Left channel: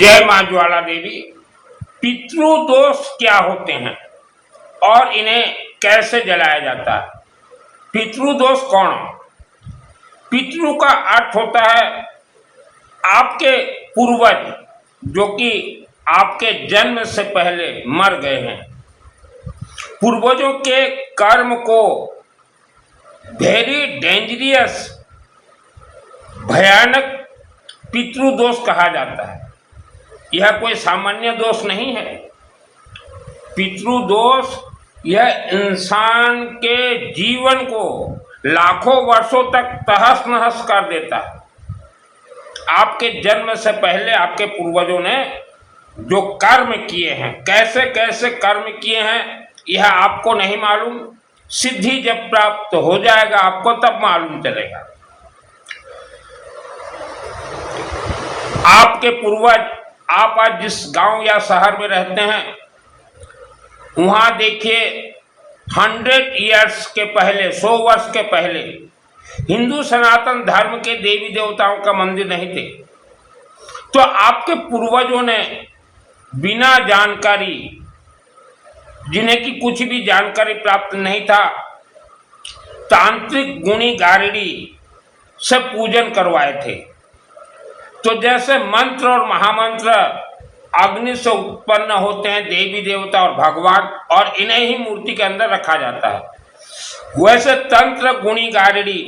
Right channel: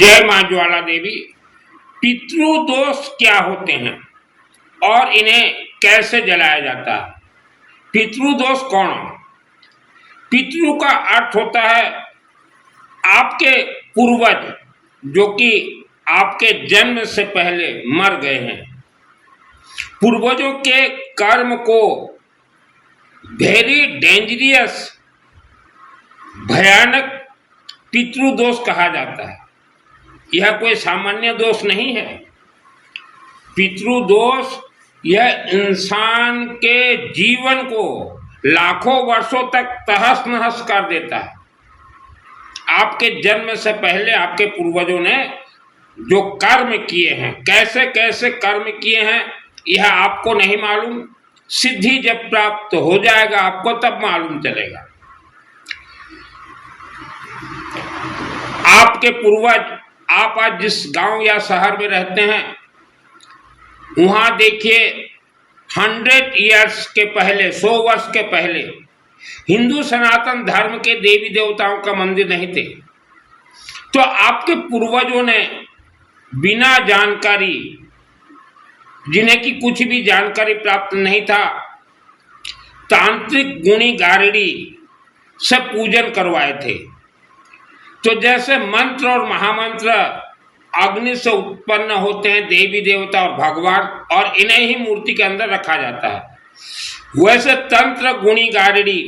जय मां ज्वाला देवी। पितृदोष क्या होते हैं और इन्हें कैसे जलाया जाता है? पितृदोष कौन? पितृ का अर्थ होता है आपके पूर्वज जो कि आपके जन्म से पहले मर गए हैं। पूर्वजों के कर्म को वेरी डेंजरियस भयानक पितृदोष कहा जाता है। यह कोई सामान्य दोष नहीं है। पितृदोष यह इंसान के जीवन को लाखों वर्षों तक तहस नहस कर देता है। आपके जन्म से पहले आपके पूर्वजों ने जो कर्म किए हैं, कैसे कैसे कर्म किए हैं, यह आपको नहीं मालूम। सिद्धि जब प्राप्त हो जाएगा आपको तब मालूम चलेगा। आपके पूर्वज, आप आज जिस गांव या शहर में रहते हैं वहां देखिए 100 ईयर्स के पहले, 100 वर्ष के पहले हिंदू सनातन धर्म के देवी देवताओं का मंदिर नहीं थे। तो आपके पूर्वजों ने बिना जानकारी, जिन्हें की कुछ भी जानकारी प्राप्त नहीं था, तांत्रिक गुणी गारड़ी से पूजन करवाए थे। तो जैसे मंत्र और महामंत्र अग्नि से उत्पन्न होते हैं, देवी देवता और भगवान, और इन्हें ही मूर्ति के अंदर रखा जाता है, वैसे तंत्र गुणी गारड़ी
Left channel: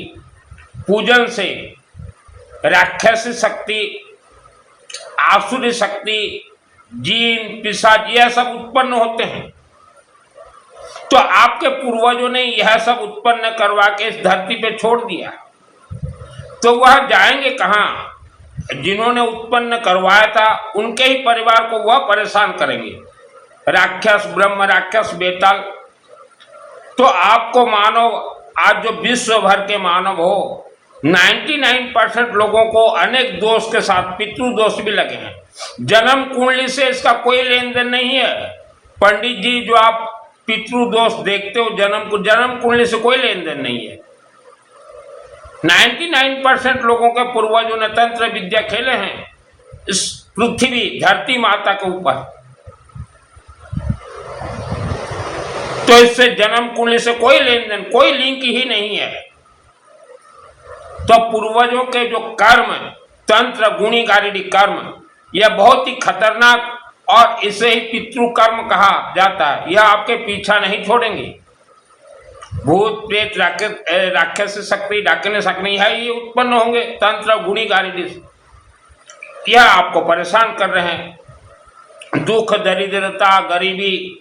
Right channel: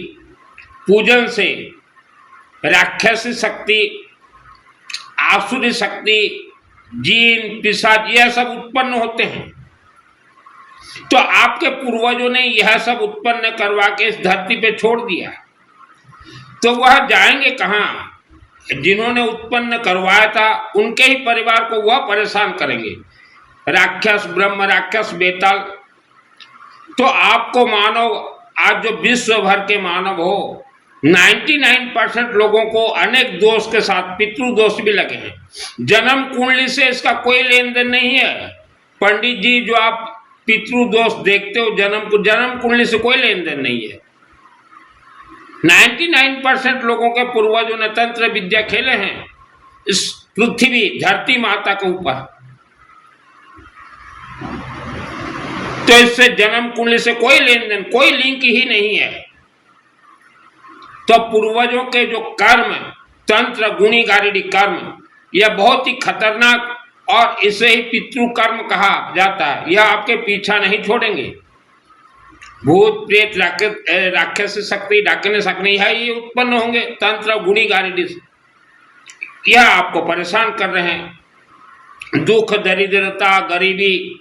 पूजन से राक्षसी शक्ति, आसुरी शक्ति, जीन पिशाच यह सब उत्पन्न होते हैं। तो आपके पूर्वजों ने यह सब उत्पन्न करवा के इस धरती पे छोड़ दिया। तो वह जाएंगे कहाँ? जिन्होंने उत्पन्न करवाया था उनके ही परिवार को वह परेशान करेंगे। राक्षस, ब्रह्म राक्षस, बेताल। तो आपको मानव, आज जो विश्व भर के मानव हो, 99% लोगों को अनेक दोष के साथ पितृदोष भी लगे हैं। जन्म कुंडली से इसका कोई लेन देन नहीं है। पंडित जी, जो आप पितृदोष देखते हो जन्म कुंडली से कोई लेन देन नहीं है। 99% लोगों के पूर्वजों ने तंत्र विद्या खेले हैं इस पृथ्वी धरती माता के ऊपर। तो इससे जन्म कुंडली से कोई लेन देन, कोई लिंक ही नहीं है। तो पूर्वजों के जो कर्म, तंत्र गुणी गारड़ी कर्म, यह बहुत ही खतरनाक, और इसे ही पितृ कर्म कहा जाता है। यह आपके पीछा नहीं छोड़ेंगे। भूत प्रेत राक्षस शक्ति, डाकिनी शक्ति है, ये उत्पन्न होंगे तंत्र गुणी गारड़ी से। यह आपको परेशान कर रहे हैं। दुख, दरिद्रता, गरीबी,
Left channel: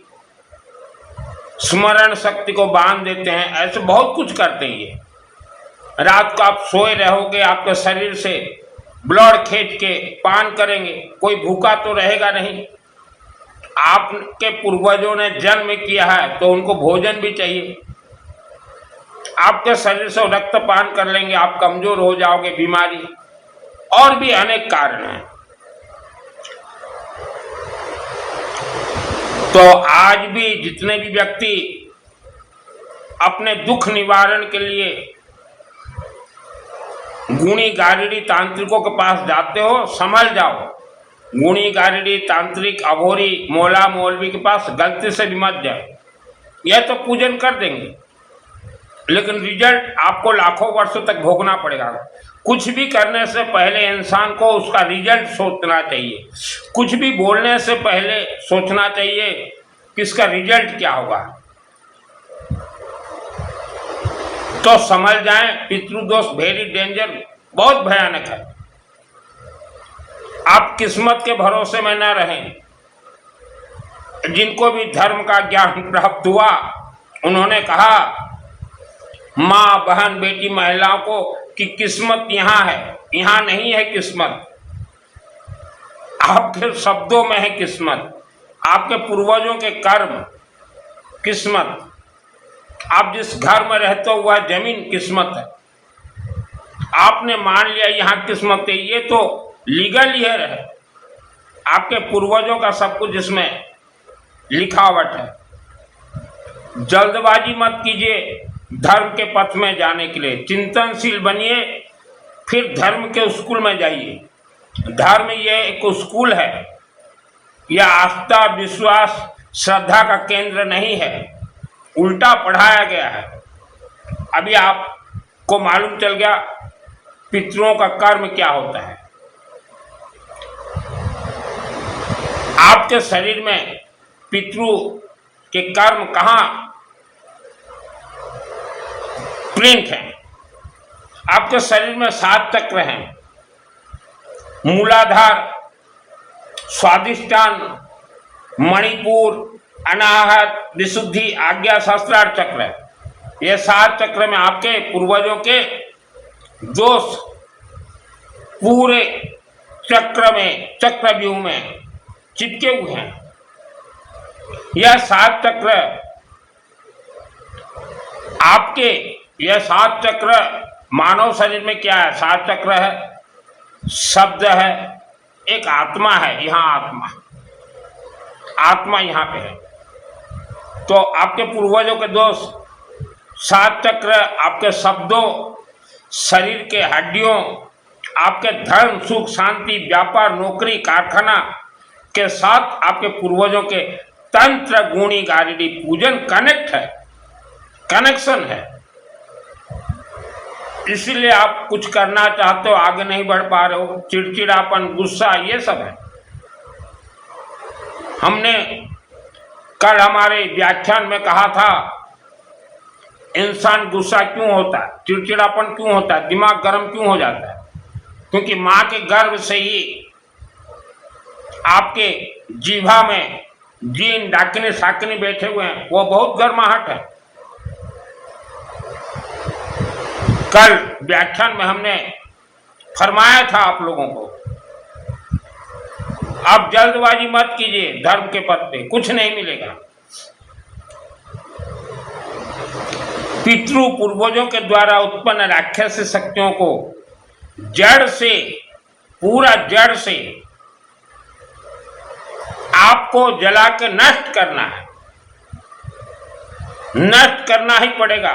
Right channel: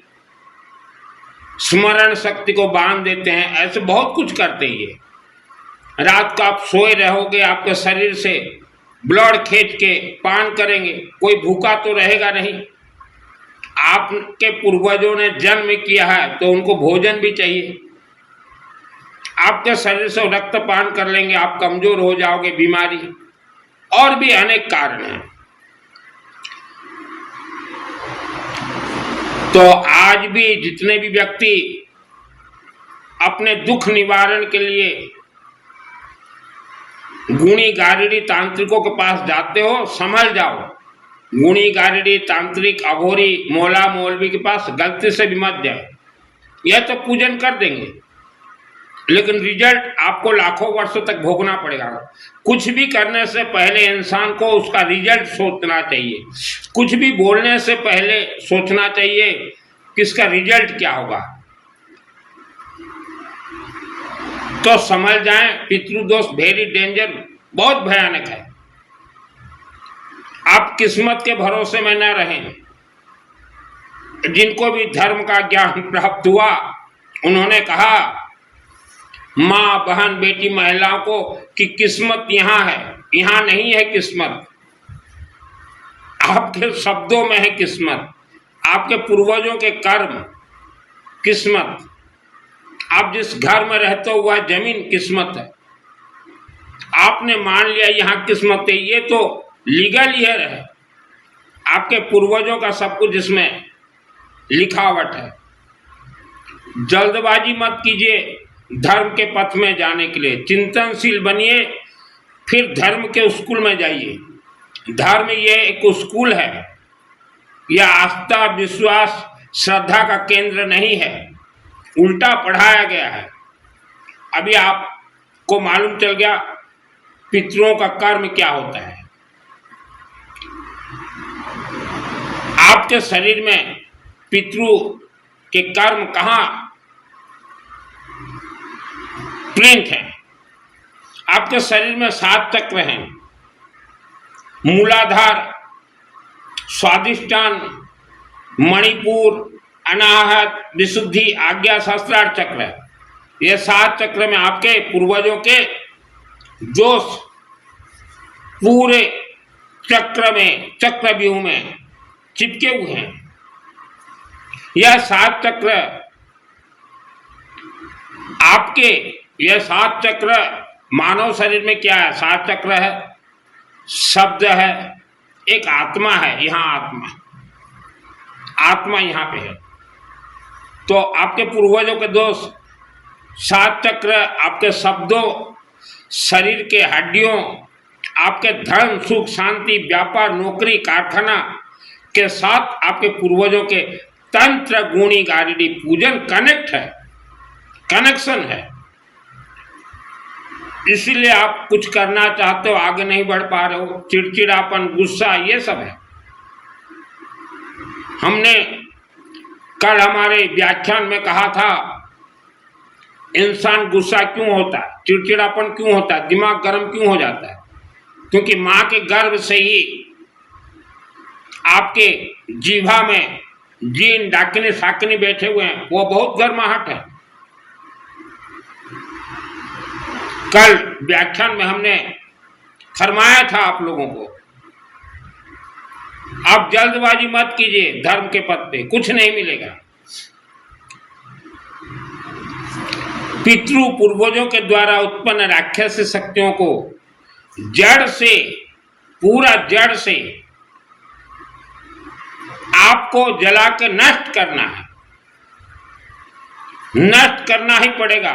स्मरण शक्ति को बांध देते हैं। ऐसे बहुत कुछ करते हैं ये। रात को आप सोए रहोगे, आपके शरीर से ब्लड खींच के पान करेंगे, कोई भूखा तो रहेगा नहीं। आपके पूर्वजों ने जन्म किया है तो उनको भोजन भी चाहिए। आपके शरीर से रक्त पान कर लेंगे, आप कमजोर हो जाओगे, बीमारी, और भी अनेक कारण हैं। तो आज भी जितने भी व्यक्ति अपने दुख निवारण के लिए गुणी गारड़ी तांत्रिकों के पास जाते हो, संभल जाओ। गुणी गारड़ी तांत्रिक अघोरी मौला मौलवी के पास गलती से भी मत जाए। यह तो पूजन कर देंगे लेकिन रिजल्ट आपको लाखों वर्षों तक भोगना पड़ेगा। कुछ भी करने से पहले इंसान को उसका रिजल्ट सोचना चाहिए। कुछ भी बोलने से पहले सोचना चाहिए कि इसका रिजल्ट क्या होगा। तो समझ जाएं, पितृदोष वेरी डेंजर, बहुत भयानक है। आप किस्मत के भरोसे में न रहें। जिनको भी धर्म का ज्ञान प्राप्त हुआ उन्होंने कहा, माँ, बहन, बेटी, महिलाओं को, कि किस्मत यहाँ है, यहाँ नहीं है किस्मत। आपके शब्दों में है किस्मत, आपके पूर्वजों के कर्म किस्मत। आप जिस घर में रहते हो वह जमीन किस्मत है। आपने मान लिया यहाँ किस्मत है, ये तो लीगल ईयर है। आपके पूर्वजों का सब कुछ इसमें लिखावट है। जल्दबाजी मत कीजिए धर्म के पथ में जाने के लिए। चिंतनशील बनिए, फिर धर्म के स्कूल में जाइए। धर्म ये एक स्कूल है, यह आस्था विश्वास श्रद्धा का केंद्र नहीं है, उल्टा पढ़ाया गया है। अभी आपको मालूम चल गया पितरों का कर्म क्या होता है। आपके शरीर में पितरों के कर्म कहाँ प्रिंट हैं? आपके शरीर में 7 चक्र हैं, मूलाधार, स्वादिष्ठान, मणिपुर, अनाहत, विशुद्धि, आज्ञा, सहस्त्रार चक्र है। ये 7 चक्र में आपके पूर्वजों के जोश पूरे चक्र में, चक्रव्यूह में चिपके हुए हैं। यह 7 चक्र आपके, यह 7 चक्र मानव शरीर में क्या है? 7 चक्र है, शब्द है, एक आत्मा है। यहाँ आत्मा यहाँ पे है। तो आपके पूर्वजों के दोष 7 चक्र आपके शब्दों, शरीर के हड्डियों, आपके धर्म सुख शांति व्यापार नौकरी कारखाना के साथ आपके पूर्वजों के तंत्र गुणी गारिडी पूजन कनेक्ट है, कनेक्शन है। इसीलिए आप कुछ करना चाहते हो, आगे नहीं बढ़ पा रहे हो, चिड़चिड़ापन, गुस्सा, ये सब है। हमने कल हमारे व्याख्यान में कहा था इंसान गुस्सा क्यों होता है, चिड़चिड़ापन क्यों होता है, दिमाग गर्म क्यों हो जाता है? क्योंकि माँ के गर्भ से ही आपके जीभा में जीन डाकिनी साकिनी बैठे हुए हैं, वो बहुत गर्माहट है। कल व्याख्यान में हमने फरमाया था आप लोगों को, आप जल्दबाजी मत कीजिए, धर्म के पद पे कुछ नहीं मिलेगा। पितृ पूर्वजों के द्वारा उत्पन्न राक्षसी शक्तियों को जड़ से, पूरा जड़ से आपको जला के नष्ट करना है, नष्ट करना ही पड़ेगा।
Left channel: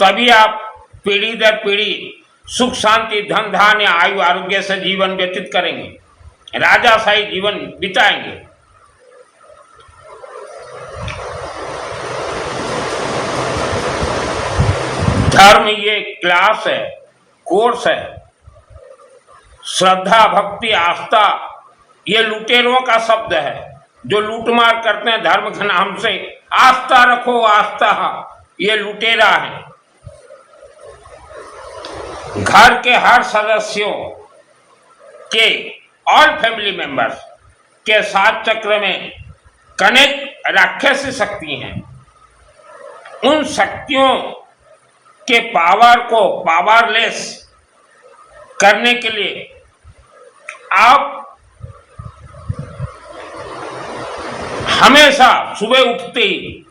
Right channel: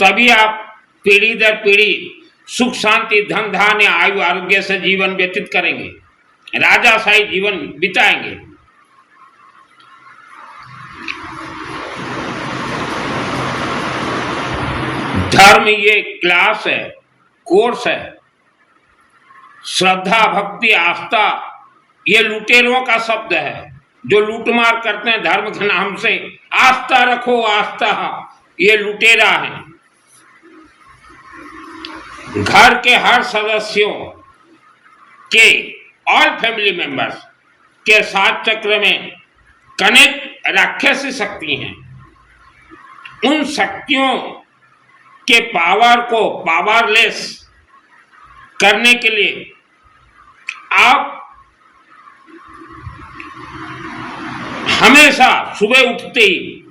तभी आप पीढ़ी दर पीढ़ी सुख शांति धन धान्य आयु आरोग्य से जीवन व्यतीत करेंगे, राजाशाही जीवन बिताएंगे। धर्म ये क्लास है, कोर्स है। श्रद्धा भक्ति आस्था ये लुटेरों का शब्द है, जो लूटमार करते हैं धर्म के नाम से। आस्था रखो आस्था, ये लुटेरा है। घर के हर सदस्यों के, ऑल फैमिली मेंबर्स के 7 चक्र में कनेक्ट राक्षसी शक्ति हैं। उन शक्तियों के पावर को पावरलेस करने के लिए आप हमेशा सुबह उठते ही,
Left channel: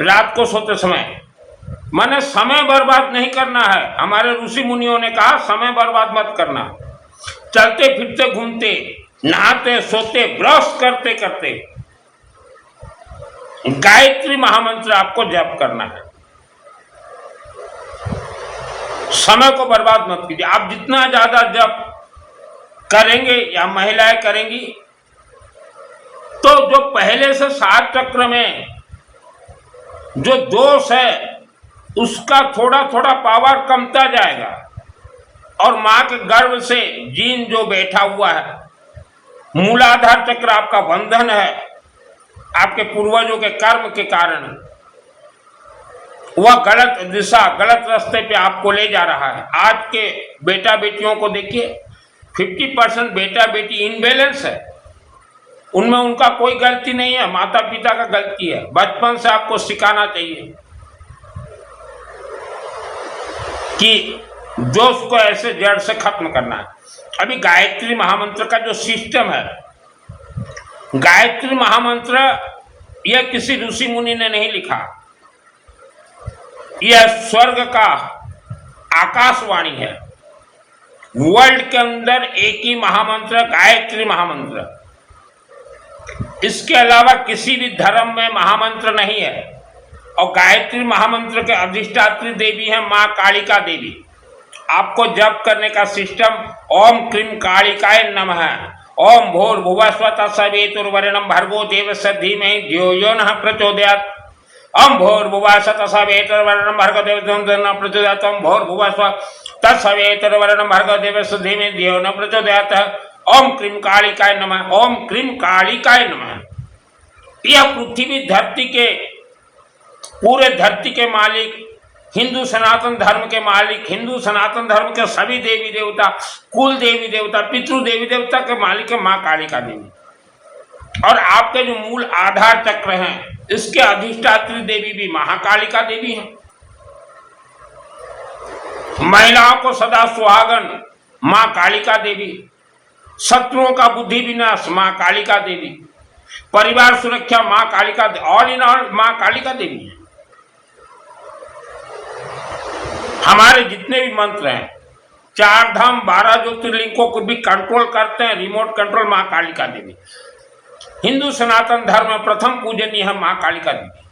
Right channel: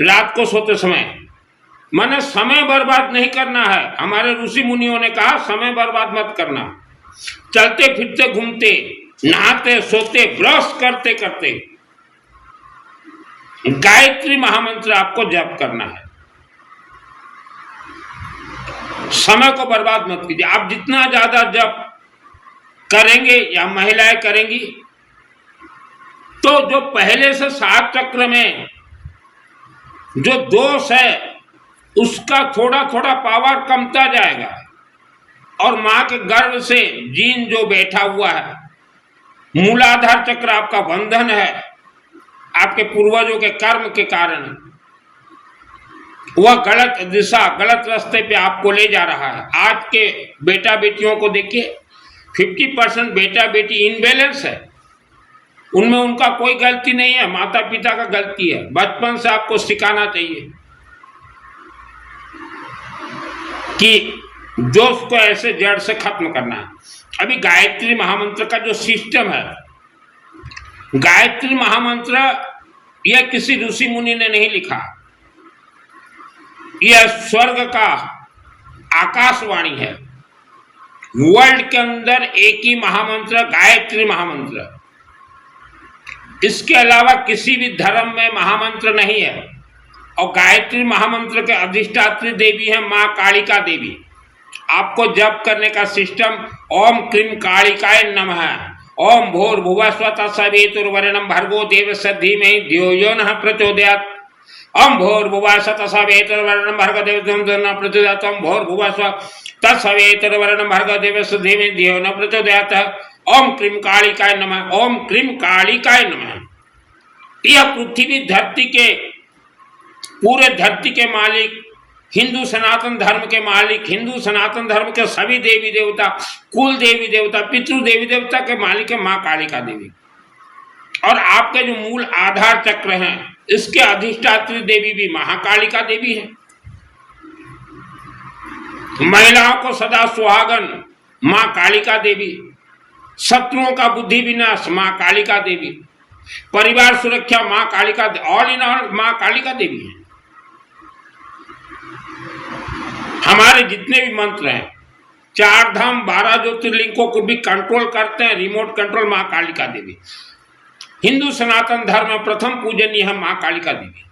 रात को सोते समय, माने समय बर्बाद नहीं करना है। हमारे ऋषि मुनियों ने कहा समय बर्बाद मत करना। चलते फिरते घूमते, नहाते सोते, ब्रश करते करते गायत्री महामंत्र आपको जप करना है। समय को बर्बाद मत कीजिए। आप जितना ज्यादा जप करेंगे या महिलाएं करेंगी, तो जो पहले से 7 चक्र में जो दोष है उसका थोड़ा थोड़ा पावर कमता जाएगा। और मां के गर्भ से जीन जो बैठा हुआ है, मूलाधार चक्र आपका बंधन है, आपके पूर्वजों के कर्म के कारण वह गलत दिशा, गलत रास्ते पे आपको ले जा रहा है। आज के बेटा बेटियों को देखिए, 50% बेटा बेटी इनबैलेंस है। उनमें उनका कोई गलती नहीं है, माता पिता का गलती है। बचपन से आपको सिखाना चाहिए कि जोश को ऐसे जड़ से खत्म करना है। अभी गायत्री महामंत्र का जो सिस्टम है, गायत्री महामंत्र यह किसी ऋषि मुनि ने नहीं लिखा, यह स्वर्ग का आकाशवाणी है। वर्ल्ड के अंदर एक ही महामंत्र गायत्री महामंत्र, इसके अलावा किसी भी धर्म में महामंत्र नहीं है। और गायत्री महामंत्र के अधिष्ठात्री देवी है मां कालिका देवी, आपको जप करने का सिस्टम ओम क्रीम कालिकाय नमः, ओम भूर्भुवस्व तत्सवितुर्वरेण्यं भर्गो देवस्य धीमहि धियो यो नः प्रचोदयात्, ओम भूर्भुवस्व तत्सवितुर्वरेण्यं भर्गो देवस्य धीमहि न प्रचोदयात्, ओम भूर्भुवस्व तत्सवितुर्वरेण्यं भर्गो देवस्य धीमहि धियो न प्रचोदयात्, ओम क्रीम कालिकाय नमः, ओम क्रीम कालिकाय नमः। यह पृथ्वी धरती के पूरे धरती के मालिक, हिंदू सनातन धर्म के मालिक, हिंदू सनातन धर्म के सभी देवी देवता, कुल देवी देवता, पितृ देवी देवता के मालिक है माँ कालिका देवी। और आपके जो मूल आधार चक्र हैं, इसके अधिष्ठात्री देवी भी महाकालिका देवी है। महिलाओं को सदा सुहागन माँ कालिका देवी, शत्रुओं का बुद्धि विनाश माँ कालिका देवी, परिवार सुरक्षा माँ कालिका, ऑल इन ऑल माँ कालिका देवी है। हमारे जितने भी मंत्र हैं, 4 धाम 12 ज्योतिर्लिंगों को भी कंट्रोल करते हैं, रिमोट कंट्रोल माँ कालिका देवी। हिंदू सनातन धर्म में प्रथम पूजनीय है माँ कालिका देवी।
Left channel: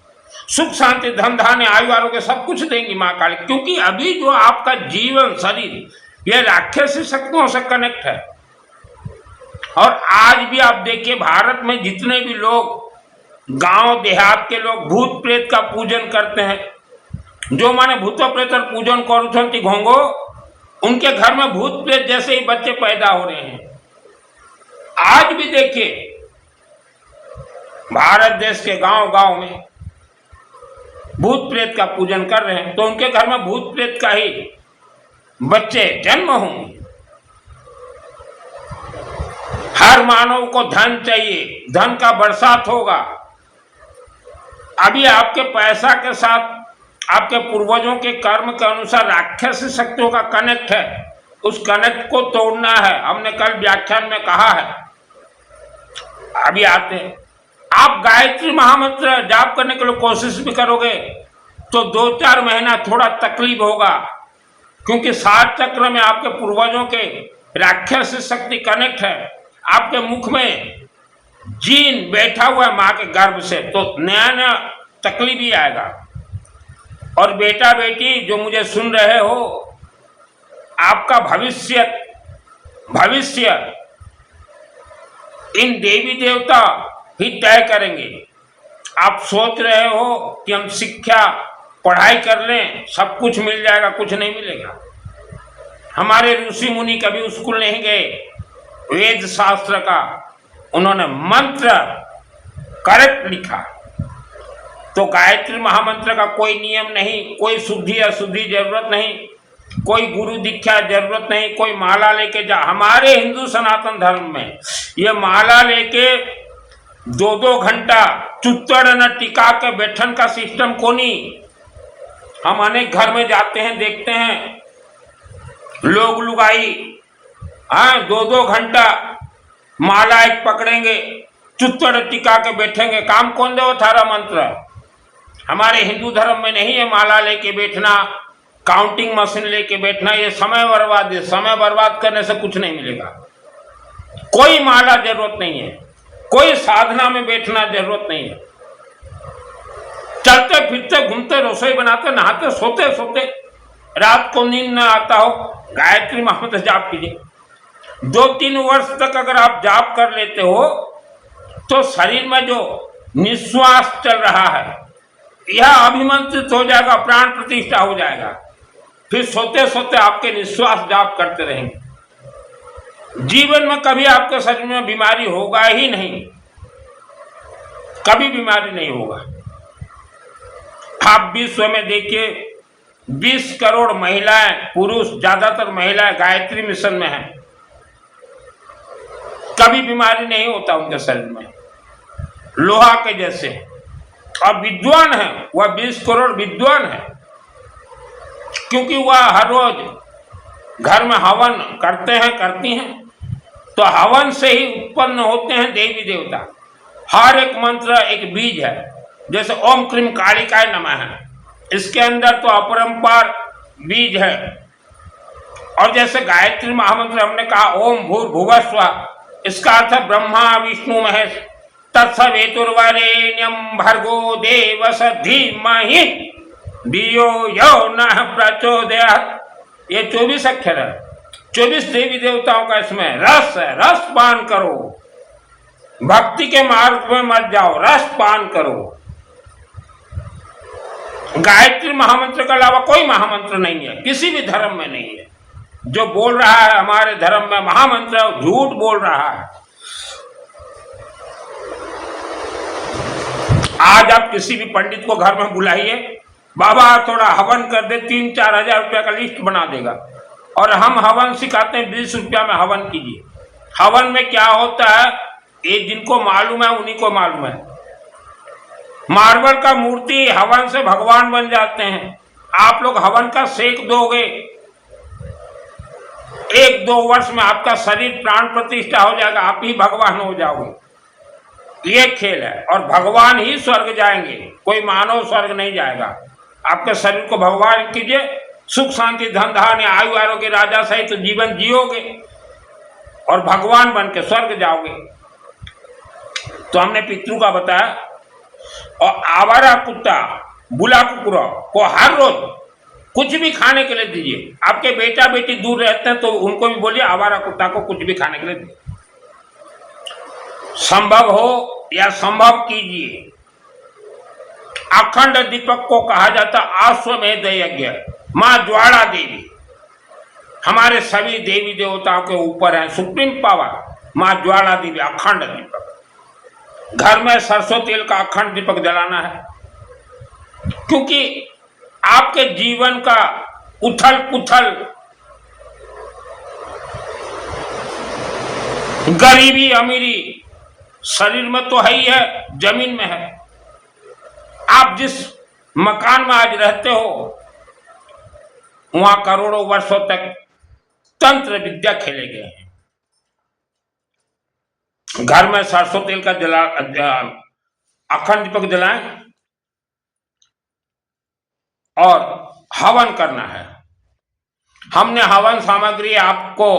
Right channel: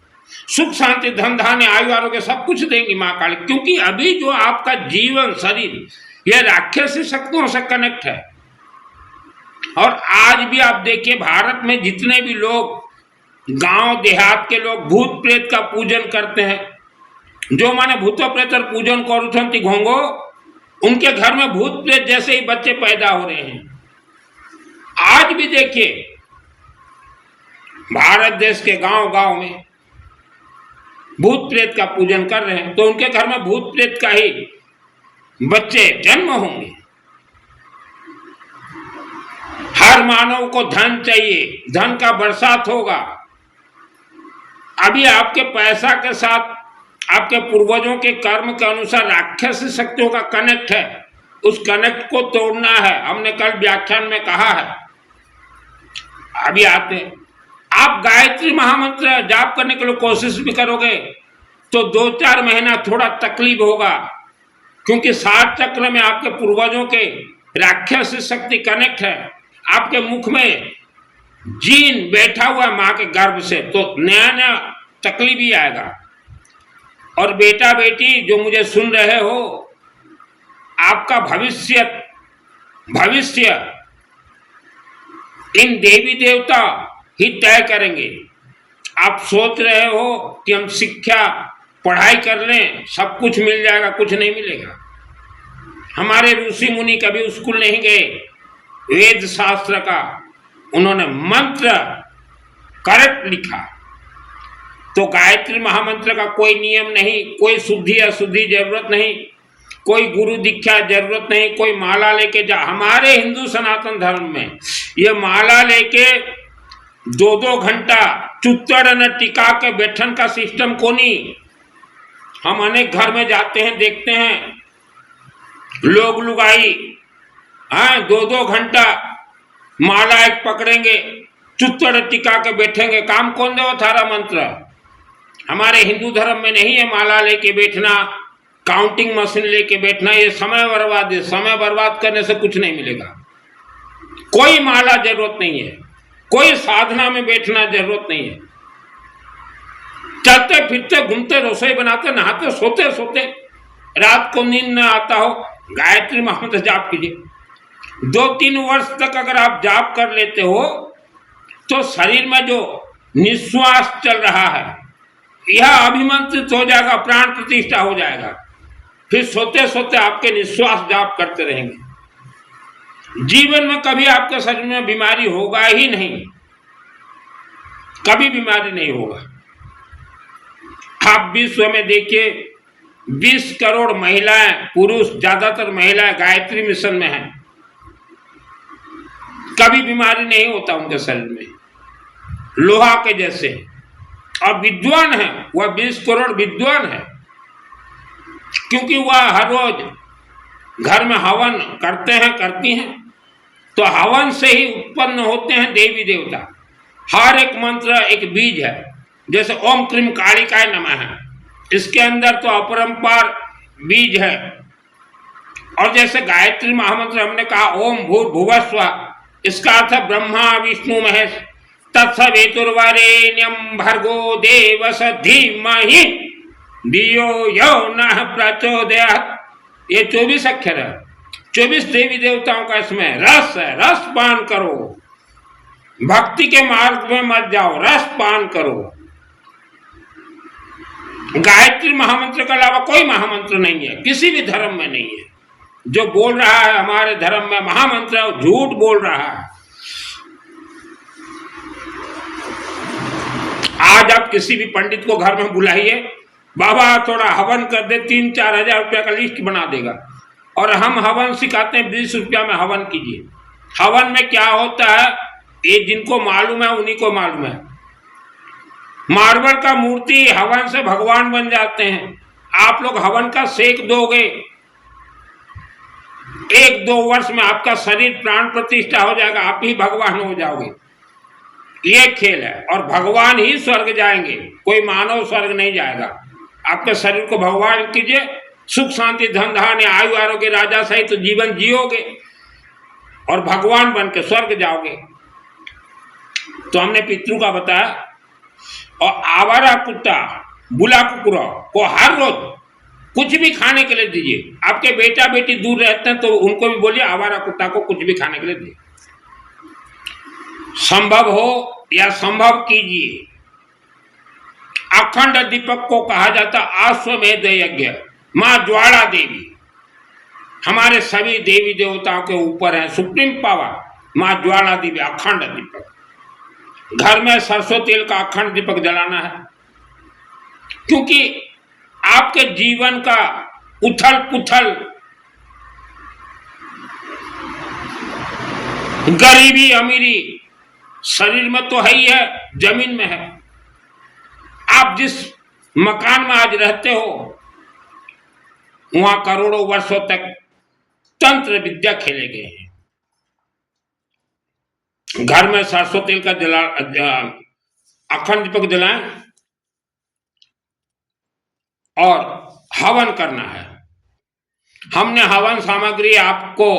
सुख शांति धन धान्य आयु आरोग्य सब कुछ देंगी माँ कालिका, क्योंकि अभी जो आपका जीवन शरीर यह राक्षसी शक्तियों से कनेक्ट है। और आज भी आप देखिए भारत में जितने भी लोग गांव देहात के लोग भूत प्रेत का पूजन करते हैं, जो माने भूत प्रेत पूजन करुछन्ति घोंगो, उनके घर में भूत प्रेत जैसे ही बच्चे पैदा हो रहे हैं। आज भी देखिए भारत देश के गांव गांव में भूत प्रेत का पूजन कर रहे हैं, तो उनके घर में भूत प्रेत का ही बच्चे जन्म होंगे। हर मानव को धन चाहिए, धन का बरसात होगा। अभी आपके पैसा के साथ आपके पूर्वजों के कर्म के अनुसार राक्षसी शक्तियों का कनेक्ट है, उस कनेक्ट को तोड़ना है। हमने कल व्याख्यान में कहा है। अभी आते हैं, आप गायत्री महामंत्र जाप करने के लिए कोशिश भी करोगे तो 2-4 महीना थोड़ा तकलीफ होगा, क्योंकि 7 चक्र में आपके पूर्वजों के राक्षसी शक्ति कनेक्ट है। आपके मुख में जीन बैठा हुआ है माँ के गर्भ से, तो नया नया तकलीफ ही आएगा। और बेटा बेटी जो मुझे सुन रहे हो, आपका भविष्य इन देवी देवता ही तय करेंगे। आप सोच रहे हो कि हम शिक्षा पढ़ाई कर लें सब कुछ मिल जाएगा, कुछ नहीं मिलेगा। हमारे ऋषि मुनि कभी स्कूल नहीं गए, वेद शास्त्र का उन्होंने मंत्र करेक्ट लिखा। तो गायत्री महामंत्र का कोई नियम नहीं, कोई शुद्धि अशुद्धि जरूरत नहीं, कोई गुरु दीक्षा जरूरत नहीं, कोई माला लेके जा। हमारे हिंदू सनातन धर्म में ये माला लेके 2-2 घंटा चुत्तड़ न टिका के बैठन का सिस्टम को नहीं। हम अनेक घर में जाते हैं, देखते हैं लोग लुगाई 2-2 घंटा माला एक पकड़ेंगे, चुत्तड़ टिका के बैठेंगे। काम कौन दे वो थारा मंत्र? हमारे हिंदू धर्म में नहीं है माला लेके बैठना, काउंटिंग मशीन लेके बैठना। ये समय बर्बाद है, समय बर्बाद करने से कुछ नहीं मिलेगा। कोई माला जरूरत नहीं है, कोई साधना में बैठना जरूरत नहीं है। चलते फिरते घूमते रसोई बनाते नहाते सोते सोते रात को नींद न आता हो, गायत्री महामंत्र जाप कीजिए। 2-3 वर्ष तक अगर आप जाप कर लेते हो तो शरीर में जो निश्वास चल रहा है यह अभिमंत्रित हो जाएगा, प्राण प्रतिष्ठा हो जाएगा। फिर सोते सोते आपके निश्वास जाप करते रहेंगे। जीवन में कभी आपके शरीर में बीमारी होगा ही नहीं, कभी बीमारी नहीं होगा। आप विश्व में देखिए 20 करोड़ महिलाएं, पुरुष ज्यादातर महिलाएं गायत्री मिशन में हैं, कभी बीमारी नहीं होता उनके शरीर में, लोहा के जैसे। और विद्वान है, वह 20 करोड़ विद्वान है, क्योंकि वह हर रोज घर में हवन करते हैं, करती हैं। तो हवन से ही उत्पन्न होते हैं देवी देवता। हर एक मंत्र एक बीज है। जैसे ओम क्रीम कालिकाय नमः है, इसके अंदर तो अपरंपार बीज है। और जैसे गायत्री महामंत्र हमने कहा ओम भूर्भुवस्व, इसका अर्थ है ब्रह्मा विष्णु महेश, तत्सवितुर्वरेण्यं भर्गो देवस्य धीमहि धियो यो नः प्रचोदयात्। ये 24 अक्षर है, 24 देवी देवताओं का इसमें रस है। रस पान करो, भक्ति के मार्ग में मत जाओ, रस पान करो। गायत्री महामंत्र के अलावा कोई महामंत्र नहीं है, किसी भी धर्म में नहीं है। जो बोल रहा है हमारे धर्म में महामंत्र झूठ बोल रहा है। आज आप किसी भी पंडित को घर में बुलाइए, बाबा थोड़ा हवन कर दे, 3-4 हजार रुपया का लिस्ट बना देगा। और हम हवन सिखाते हैं, 20 रुपया में हवन कीजिए। हवन में क्या होता है ये जिनको मालूम है उन्हीं को मालूम है। मार्बल का मूर्ति हवन से भगवान बन जाते हैं। आप लोग हवन का सेक दोगे, 1-2 वर्ष में आपका शरीर प्राण प्रतिष्ठा हो जाएगा, आप ही भगवान हो जाओगे। ये खेल है, और भगवान ही स्वर्ग जाएंगे, कोई मानव स्वर्ग नहीं जाएगा। आपके शरीर को भगवान कीजिए, सुख शांति धन धान्य आयु आरोग्य राजा सहित तो जीवन जियोगे और भगवान बन के स्वर्ग जाओगे। तो हमने पितृ का बताया। और आवारा कुत्ता बुला कुकुरा को हर रोज कुछ भी खाने के लिए दीजिए। आपके बेटा बेटी दूर रहते हैं तो उनको भी बोलिए आवारा कुत्ता को कुछ भी खाने के लिए दीजिए। संभव हो या संभव कीजिए। अखंड दीपक को कहा जाता अश्वमेध यज्ञ। मां ज्वाला देवी हमारे सभी देवी देवताओं के ऊपर है, सुप्रीम पावर मां ज्वाला देवी। अखंड दीपक, घर में सरसों तेल का अखंड दीपक जलाना है, क्योंकि आपके जीवन का उथल पुथल, गरीबी अमीरी शरीर में तो है ही है, जमीन में है। आप जिस मकान में आज रहते हो वहां करोड़ों वर्षों तक तंत्र विद्या खेले गए हैं। घर में सरसों तेल का अखंड दीपक जलाएं और हवन करना है। हमने हवन सामग्री आपको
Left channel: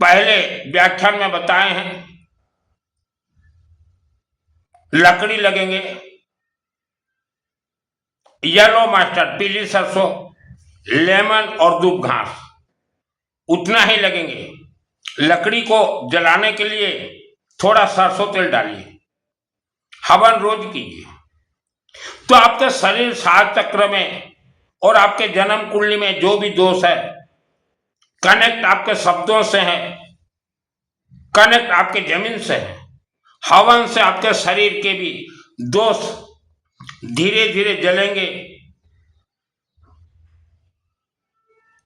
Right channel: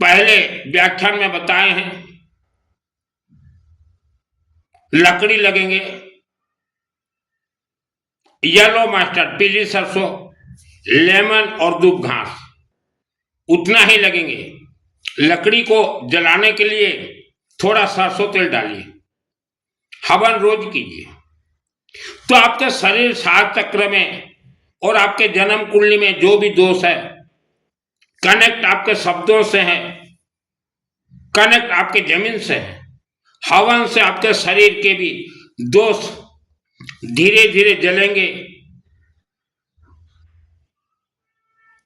पहले व्याख्यान में बताए हैं। लकड़ी लगेंगे, येलो मस्टर्ड पीली सरसों, लेमन और दूब घास, उतना ही लगेंगे। लकड़ी को जलाने के लिए थोड़ा सरसों तेल डालिए, हवन रोज कीजिए, तो आपके शरीर सात चक्र में और आपके जन्म कुंडली में जो भी दोष है, कनेक्ट आपके शब्दों से है, कनेक्ट आपके जमीन से है। हवन से आपके शरीर के भी दोष धीरे धीरे जलेंगे।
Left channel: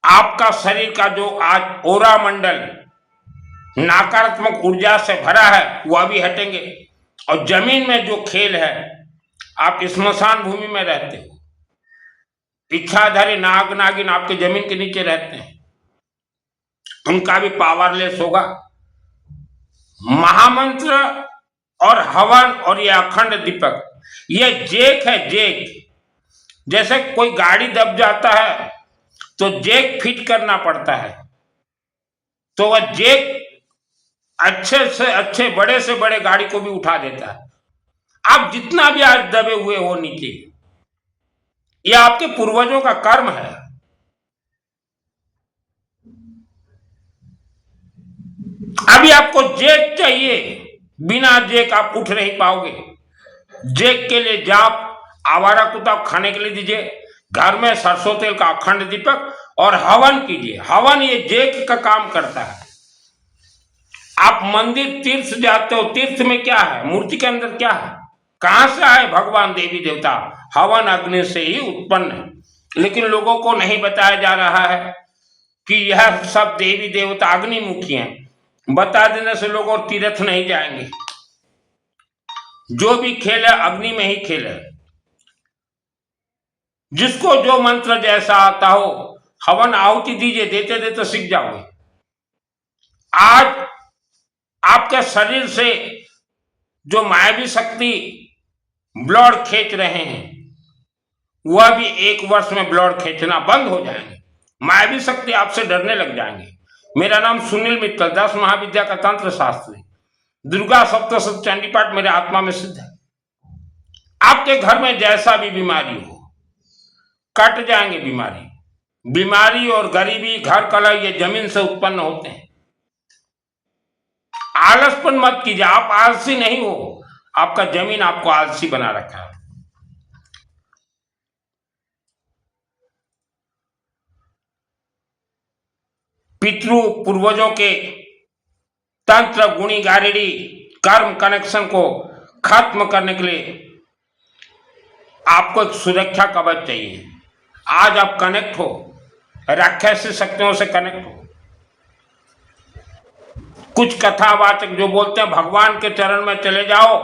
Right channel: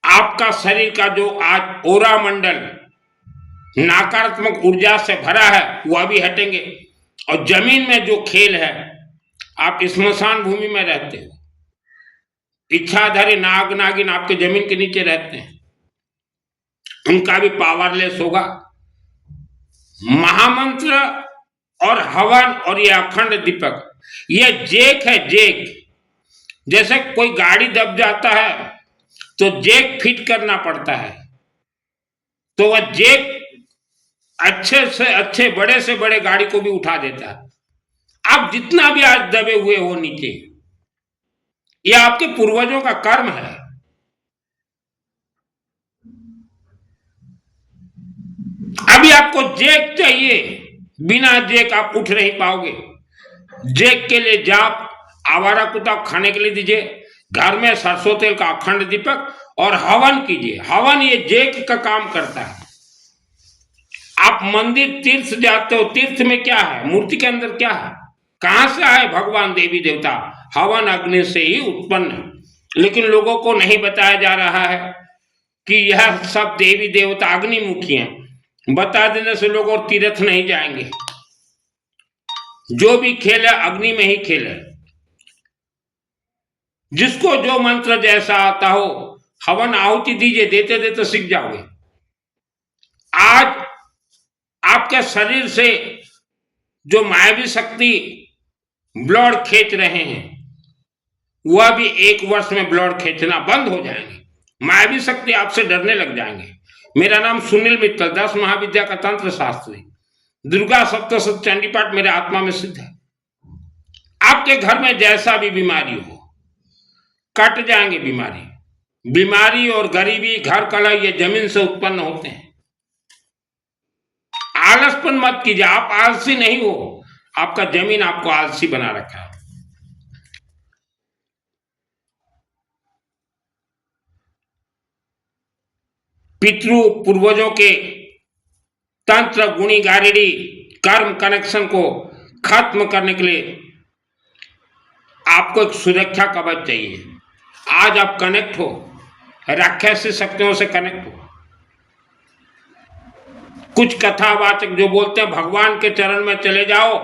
आपका शरीर का जो आज ओरा मंडल नकारात्मक ऊर्जा से भरा है वह भी हटेंगे। और जमीन में जो खेल है, आप स्मशान भूमि में रहते हो, इच्छाधारी नाग नागिन आपके जमीन के नीचे रहते हैं, उनका भी पावरलेस होगा। महामंत्र और हवन और ये अखंड दीपक, ये जेक है, जेक। जैसे कोई गाड़ी दब जाता है तो जेक फिट करना पड़ता है, तो वह जेक अच्छे से अच्छे बड़े से बड़े गाड़ी को भी उठा देता है। आप जितना भी आज दबे हुए हो नीचे, यह आपके पूर्वजों का कर्म है। अभी आपको जेक चाहिए, बिना जेक आप उठ नहीं पाओगे। जेक के लिए जाप आवारा कुत्ता खाने के लिए दीजिए, घर में सरसों तेल का अखंड दीपक और हवन कीजिए। हवन ये जेक का काम करता है। आप मंदिर तीर्थ जाते हो, तीर्थ में क्या है, मूर्ति के अंदर क्या है, कहां से आए भगवान देवी देवता, हवन अग्नि से ही उत्पन्न है। लेकिन लोगों को नहीं बताया जा रहा है कि यह सब देवी देवता अग्निमुखी हैं। बता देने से लोग और तीर्थ नहीं जाएंगे। जो भी खेल है अग्नि में ही खेल है। जिसको जो मंत्र जैसा आता हो हवन आहुति दीजिए, देते देते सीख जाओगे। आज आपके शरीर से जो मायावी शक्ति ब्लड खींच रहे हैं वह भी 1 वर्ष में ब्लड खींचना बंद हो जाएंगे। मायावी शक्ति आपसे डरने लग जाएंगे। मेरा नाम सुनील मित्तल, 10 महाविद्या का तंत्र शास्त्री, दुर्गा सप्तशती चंडी पाठ मेरे आत्मा में सिद्ध है। आपके घर में जैसा भी बीमारी हो, कट जाएंगे बीमारी। बीमारी और गरीबी, घर कलह, ये जमीन से उत्पन्न होते हैं। आलसपन मत कीजिए, आप आलसी नहीं हो, आपका जमीन आपको आलसी बना रखा है। पितृ पूर्वजों के तंत्र, गुणी, गारिडी, कर्म कनेक्शन को खत्म करने के लिए आपको एक सुरक्षा कवच चाहिए। आज आप कनेक्ट हो, राक्षसी शक्तियों से कनेक्ट हो। कुछ कथावाचक जो बोलते हैं भगवान के चरण में चले जाओ,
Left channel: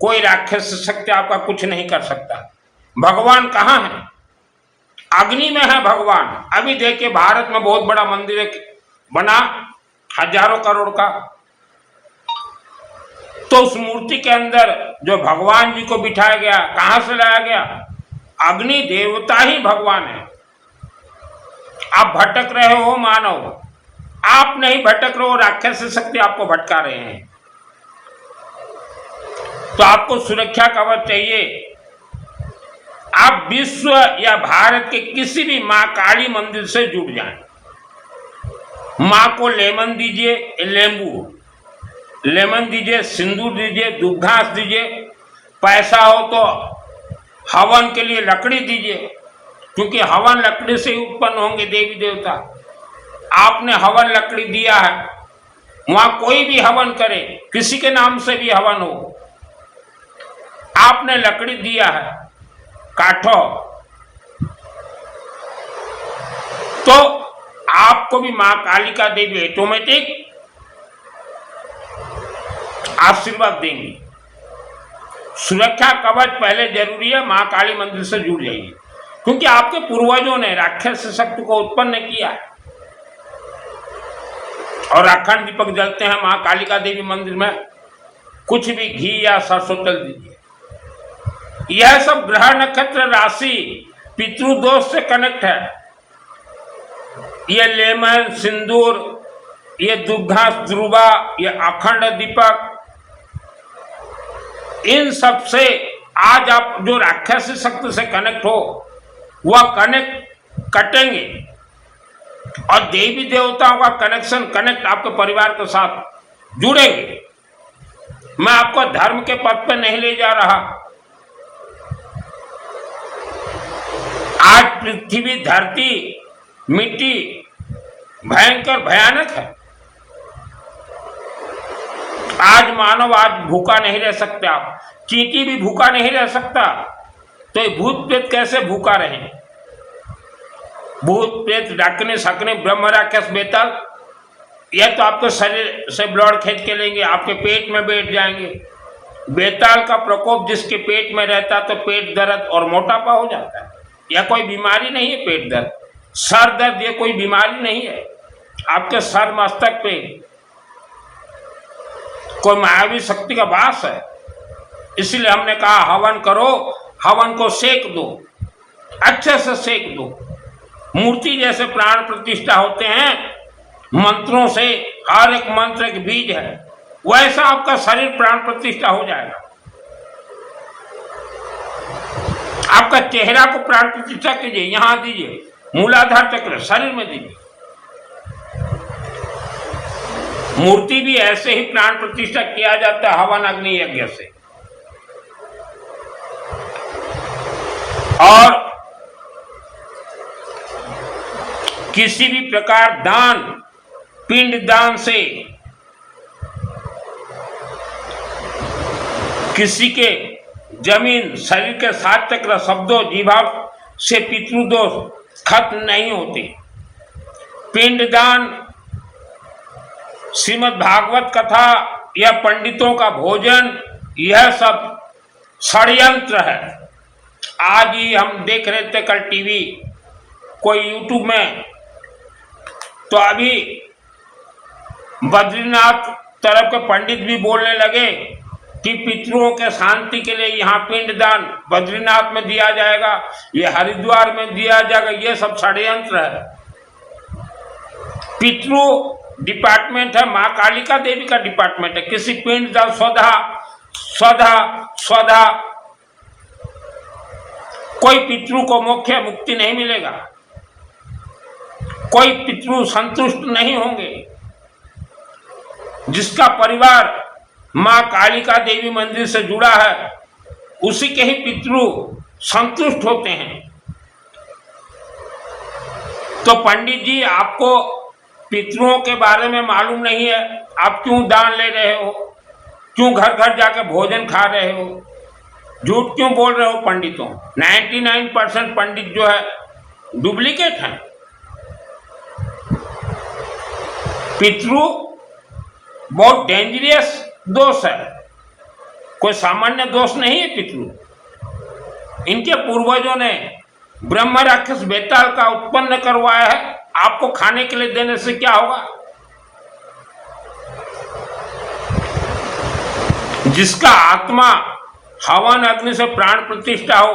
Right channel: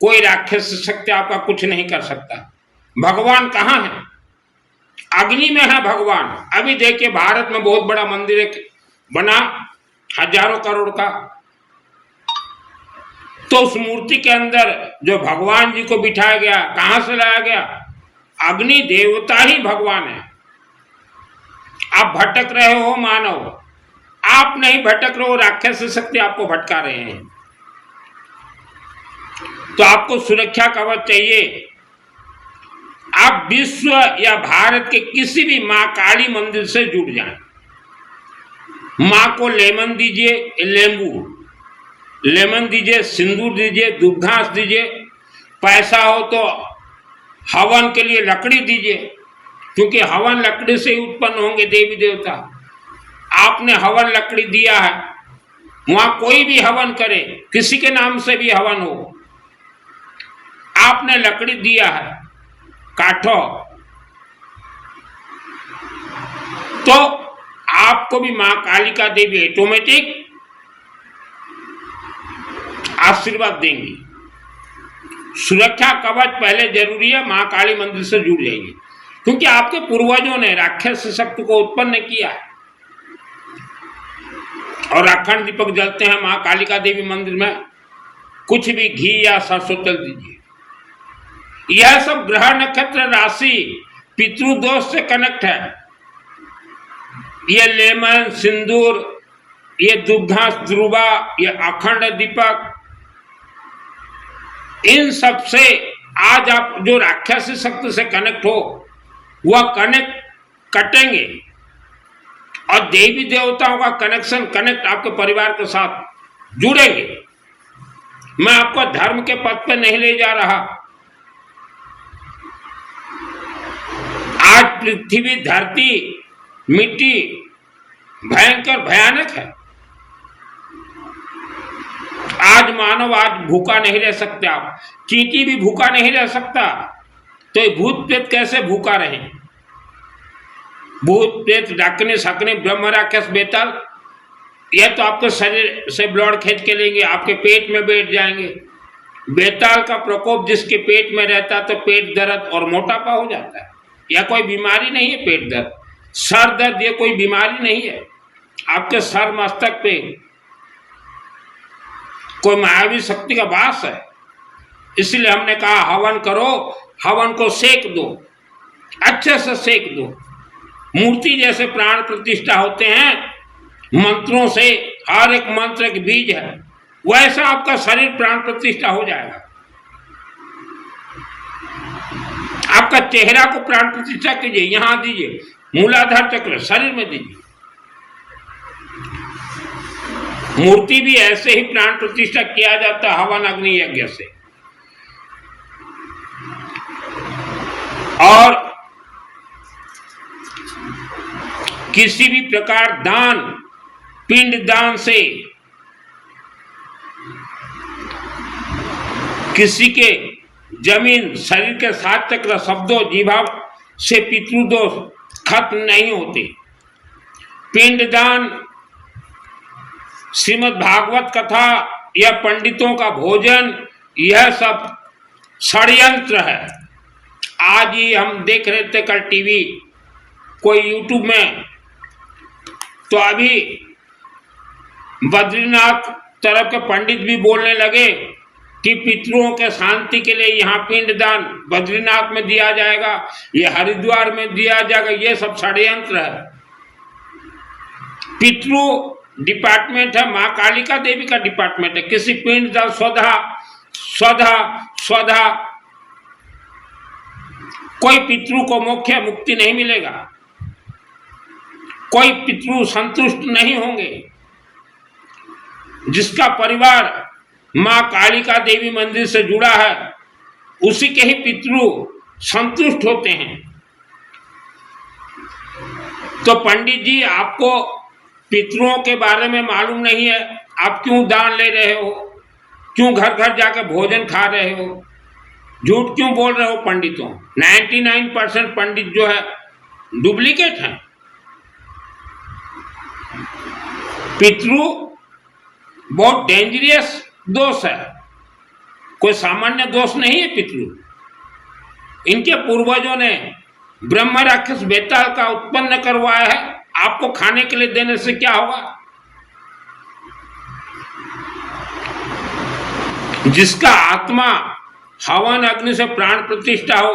कोई राक्षस शक्ति आपका कुछ नहीं कर सकता। भगवान कहाँ है? अग्नि में है भगवान। अभी देखिए भारत में बहुत बड़ा मंदिर बना, हजारों करोड़ का, तो उस मूर्ति के अंदर जो भगवान जी को बिठाया गया, कहां से लाया गया? अग्नि देवता ही भगवान है। आप भटक रहे हो मानव, आप नहीं भटक रहे हो, राक्षस शक्ति आपको भटका रहे हैं। तो आपको सुरक्षा कवच चाहिए। आप विश्व या भारत के किसी भी मां काली मंदिर से जुड़ जाएं। मां को लेमन दीजिए, लेमन दीजिए, सिंदूर दीजिए, दूब घास दीजिए। पैसा हो तो हवन के लिए लकड़ी दीजिए, क्योंकि हवन लकड़ी से ही उत्पन्न होंगे देवी देवता। आपने हवन लकड़ी दिया है, वहां कोई भी हवन करे, किसी के नाम से भी हवन हो, आपने लकड़ी दिया है, काठो, तो आपको भी मां कालिका देवी ऑटोमेटिक आशीर्वाद देंगी। सुरक्षा कवच पहले जरूरी है, मां काली मंदिर से जुड़ जाइए, क्योंकि आपके पूर्वजों ने राक्षस शक्ति को उत्पन्न किया है। और अखंड दीपक जलते हैं मां कालिका देवी मंदिर में, कुछ भी घी या सरसों तेल दीजिए। यह सब ग्रह नक्षत्र राशि पितृदोष से कनेक्ट है। ये लेमन, सिंदूर, ये दुग्धांश ध्रुवा, ये अखंड दीपक, इन सब से आज आप जो राक्षसी शक्ति से कनेक्ट हो, वह कनेक्ट कटेंगे और देवी देवताओं का कनेक्ट आपके परिवार के साथ जुड़ेंगे। मैं आपको धर्म के पथ पे नहीं ले जा रहा। आज पृथ्वी, धरती, मिट्टी भयंकर भयानक है। आज मानव आज भूखा नहीं रह सकते, आप चींटी भी भूखा नहीं रह सकता, तो ये भूत प्रेत कैसे भूखा रहे? भूत प्रेत, डाकने, सकने, ब्रह्म राक्षस, बेताल, यह तो आपके शरीर से ब्लड खींच के लेंगे, आपके पेट में बैठ जाएंगे। बेताल का प्रकोप जिसके पेट में रहता तो पेट दर्द और मोटापा हो जाता है। यह कोई बीमारी नहीं है, पेट दर्द, सर दर्द, यह कोई बीमारी नहीं है। आपके सर मस्तक पे कोई मायावी शक्ति का वास है। इसलिए हमने कहा हवन करो, हवन को सेक दो, अच्छे से सेक दो। मूर्ति जैसे प्राण प्रतिष्ठा होते हैं मंत्रों से, हर एक मंत्र एक बीज है, वैसा आपका शरीर प्राण प्रतिष्ठा हो जाएगा। आपका चेहरा को प्राण प्रतिष्ठा कीजिए, यहां दीजिए, मूलाधार चक्र शरीर में दीजिए। मूर्ति भी ऐसे ही प्राण प्रतिष्ठा किया जाता है हवन अग्नि यज्ञ से। और किसी भी प्रकार दान, पिंड दान से किसी के जमीन, शरीर के 7 चक्र, शब्दों, जीवा से पितृदोष खत्म नहीं होते। पिंडदान, श्रीमद् भागवत कथा या पंडितों का भोजन, यह सब षड्यंत्र है। आज ही हम देख रहे थे कल टीवी, कोई यूट्यूब में, तो अभी बद्रीनाथ तरफ के पंडित भी बोलने लगे कि पितरों के शांति के लिए यहाँ पिंडदान बद्रीनाथ में दिया जाएगा, ये हरिद्वार में दिया जाएगा। ये सब षड्यंत्र है। पितृ डिपार्टमेंट है, माँ कालिका देवी का डिपार्टमेंट है। किसी पिंडदान स्वधा स्वधा स्वधा, कोई पितृ को मोक्ष मुक्ति नहीं मिलेगा। कोई पितृ संतुष्ट नहीं होंगे। जिसका परिवार मां कालिका देवी मंदिर से जुड़ा है उसी के ही पितृ संतुष्ट होते हैं। तो पंडित जी, आपको पितरों के बारे में मालूम नहीं है, आप क्यों दान ले रहे हो, क्यों घर घर जाके भोजन खा रहे हो, झूठ क्यों बोल रहे हो पंडितों? 99% पंडित जो है डुप्लीकेट हैं। पितृ बहुत डेंजरस दोष है, कोई सामान्य दोष नहीं है पितृ। इनके पूर्वजों ने ब्रह्म राक्षस बेताल का उत्पन्न करवाया है, आपको खाने के लिए देने से क्या होगा? जिसका आत्मा हवन अग्नि से प्राण प्रतिष्ठा हो,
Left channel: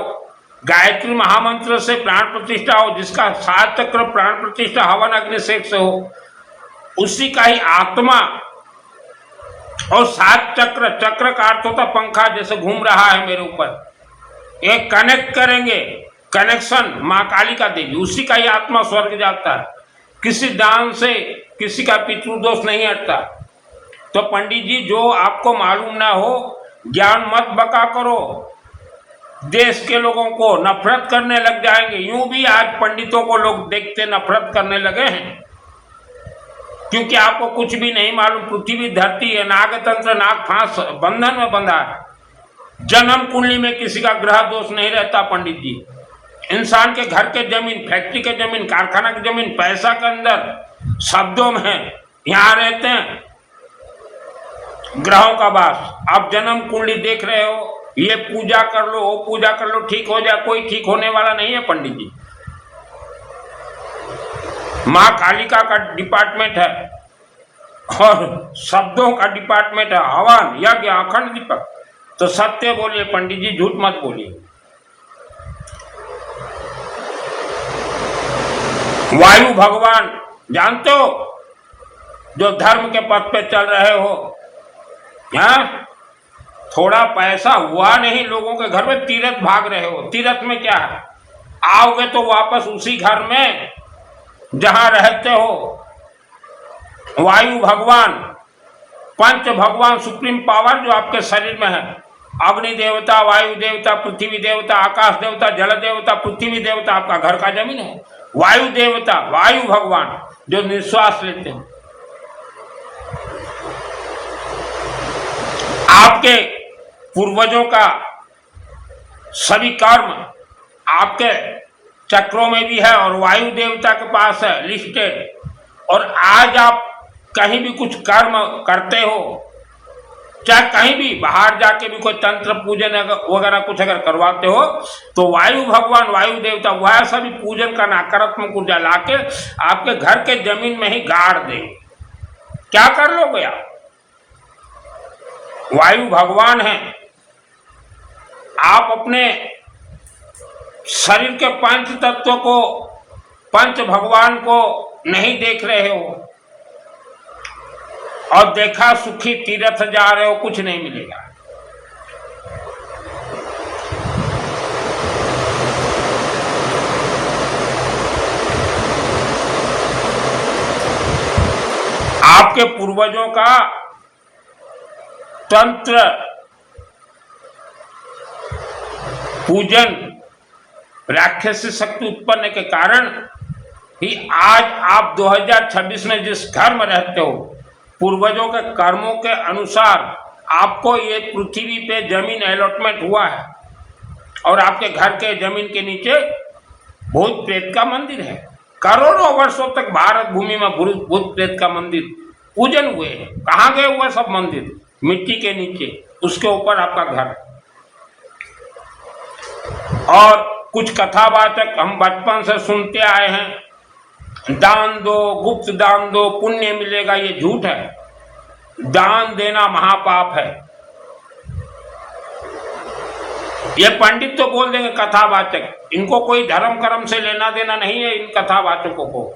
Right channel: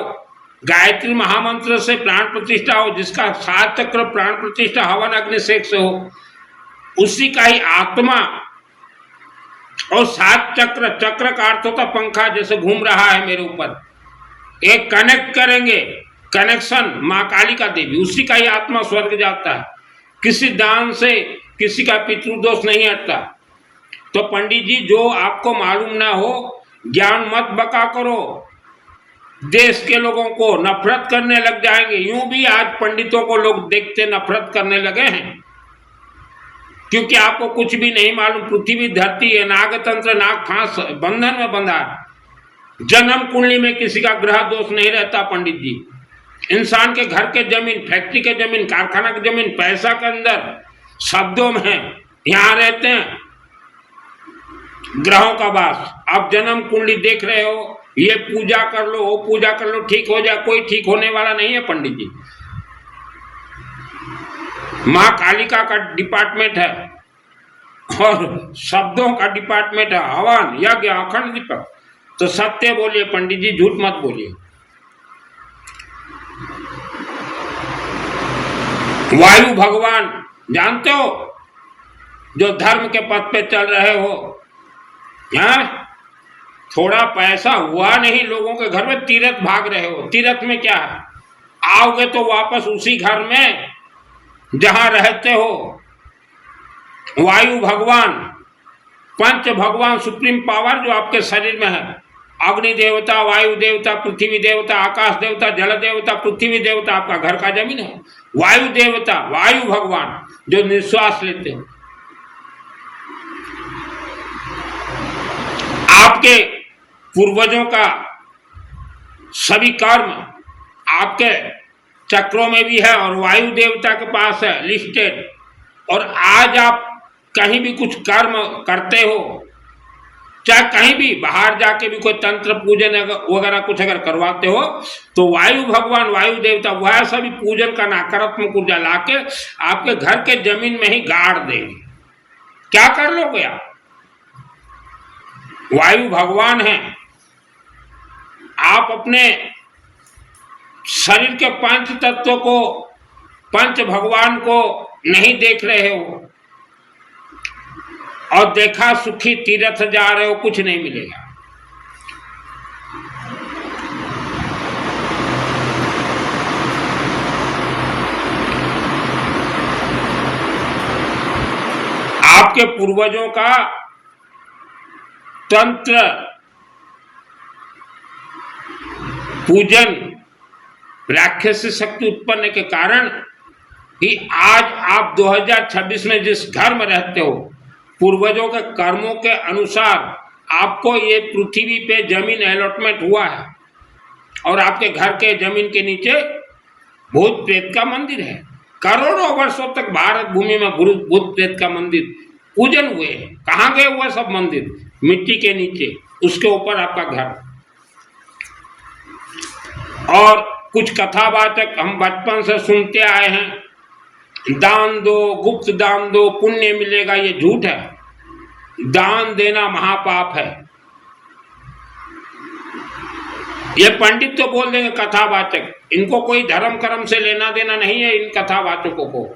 गायत्री महामंत्र से प्राण प्रतिष्ठा हो, जिसका 7 चक्र प्राण प्रतिष्ठा हवन अग्नि से हो, उसी का ही आत्मा और 7 चक्र, चक्र का अर्थ होता पंखा जैसे घूम रहा है मेरे ऊपर, एक कनेक्ट करेंगे, कनेक्शन मां कालिका देवी, उसी का ही आत्मा स्वर्ग जाता है। किसी दान से किसी का पितृदोष नहीं हटता। तो पंडित जी, जो आपको मालूम ना हो ज्ञान मत बका करो, देश के लोगों को नफरत करने लग जाएंगे। यूं भी आज पंडितों को लोग देखते नफरत करने लगे हैं, क्योंकि आपको कुछ भी नहीं मालूम। पृथ्वी धरती है, नागतंत्र नाग फांस बंधन में बंधा है। जन्म कुंडली में किसी का ग्रह दोष नहीं रहता पंडित जी। इंसान के घर के जमीन, फैक्ट्री के जमीन, कारखाना की जमीन, पैसा के अंदर शब्दों में यहां रहते हैं ग्रहों का वास। आप जन्म कुंडली देख रहे हो, ये पूजा कर लो, वो पूजा कर लो, ठीक हो जाए, कोई ठीक होने वाला नहीं है पंडित जी। मां कालिका का डिपार्टमेंट है और शब्दों का डिपार्टमेंट है, हवन यज्ञ अखंड दीपक। तो सत्य बोलिए पंडित जी, झूठ मत बोलिए। वायु भगवान जानते हो, जो धर्म के पथ पे चल रहे हो, यहाँ थोड़ा पैसा हुआ नहीं लोगों के घर में, तीर्थ भाग रहे हो। तीर्थ में क्या है, आओगे तो वापस उसी घर में जहां रहते हो। वायु भगवान, पंच भगवान, सुप्रीम पावर जो आपके शरीर में है, अग्नि देवता, वायु देवता, पृथ्वी देवता, आकाश देवता, जल देवता, पृथ्वी देवता आपका घर का जमीन है। वायु देवता, वायु भगवान जो निश्वास लेते हैं। आपके पूर्वजों का सभी कर्म आपके चक्रों में भी है और वायु देवता के पास है लिस्टेड। और आज आप कहीं भी कुछ कर्म करते हो, चाहे कहीं भी बाहर जाके भी कोई तंत्र पूजन वगैरह कुछ अगर करवाते हो, तो वायु भगवान, वायु देवता वह सभी पूजन का नकारात्मक ऊर्जा लाके आपके घर के जमीन में ही गाड़ देंगे। क्या कर लोगे आप? वायु भगवान है। आप अपने शरीर के पंच तत्वों को, पंच भगवान को नहीं देख रहे हो और देखा सुखी तीर्थ जा रहे हो, कुछ नहीं मिलेगा। आपके पूर्वजों का तंत्र पूजन, राक्षसी शक्ति उत्पन्न के कारण ही आज आप 2026 में जिस घर में रहते हो, पूर्वजों के कर्मों के अनुसार आपको ये पृथ्वी पे जमीन अलॉटमेंट हुआ है और आपके घर के जमीन के नीचे भूत प्रेत का मंदिर है। करोड़ों वर्षों तक भारत भूमि में भूत प्रेत का मंदिर पूजन हुए। कहाँ गए हुए सब मंदिर? मिट्टी के नीचे, उसके ऊपर आपका घर। और कुछ कथावाचक हम बचपन से सुनते आए हैं, दान दो, गुप्त दान दो, पुण्य मिलेगा, ये झूठ है। दान देना महापाप है। ये पंडित तो बोल देंगे कथावाचक, इनको कोई धर्म कर्म से लेना देना नहीं है। इन कथावाचकों को,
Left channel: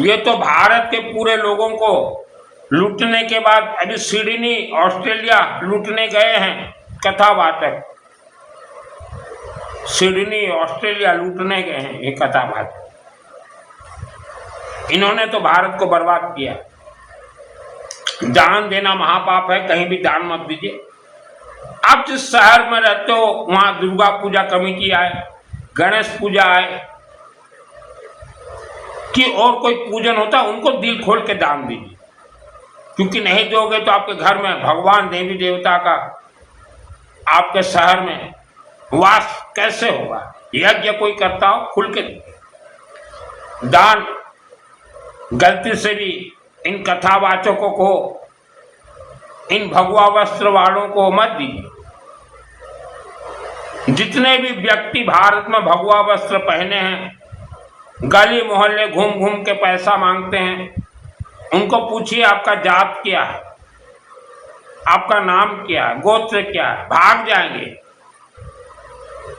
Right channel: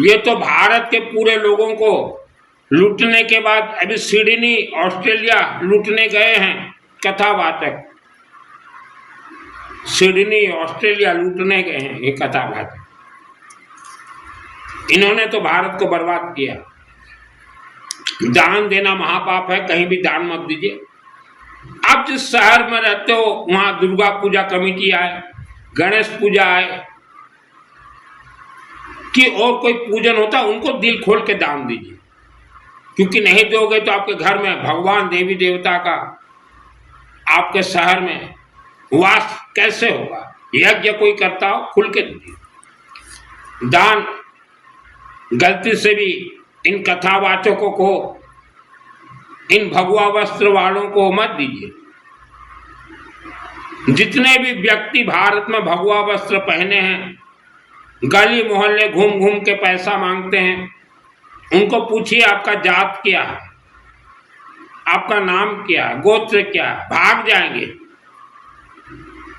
ये तो भारत के पूरे लोगों को लूटने के बाद अभी सिडनी ऑस्ट्रेलिया लूटने गए हैं कथावाचक। सिडनी ऑस्ट्रेलिया लूटने गए हैं ये कथावाचक। इन्होंने तो भारत को बर्बाद किया। दान देना महापाप है, कहीं भी दान मत दीजिए। आप जिस शहर में रहते हो वहां दुर्गा पूजा कमेटी आए, गणेश पूजा आए कि और कोई पूजन होता, उनको दिल खोल के दान दीजिए, क्योंकि नहीं दोगे तो आपके घर में भगवान देवी देवता का आपके शहर में वास कैसे होगा। यज्ञ कोई करता हो खुल के दीजिए दान। गलती से भी इन कथावाचकों को, इन भगवा वस्त्र वालों को मत दीजिए। जितने भी व्यक्ति भारत में भगवा वस्त्र पहने हैं, गली मोहल्ले घूम घूम के पैसा मांगते हैं, उनको पूछिए आपका जात क्या है, आपका नाम क्या है, गोत्र क्या है, भाग जाएंगे।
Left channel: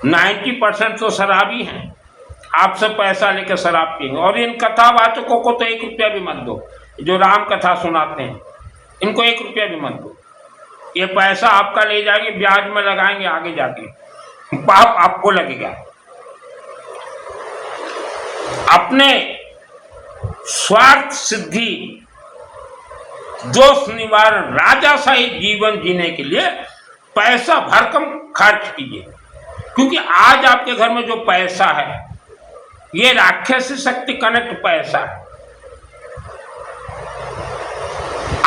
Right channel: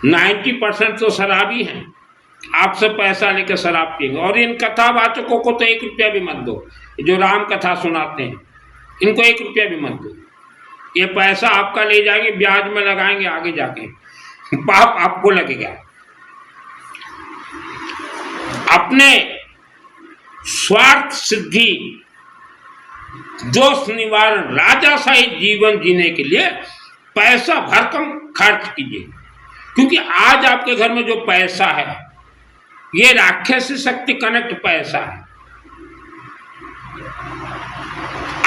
90% तो शराबी हैं, आपसे पैसा लेकर शराब पिएंगे। और इन कथावाचकों को तो 1 रुपया भी मत दो, जो राम कथा सुनाते हैं इनको 1 रुपया भी मत दो। ये पैसा आपका ले जाएंगे, ब्याज में लगाएंगे, आगे जाके पाप आपको लगेगा। अपने स्वार्थ सिद्धि, दोष निवारण, राजाशाही जीवन जीने के लिए पैसा भरकम खर्च कीजिए, क्योंकि आज आपके घर में जो पैसा है ये राक्षसी शक्ति कनेक्ट पैसा है।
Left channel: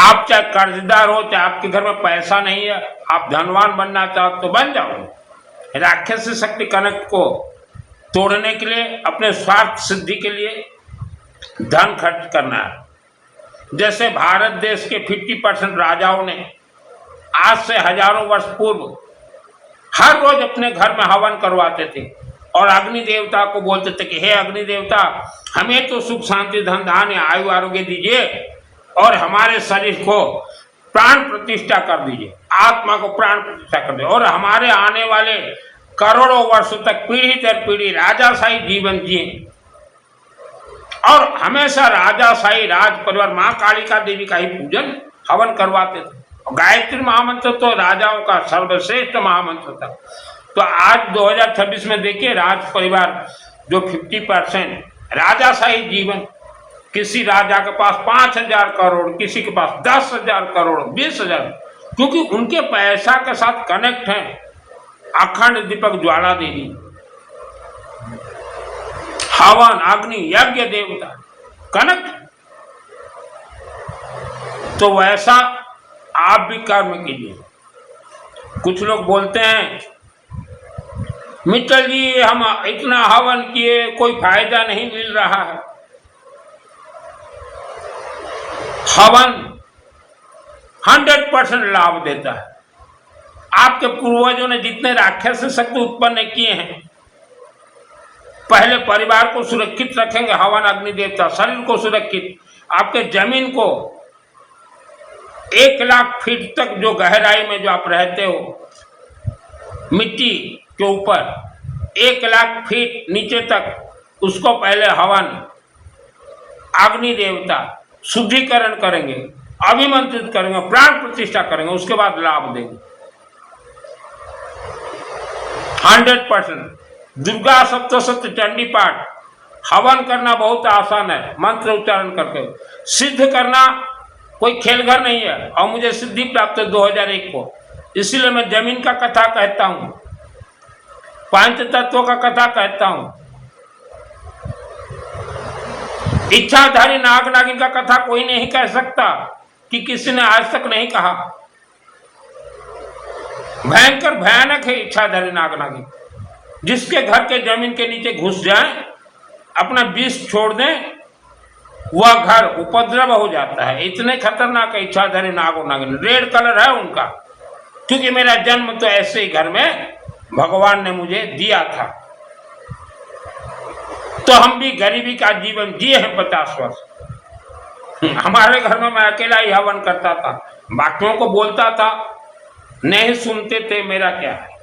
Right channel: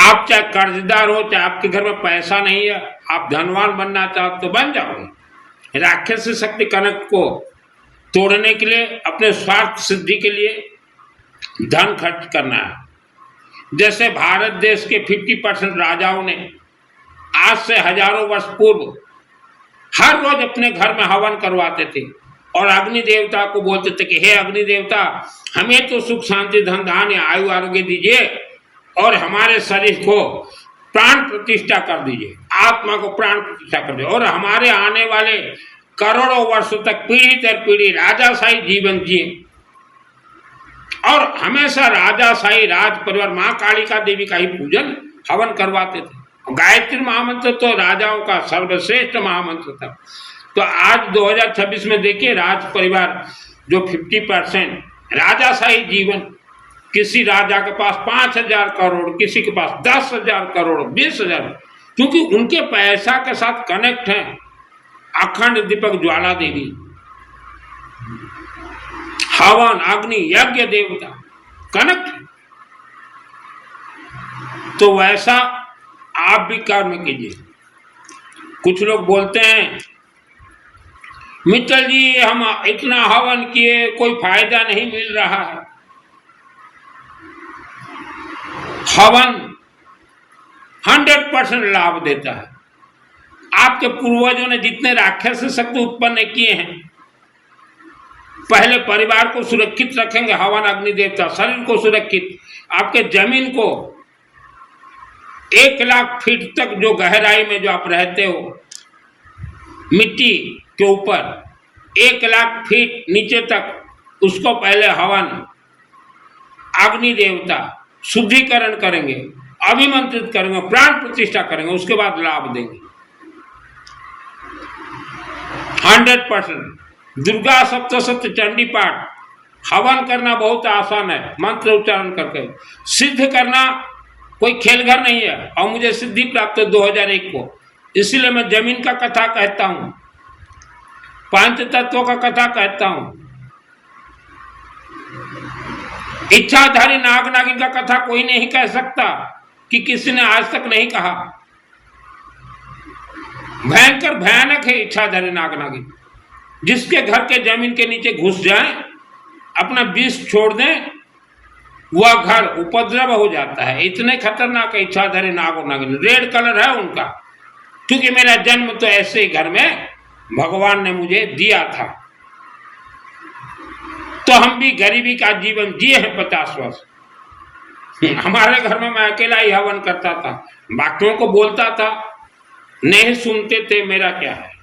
आप चाहे कर्जदार हो, चाहे आपके घर में पैसा नहीं है, आप धनवान बनना चाहते तो बन जाओगे। राक्षसी शक्ति कनेक्ट को तोड़ने के लिए, अपने स्वार्थ सिद्धि के लिए धन खर्च करना है। जैसे भारत देश के 50% राजाओं ने आज से हजारों वर्ष पूर्व हर रोज अपने घर में हवन करवाते थे और अग्नि देवता को बोलते थे कि हे अग्नि देवता, हमें तो सुख शांति धन धान्य आयु आरोग्य दीजिए और हमारे शरीर को प्राण प्रतिष्ठा कर दीजिए, आत्मा को प्राण प्रतिष्ठा कर दीजिए, और हमारे आने वाले करोड़ों वर्षों तक पीढ़ी दर पीढ़ी राजाशाही जीवन जिए। और हमेशा राजाशाही राज परिवार माँ कालिका देवी का ही पूजन हवन करवाते थे। और गायत्री महामंत्र तो राजाओं का सर्वश्रेष्ठ महामंत्र था। तो आज 2026 में देखिए, राज परिवार जो 50% राजाशाही जीवन, किसी राजा के पास 5,000 करोड़, किसी के पास 10,000 करोड़, 20,000, क्योंकि उनके पैसा के साथ कनेक्ट हैं अखंड दीपक ज्वाला देवी, हवन अग्नि यज्ञ देवता कनेक्ट। तो वैसा आप भी कर्म कीजिए। कुछ लोग बोलते हैं मित्तल जी हम इतना हवन किए कोई फायदा नहीं मिल रहा है। हवन 100% लाभ देता है। आपके पूर्वजों ने जितने राक्षस शक्ति उत्पन्न किए हैं, पहले परिवार को सुरक्षित रखेंगे हवन अग्नि देवता, शरीर को सुरक्षित, आपके जमीन को 1 लाख फीट तक जो गहराई में जो आप रहते हो मिट्टी के ऊपर 1 लाख फीट नीचे तक, उसको पहले हवन अग्नि देवता शुद्धिकरण करेंगे, अभिमंत्रित करेंगे, प्राण प्रतिष्ठा करेंगे, उसके बाद लाभ देंगे 100%। दुर्गा सप्तशती चंडी पाठ हवन करना बहुत आसान है, मंत्र उच्चारण करके। सिद्ध करना कोई खेल घर नहीं है, और मुझे सिद्धि प्राप्त 2001 को, इसीलिए मैं जमीन का कथा कहता हूं, पंच तत्वों का कथा कहता हूं। इच्छाधारी नाग नागिन का कथा कोई नहीं कह सकता कि किसी ने आज तक नहीं कहा। भयंकर भयानक है इच्छाधारी नाग नागिन। जिसके घर के जमीन के नीचे घुस जाएं, अपना विष छोड़ दें, वह घर उपद्रव हो जाता है। इतने खतरनाक है इच्छाधारी नाग नागिन। रेड कलर है उनका, क्योंकि मेरा जन्म तो ऐसे ही घर में भगवान ने मुझे दिया था। तो हम भी गरीबी का जीवन जिए हैं 50 वर्ष। हमारे घर में मैं अकेला ही हवन करता था, बाकियों को बोलता था, नहीं सुनते थे, मेरा क्या है।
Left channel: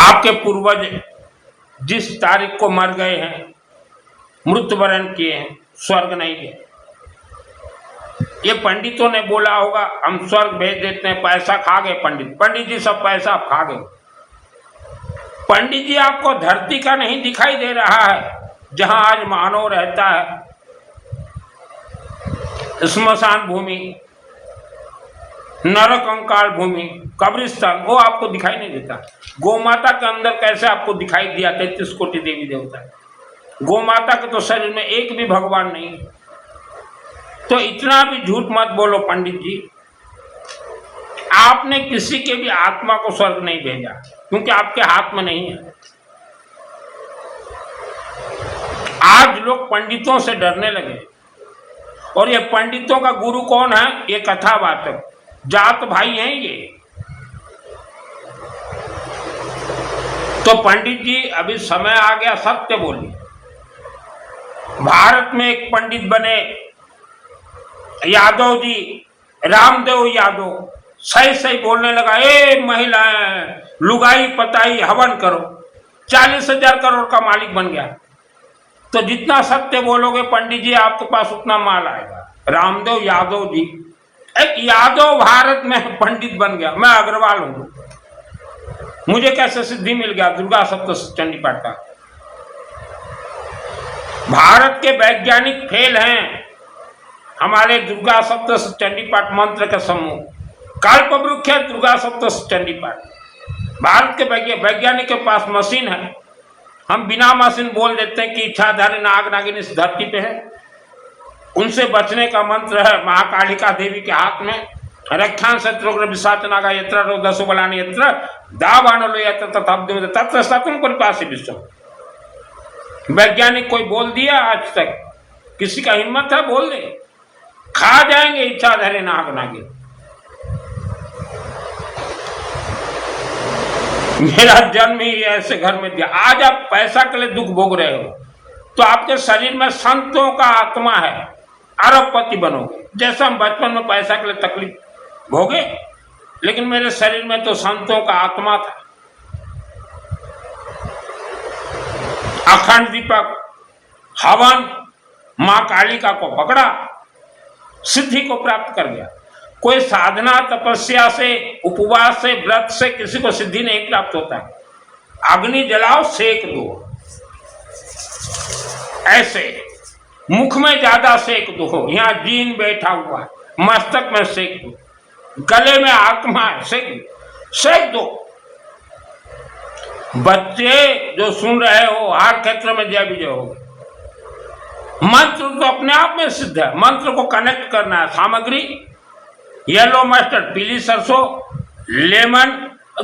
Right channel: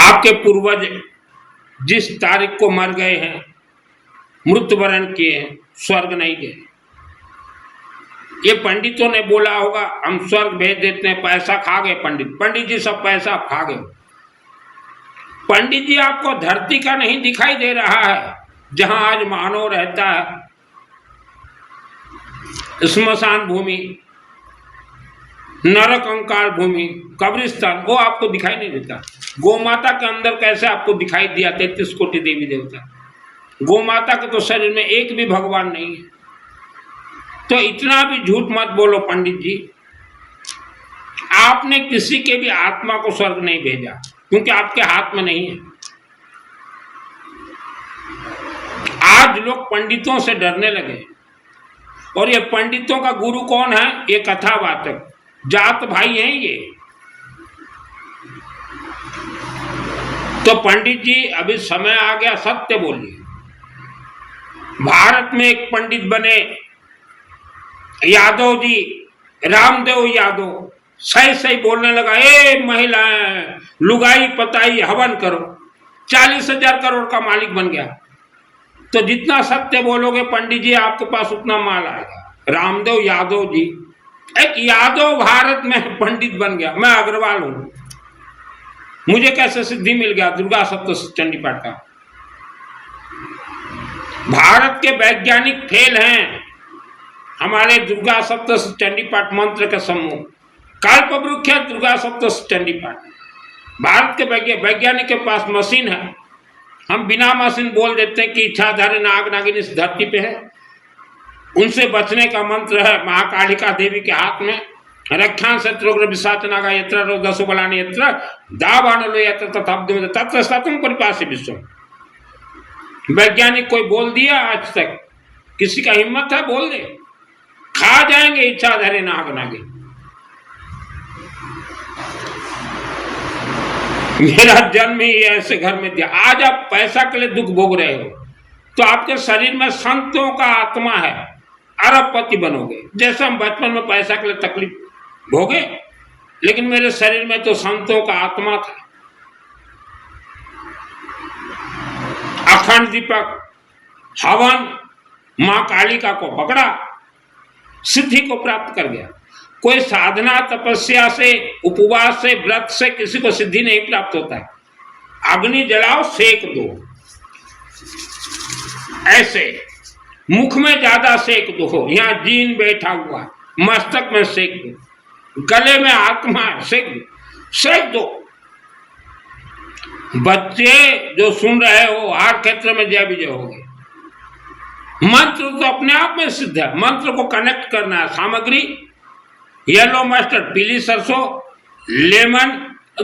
आपके पूर्वज जिस तारीख को मर गए हैं, मृत्युवरण किए हैं, स्वर्ग नहीं गए। ये पंडितों ने बोला होगा हम स्वर्ग भेज देते हैं, पैसा खा गए पंडित जी, सब पैसा खा गए। पंडित जी आपको धरती का नहीं दिखाई दे रहा है जहां आज मानव रहता है, स्मशान भूमि, नरक कंकाल भूमि, कब्रिस्तान, वो आपको दिखाई नहीं देता। गौ माता के अंदर कैसे आपको दिखाई दिया 33 कोटि देवी देवता? गौ माता के तो शरीर में एक भी भगवान नहीं है। तो इतना भी झूठ मत बोलो पंडित जी। आपने किसी के भी आत्मा को स्वर्ग नहीं भेजा, क्योंकि आपके हाथ में नहीं है। आज लोग पंडितों से डरने लगे, और ये पंडितों का गुरु कौन है? ये कथावाचक जात भाई हैं ये। तो पंडित जी अभी समय आ गया, सत्य बोलिए। भारत में एक पंडित बने यादव जी, रामदेव यादव, सही सही बोलने लगा, ए महिलाएं, लुगाई पताई हवन करो, 40,000 करोड़ का मालिक बन गया। तो जितना सत्य बोलोगे पंडित जी आपके पास उतना माल आएगा। रामदेव यादव जी, एक यादव भारत में पंडित बन गया। मैं अग्रवाल हूं, मुझे कैसे सिद्धि मिल गया दुर्गा सप्तशती चंडी पाठ का? भारत के वैज्ञानिक फेल हैं हमारे दुर्गा सप्तशती चंडी पाठ मंत्र के समूह, कल्पवृक्ष है दुर्गा सप्तशती चंडी पाठ। भारत के वैज्ञानिक के पास मशीन है, हम बिना मशीन बोल देते हैं कि इच्छाधारी नाग नागिन इस धरती पे है। उनसे बचने का मंत्र है महाकालिका देवी के हाथ में, रक्षान शत्रुग्र विशाच नागा यत्र रोदसु बलानि यत्र दावानलो यत्र तथाब्दम तत्र सतम परिपासी विश्वम। वैज्ञानिक कोई बोल दिया आज तक? किसी का हिम्मत है बोल दे? खा जाएंगे इच्छाधारी नाग नागिन। मेरा जन्म ही ऐसे घर में दिया। आज आप पैसा के लिए दुख भोग रहे हो, तो आपके शरीर में संतों का आत्मा है, अरबपति बनोगे। जैसा हम बचपन में पैसा के लिए तकलीफ भोगे, लेकिन मेरे शरीर में तो संतों का आत्मा था। अखंड दीपक हवन मां कालिका को पकड़ा, सिद्धि को प्राप्त कर गया। कोई साधना तपस्या से, उपवास से, व्रत से किसी को सिद्धि नहीं प्राप्त होता है। अग्नि जलाओ, सेक दो, ऐसे मुख में ज्यादा सेक दो, यहां जीन बैठा हुआ है, मस्तक में सेक दो, गले में आत्मा है, सेक दो। बच्चे जो सुन रहे हो, हर क्षेत्र में जय विजय होगी। मंत्र तो अपने आप में सिद्ध है, मंत्र को कनेक्ट करना है। सामग्री येलो मस्टर्ड, पीली सरसों, लेमन,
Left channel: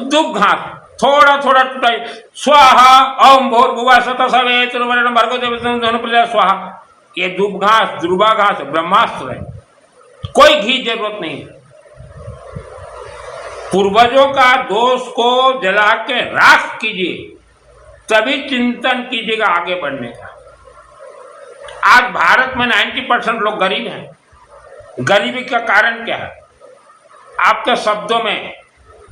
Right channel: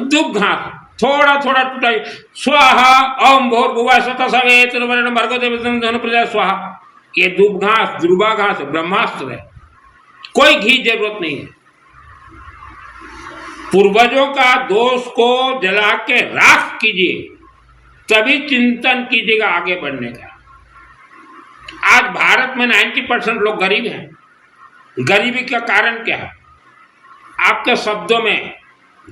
दुब घास, थोड़ा थोड़ा टूटा, स्वाहा ओम भूर्भुवः स्वतः सवितुर्वरेण्यं भर्गो देवस्य प्रचोदयात् स्वाहा। ये दुब घास, दुर्वा घास ब्रह्मास्त्र है, कोई घी जरूरत नहीं है। पूर्वजों का दोष को जला के राख कीजिए, तभी चिंतन कीजिएगा आगे बढ़ने का। आज भारत में 90% लोग गरीब हैं। गरीबी का कारण क्या है? आपके शब्दों में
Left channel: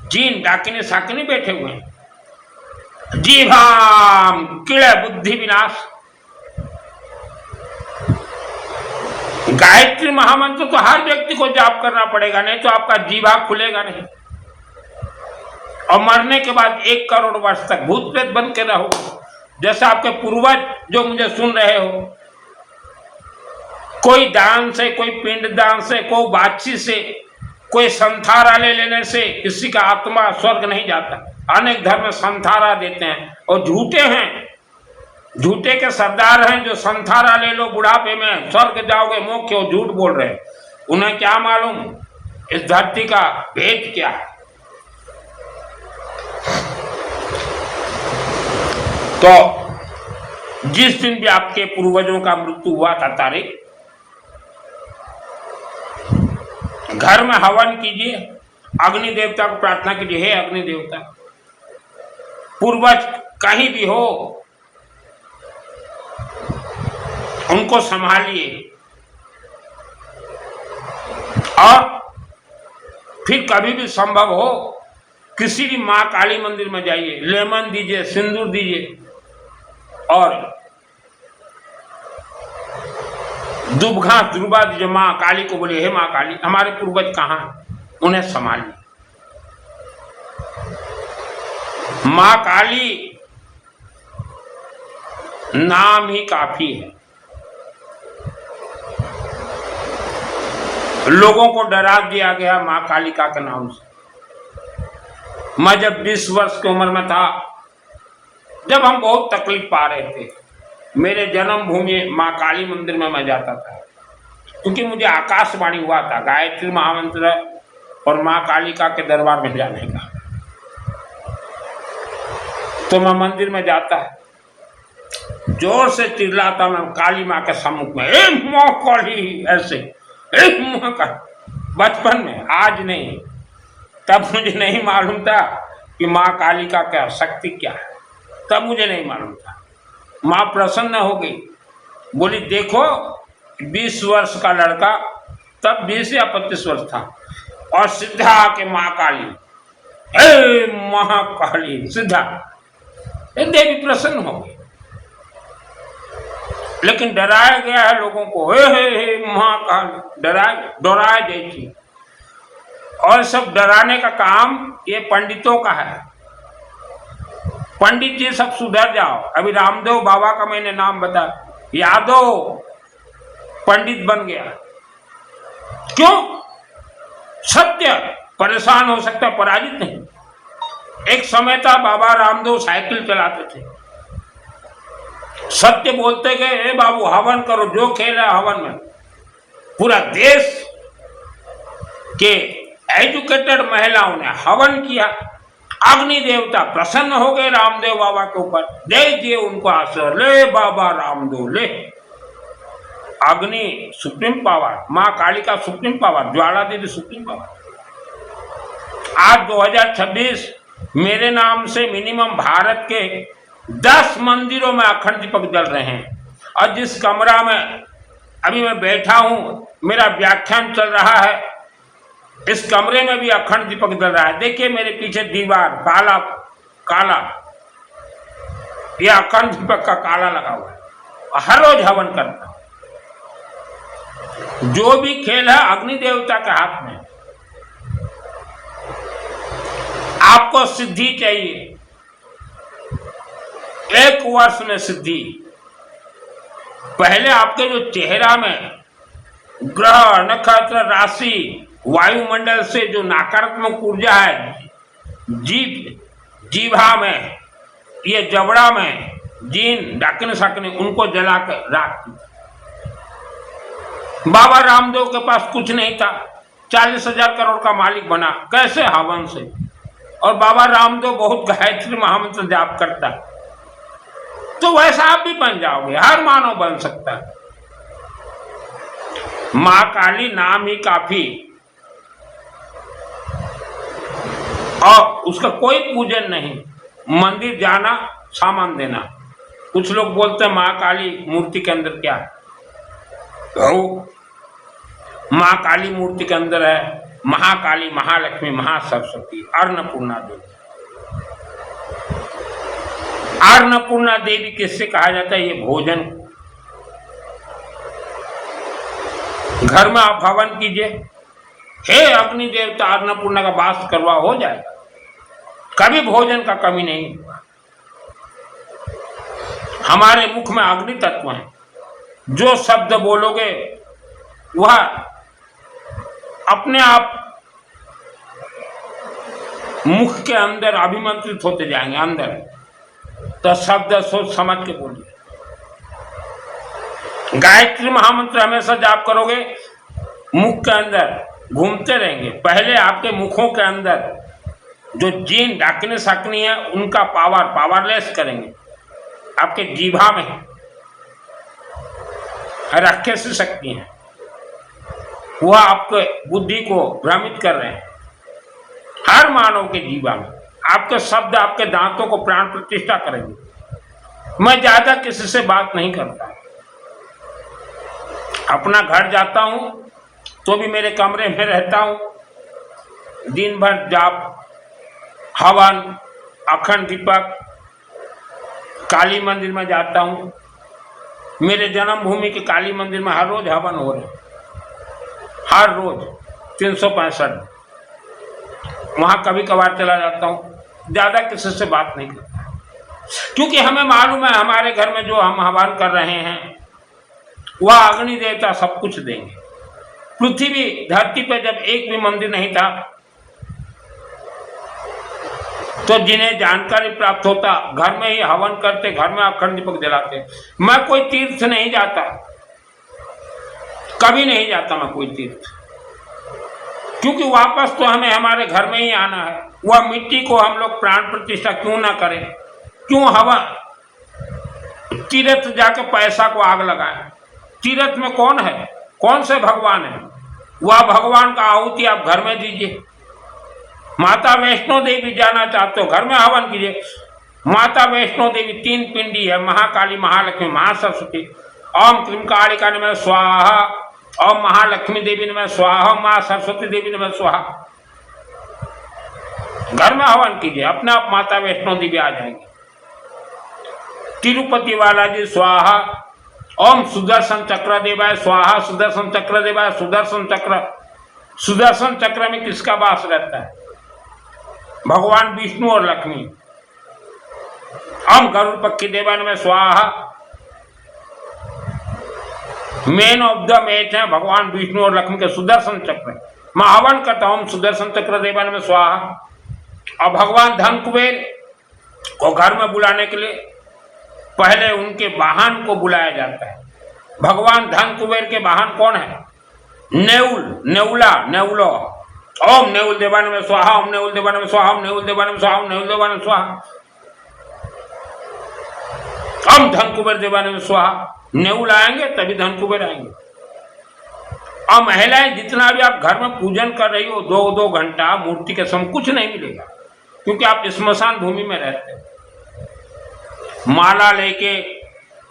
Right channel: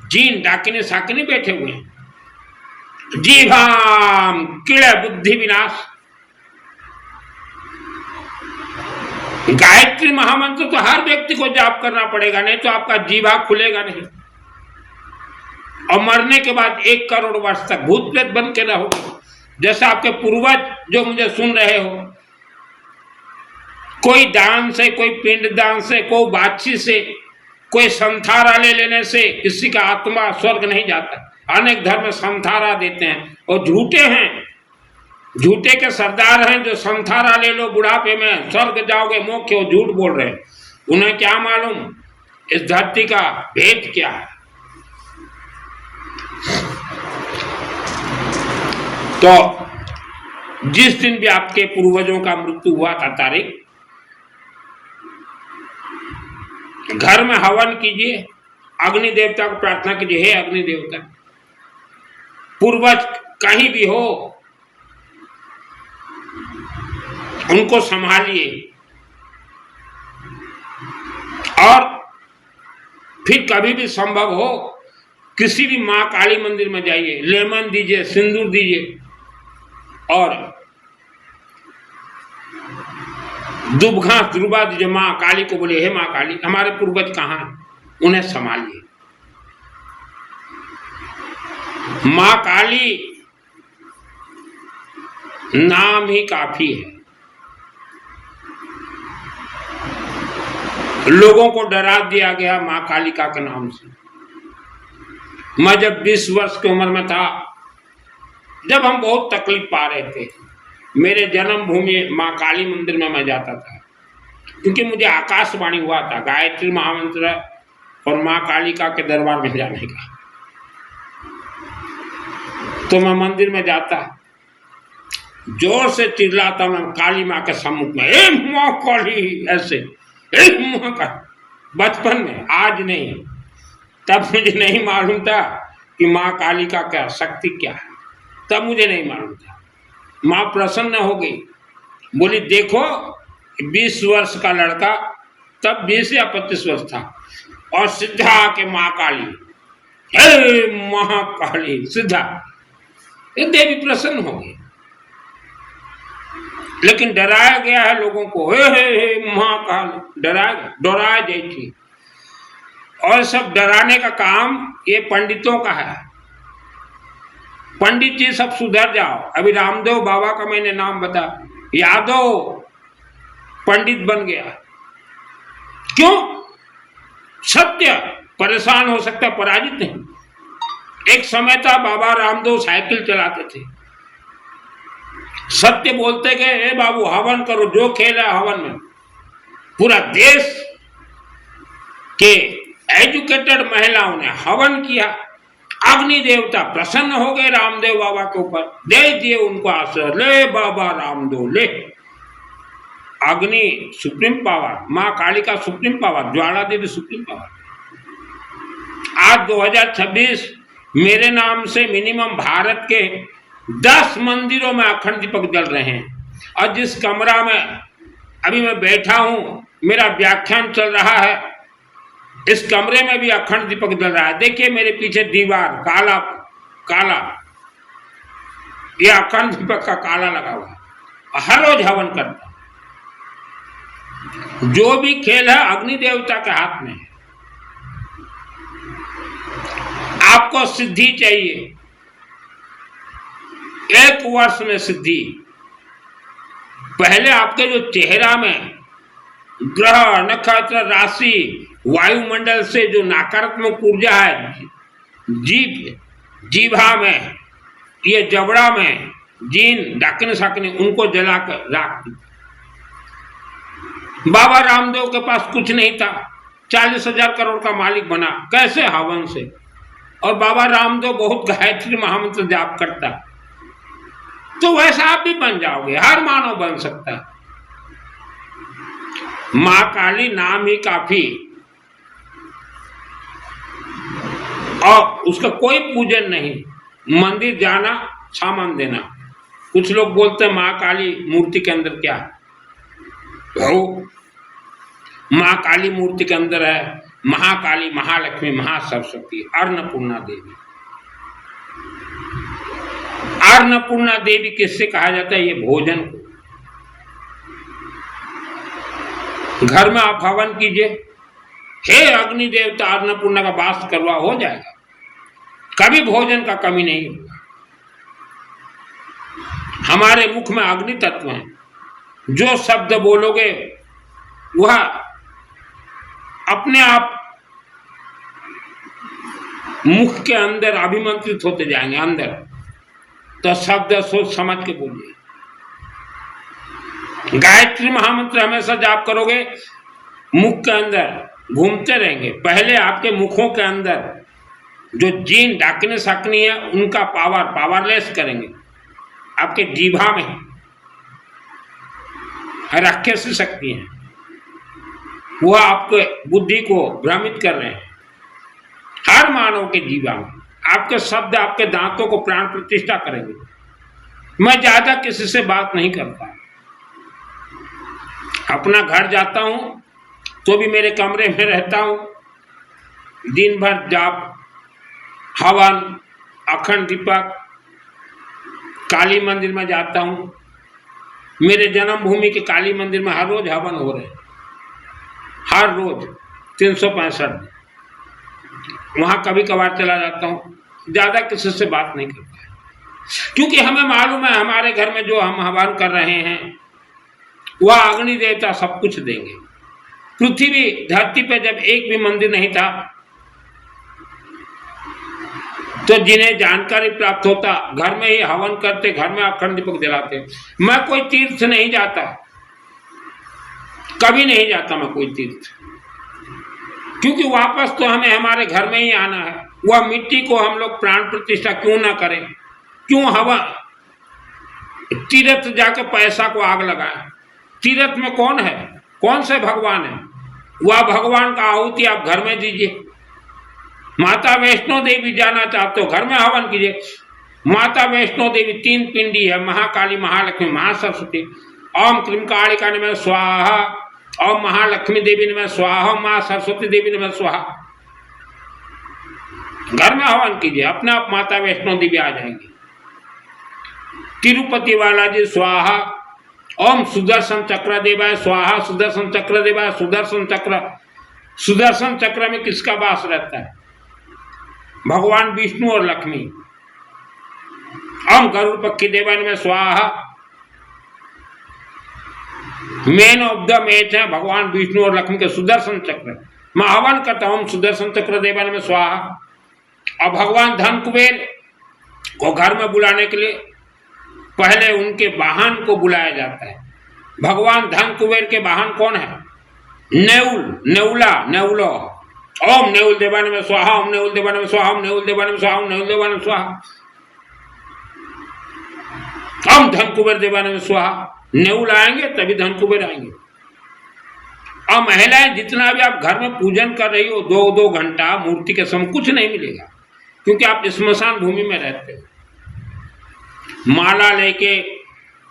जीन डाकिनी साकिनी बैठे हुए हैं। जीभाम किले बुद्धि विनाश। गायत्री महामंत्र तो हर व्यक्ति को जाप करना पड़ेगा, नहीं तो आपका जीभा खुलेगा नहीं। और मरने के बाद 1 करोड़ वर्ष तक भूत प्रेत बन के रहो, जैसे आपके पूर्वज जो मुझे सुन रहे हो। कोई दान से, कोई पिंड दान से, कोई बाछी से, कोई संथारा ले लेने से किसी का आत्मा स्वर्ग नहीं जाता। अनेक धर्म संथारा देते हैं और झूठे हैं, झूठे के सरदार हैं जो संथारा ले लो बुढ़ापे में स्वर्ग जाओगे, मोक्ष हो, झूठ बोल रहे हैं। उन्हें क्या मालूम इस धरती का भेद क्या है। तो जिस दिन भी आपके पूर्वजों का मृत्यु हुआ था तारीख, घर में हवन कीजिए, अग्नि देवता को प्रार्थना कीजिए, हे अग्नि देवता, पूर्वज कहीं भी हो उनको संभालिए। और फिर कभी भी संभव हो किसी भी मां काली मंदिर में जाइए, लेमन दीजिए, सिंदूर दीजिए, और दुबघा दुर्बा दीजिए। मां काली को बोले, हे मां काली, हमारे पूर्वज कहाँ हैं, उन्हें संभालिए। मां काली नाम ही काफी है। लोगों को डरा दिया गया मां कालिका के नाम से। मैं जब 20 वर्ष की उम्र में था, जब हम बहुत तकलीफ पा रहे थे, मेरे जन्मभूमि मां काली मंदिर में मैं जाता था, क्योंकि मुझे आकाशवाणी हुआ था गायत्री महामंत्र और मां कालिका के दरबार में जाने का। तो मैं मंदिर में जाता, जोर से चिल्लाता मैं काली माँ के सम्मुख में, ए माँ काली, ऐसे ए माँ का। बचपन में, आज नहीं। तब मुझे नहीं मालूम था कि माँ काली का क्या शक्ति क्या है, तब मुझे नहीं मालूम था। माँ प्रसन्न हो गई, बोली देखो 20 वर्ष का लड़का, तब 20 या 25 वर्ष था, और सीधा आके माँ काली, हे महाकाली, सीधा। देवी प्रसन्न हो गई। लेकिन डराया गया है लोगों को, हे महाकाली, डराया जाती। और सब डराने का काम ये पंडितों का है। पंडित जी सब सुधर जाओ। अभी रामदेव बाबा का मैंने नाम बताया, यादव पंडित बन गया। क्यों? सत्य परेशान हो सकता, पराजित नहीं। एक समय था बाबा रामदेव साइकिल चलाते थे, सत्य बोलते गए, ए बाबू हवन करो, जो खेल है हवन में। पूरा देश के एजुकेटेड महिलाओं ने हवन किया। अग्नि देवता प्रसन्न हो गए रामदेव बाबा के ऊपर, दे दिए उनको आशीर्वाद, ले बाबा रामदेव ले। अग्नि सुप्रीम पावर, मां काली का supreme power, Jwala Devi supreme power. आज 2026 मेरे नाम से मिनिमम भारत के 10 मंदिरों में अखंड दीपक जल रहे हैं। और जिस कमरा में अभी मैं बैठा हूं, मेरा व्याख्यान चल रहा है, इस कमरे में भी अखंड दीपक जल रहा है। देखिए मेरे पीछे दीवार काला काला, यह अखंड दीपक का काला लगा हुआ है। हर रोज हवन करता हूं। जो भी खेल है अग्नि देवता के हाथ में है। आपको सिद्धि चाहिए, 1 वर्ष में सिद्धि। पहले आपके जो चेहरा में ग्रह, नक्षत्र, राशि, वायुमंडल से जो नकारात्मक ऊर्जा है, जीभा में, ये जबड़ा में, जीन डाकने साकने, उनको जलाकर राख दी। बाबा रामदेव के पास कुछ नहीं था, 40,000 करोड़ का मालिक बना कैसे? हवन से। और बाबा रामदेव बहुत गायत्री महामंत्र जाप करता, तो वैसा आप भी बन जाओगे, हर मानव बन सकता है। मां काली नाम ही काफी, और उसका कोई पूजन नहीं। मंदिर जाना, सामान देना। कुछ लोग बोलते हैं मां काली मूर्ति के अंदर क्या है? मां काली मूर्ति के अंदर है महाकाली, महालक्ष्मी, महासरस्वती, अन्नपूर्णा देवी। अन्नपूर्णा देवी किससे कहा जाता है? ये भोजन को। घर में आप हवन कीजिए, हे अग्नि देवता अन्नपूर्णा का वास करवा, हो जाएगा। कभी भोजन का कमी नहीं हुआ। हमारे मुख में अग्नि तत्व है, जो शब्द बोलोगे वह अपने आप मुख के अंदर अभिमंत्रित होते जाएंगे अंदर। तो शब्द सोच समझ के बोलिए। गायत्री महामंत्र हमेशा जाप करोगे, मुख के अंदर घूमते रहेंगे। पहले आपके मुखों के अंदर जो जीन डाकने साकनी है, उनका पावरलेस करेंगे। आपके जीभा में रखे से शक्ति है, वह आपके बुद्धि को भ्रमित कर रहे हैं। हर मानव के जीवा में आपके शब्द आपके दांतों को प्राण प्रतिष्ठा करेंगे। मैं ज्यादा किसी से बात नहीं करता, अपना घर जाता हूं तो भी मेरे कमरे में रहता हूं, दिन भर जाप, हवन, अखंड दीपक, काली मंदिर में जाता हूं। मेरे जन्मभूमि के काली मंदिर में हर रोज हवन हो रहे हैं, हर रोज 365। वहां कभी कभार चला जाता हूं, ज्यादा किसी से बात नहीं करता। क्योंकि हमें मालूम है हमारे घर में जो हम हवन कर रहे हैं वह अग्नि देवता सब कुछ देंगे। पृथ्वी धरती पे जब एक भी मंदिर नहीं था तो जिन्हें जानकारी प्राप्त होता घर में ही हवन करते, घर में अखंड दीपक जलाते। मैं कोई तीर्थ नहीं जाता, कभी नहीं जाता मैं कोई तीर्थ, क्योंकि वापस तो हमें हमारे घर में ही आना है। वह मिट्टी को हम लोग प्राण प्रतिष्ठा क्यों ना करें, क्यों हवन तीर्थ जाके पैसा को आग लगाएं। तीर्थ में कौन है, कौन से भगवान है? वह भगवान का आहुति आप घर में दीजिए। माता वैष्णो देवी जाना चाहते हो घर में हवन कीजिए। माता वैष्णो देवी 3 पिंडी है, महाकाली, महालक्ष्मी, महासरस्वती। ओम क्लीम कालिका नमः स्वाहा, ओम महालक्ष्मी देवी नमः स्वाहा, मां सरस्वती देवी नमः स्वाहा। घर में हवन कीजिए, अपने आप माता वैष्णो देवी आ जाएंगे। तिरुपति बालाजी स्वाहा, ओम सुदर्शन चक्र देवाय स्वाहा, सुदर्शन चक्र देवाय, सुदर्शन चक्र। सुदर्शन चक्र में किसका वास रहता है? भगवान विष्णु और लक्ष्मी। ओम गरुड़ पक्षी देवाय नमः स्वाहा। मेन ऑफ द मैच है भगवान विष्णु और लक्ष्मी के सुदर्शन चक्र। मैं हवन करता हूं सुदर्शन चक्र देवाय नमः स्वाहा। और भगवान धन कुबेर को घर में बुलाने के लिए पहले उनके वाहन को बुलाया जाता है। भगवान धन कुबेर के वाहन कौन है? नेउल, नेउला, नेउलो। ओम नेउल देवाय नमः स्वाहा, ओम नेउल देवाय नमः स्वाहा, ओम नेउल देवाय नमः स्वाहा, ओम नेउल देवाय नमः स्वाहा। ओम धन कुबेर देवाय नमः स्वाहा। नेउल आएंगे तभी धन कुबेर आएंगे। और महिलाएं जितना भी आप घर में पूजन कर रही हो 2-2 घंटा मूर्ति के समय कुछ नहीं मिलेगा, क्योंकि आप स्मशान भूमि में रहते हो। माला लेके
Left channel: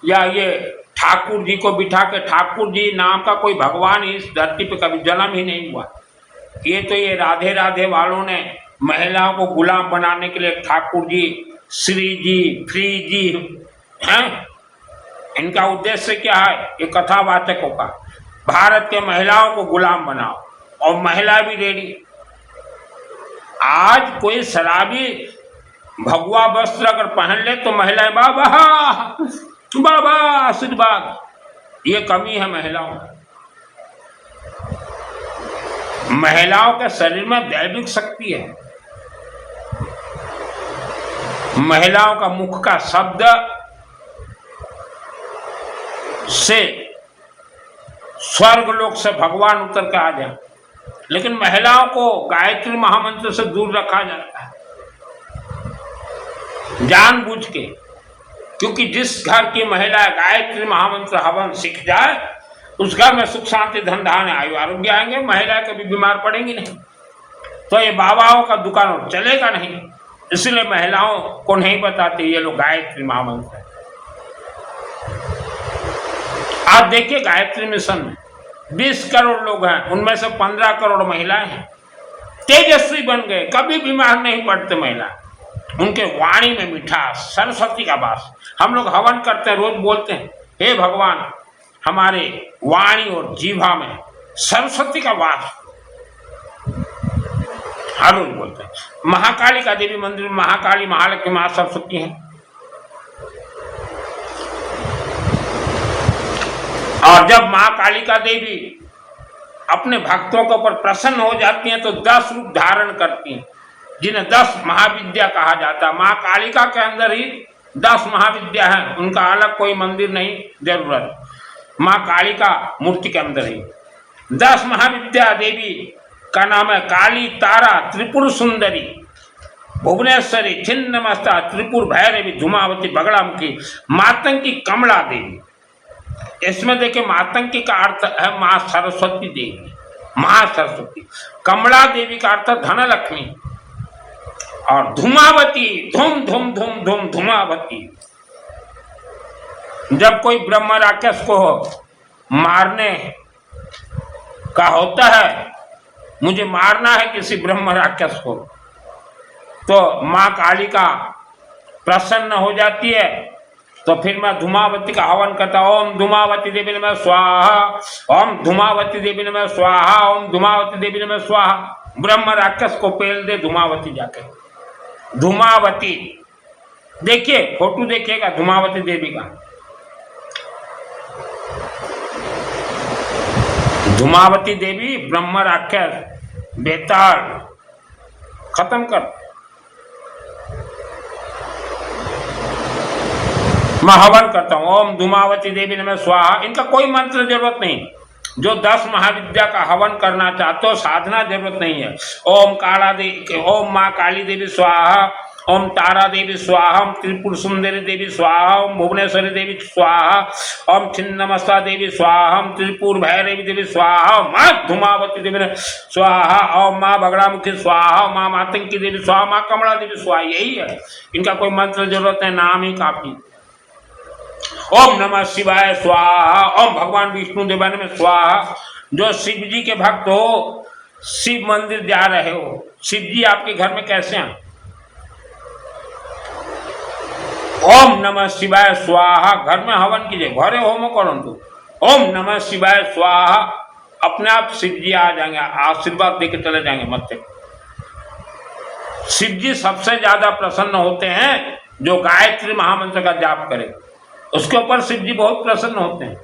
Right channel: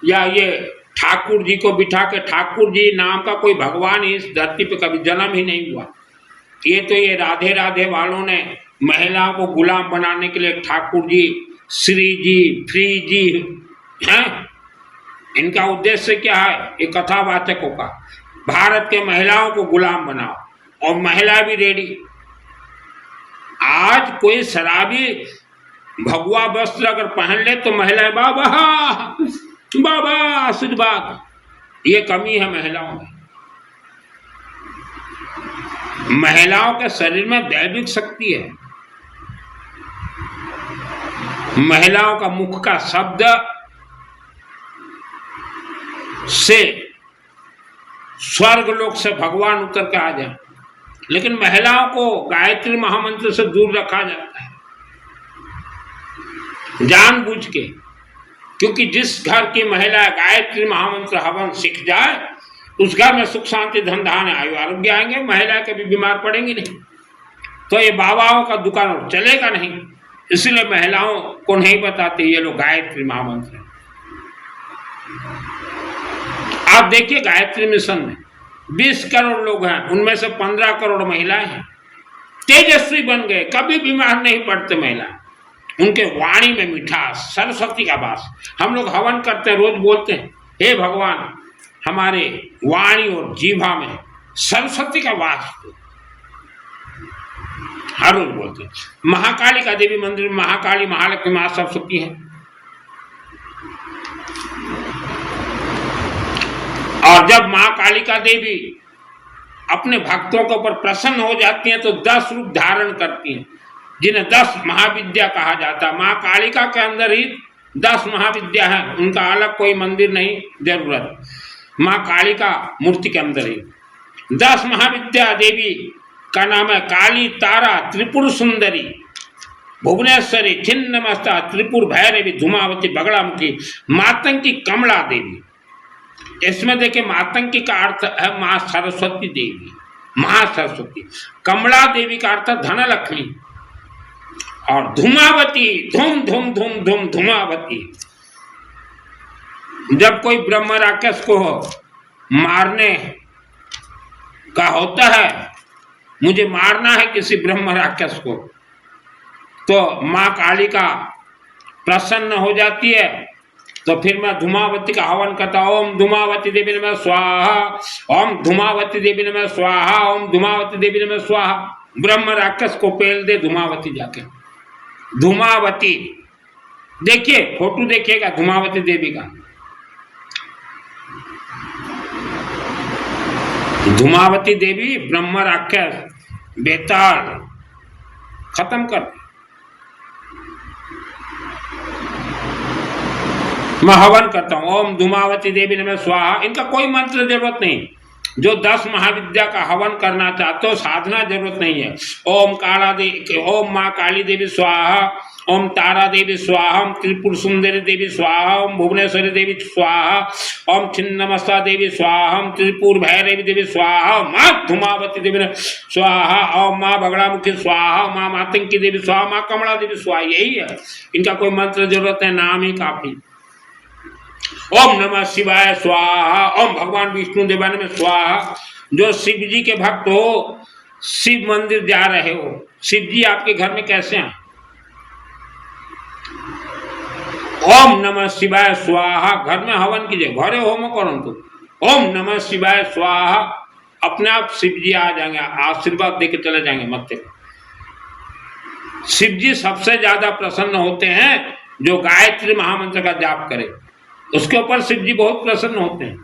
या ये ठाकुर जी को बिठा के, ठाकुर जी नाम का कोई भगवान इस धरती पे कभी जन्म ही नहीं हुआ। ये तो ये राधे राधे वालों ने महिलाओं को गुलाम बनाने के लिए ठाकुर जी, श्री जी, फ्री जी हैं। इनका उद्देश्य क्या है? ये कथावाचकों का, भारत के महिलाओं को गुलाम बनाओ और महिला भी रेडी। आज कोई शराबी भगवा वस्त्र अगर पहन ले तो महिलाएं बाबा बाबा आशीर्वाद। ये कमी है महिलाओं में। महिलाओं के शरीर में दैविक शक्ति है। महिलाओं का मुख का शब्द से स्वर्ग लोक से भगवान उतर के आ जाए, लेकिन महिलाओं को गायत्री महामंत्र से दूर रखा जाता है जानबूझ के, क्योंकि जिस घर की महिला गायत्री महामंत्र हवन सीख जाए उस घर में सुख शांति धन धान्य आयु आरोग्य आएंगे, महिला कभी बीमार पड़ेंगी नहीं। तो ये बाबाओं का दुकान और चलेगा नहीं, इसलिए महिलाओं को नहीं बताते ये लोग गायत्री महामंत्र। आप देखिए गायत्री मिशन में 20 करोड़ लोग हैं, उनमें से 15 करोड़ महिलाएं हैं। तेजस्वी बन गए, कभी बीमार नहीं पड़ते महिला। उनके वाणी में मिठास, सरस्वती का वास। हम लोग हवन करते हैं, रोज बोलते हैं हे भगवान हमारे वाणी और जीवा में सरस्वती का वास। हर रोज बोलते हैं। महाकाली का देवी मंदिर में महाकाली, महालक्ष्मी, महा सरस्वती है। और जब मां कालिका देवी अपने भक्तों के ऊपर प्रसन्न हो जाती हैं तो 10 रूप धारण करती हैं, जिन्हें 10 महाविद्या कहा जाता है। मां कालिका के अंदर ही 10 महाविद्या हैं, उनका अलग कोई मंदिर नहीं जरूरत। मां कालिका मूर्ति के अंदर ही 10 महाविद्या देवी का नाम है काली, तारा, त्रिपुर सुंदरी, भुवनेश्वरी, छिन्नमस्ता, त्रिपुर भैरवी, धूमावती, बगड़ामुखी, मातंगी, कमला देवी। इसमें देखिए मातंगी का अर्थ है मां सरस्वती देवी, महासरस्वती। कमला देवी का अर्थ धनलक्ष्मी। और धूमावती, धूम धूम धूम धूम धूमावती। जब कोई ब्रह्म राक्षस को मारने का होता है, मुझे मारना है किसी ब्रह्म राक्षस को, तो मां कालिका प्रसन्न हो जाती है, तो फिर मैं धूमावती का हवन करता। ओम धूमावती देवी नमः स्वाहा, ओम धूमावती देवी नमः स्वाहा, ओम धूमावती देवी नमः स्वाहा। ब्रह्म राक्षस को पेल दे धूमावती जाके। धूमावती देखिए फोटो देखिएगा धूमावती देवी का। धूमावती देवी ब्रह्म राक्षस बेताल खत्म कर। मैं हवन करता हूं, ओम धूमावती देवी नमः स्वाहा। इनका कोई मंत्र जरूरत नहीं। जो 10 महाविद्या का हवन करना चाहते हो, साधना जरूरत नहीं है। ओम काला देवी, ओम माँ काली देवी स्वाहा, ओम तारा देवी स्वाहा, ओम त्रिपुर सुंदरी देवी स्वाहा, ओम भुवनेश्वरी देवी स्वाहा, ओम छिन्नमस्ता देवी स्वाहा, ओम त्रिपुर भैरवी देवी स्वाहा, माँ धूमावती देवी स्वाहा, ओम माँ बगड़ामुखी स्वाहा, माँ मातंकी देवी स्वाहा, माँ कमला देवी स्वाहा। यही है, इनका कोई मंत्र जरूरत है, नाम ही काफी। ओम नमः शिवाय स्वाहा, ओम भगवान विष्णु देवाय नमः स्वाहा। जो शिव जी के भक्त हो, शिव मंदिर जा रहे हो, शिव जी आपके घर में कैसे आए? ओम नमः शिवाय स्वाहा, घर में हवन कीजिए, घरे होम करंतु। ओम नमः शिवाय स्वाहा, अपने आप शिव जी आ जाएंगे, आशीर्वाद देके चले जाएंगे मत्थे। शिव जी सबसे ज्यादा प्रसन्न होते हैं जो गायत्री महामंत्र का जाप करे, उसके ऊपर शिव जी बहुत प्रसन्न होते हैं।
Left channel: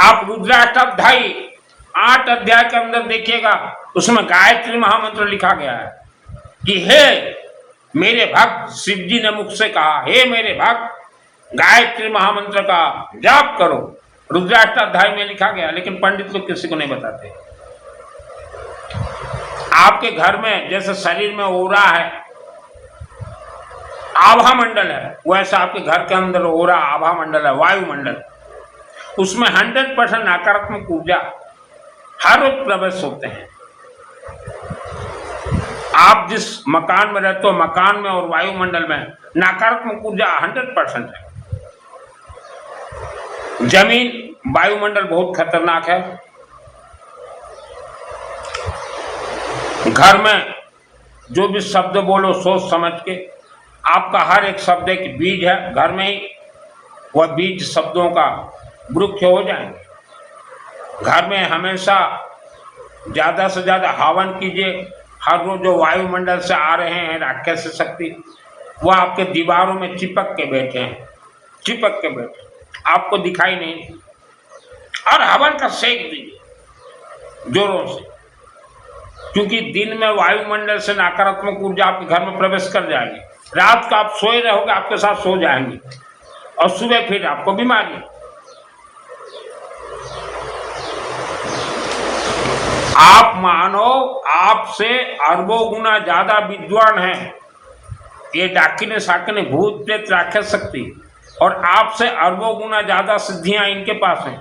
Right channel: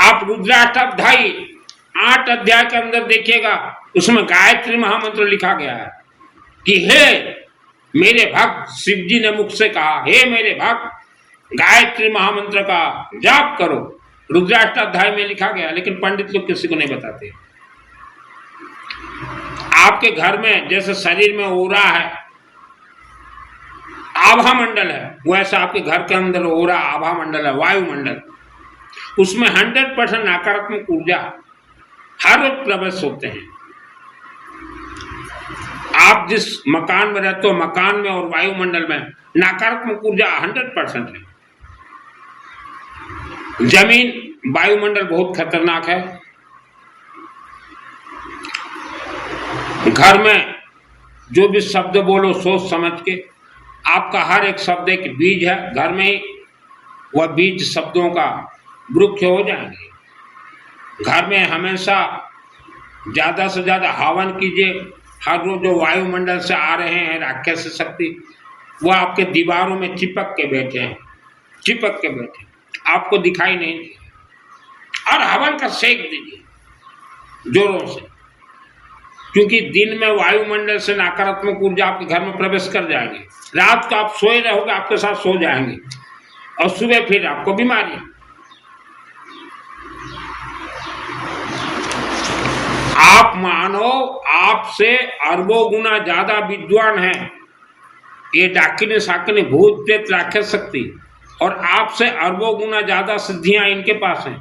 आप रुद्राष्टाध्यायी 8 अध्याय के अंदर देखिएगा, उसमें गायत्री महामंत्र लिखा गया है कि हे मेरे भक्त, शिव जी ने मुख से कहा, हे मेरे भक्त गायत्री महामंत्र का जाप करो। रुद्राष्टाध्याय में लिखा गया, लेकिन पंडित लोग किसी को नहीं बताते। आपके घर में जैसे शरीर में ओरा है, आभा मंडल है, वैसा आपके घर के अंदर ओरा आभा मंडल है, वायुमंडल। उसमें 100% नकारात्मक ऊर्जा हर रोज प्रवेश होते हैं। आप जिस मकान में रहते हो, मकान में और वायुमंडल में नकारात्मक ऊर्जा 100% है। जमीन वायुमंडल बहुत खतरनाक है। घर में जो भी शब्द बोलो सोच समझ के, आपका हर एक शब्द एक बीज है, घर में ही वह बीज शब्दों का वृक्ष हो जाएंगे। घर में हमेशा ज्यादा से ज्यादा हवन कीजिए। हर रोज जो वायुमंडल से आ रहे हैं राक्षस शक्ति, वह आपके दीवारों में चिपक के बैठे हैं, चिपक के बैठे, आपको दिखाई नहीं। और हवन का सेक दीजिए जोरों से, क्योंकि दिन में वायुमंडल से नकारात्मक ऊर्जा आपके घर में प्रवेश कर जाएगी। रात को आप सोए रहोगे, आपके साथ सो जाएंगे, और सुबह फिर आपको बीमारी। आप मानो आपसे अरबों गुना ज्यादा विद्वान हैं ये डाकिने साकिने भूत प्रेत राक्षस शक्ति, और आपसे अरबों गुना ज्यादा सिद्धियां इनके पास हैं।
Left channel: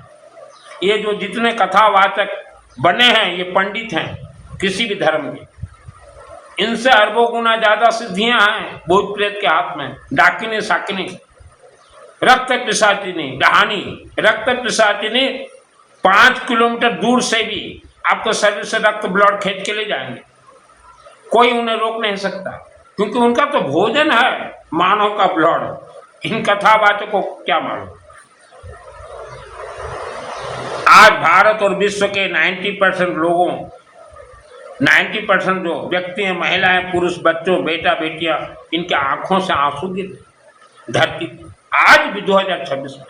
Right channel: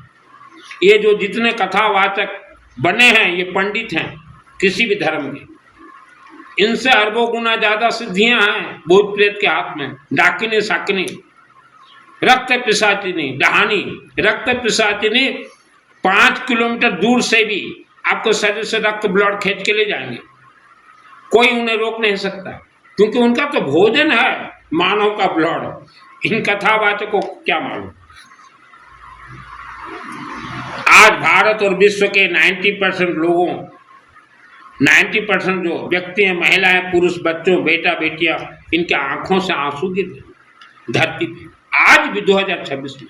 ये जो जितने कथावाचक बने हैं, ये पंडित हैं किसी भी धर्म के, इनसे अरबों गुना ज्यादा सिद्धियां हैं भूत प्रेत के हाथ में। डाकिनी साकिनी, रक्त पिशाचिनी, डहानी, रक्त पिशाचिनी 5 किलोमीटर दूर से भी आपको शरीर से रक्त ब्लड खींच के ले जाएंगे, कोई उन्हें रोक नहीं सकता, क्योंकि उनका तो भोजन है मानव का ब्लड। इन कथावाचकों को क्या मालूम। आज भारत और विश्व के 90% लोगों, 90% जो व्यक्ति हैं, महिलाएं, पुरुष, बच्चों, बेटा बेटियां, इनके आंखों से आंसू गिरते धरती पे, आज भी 2026 में।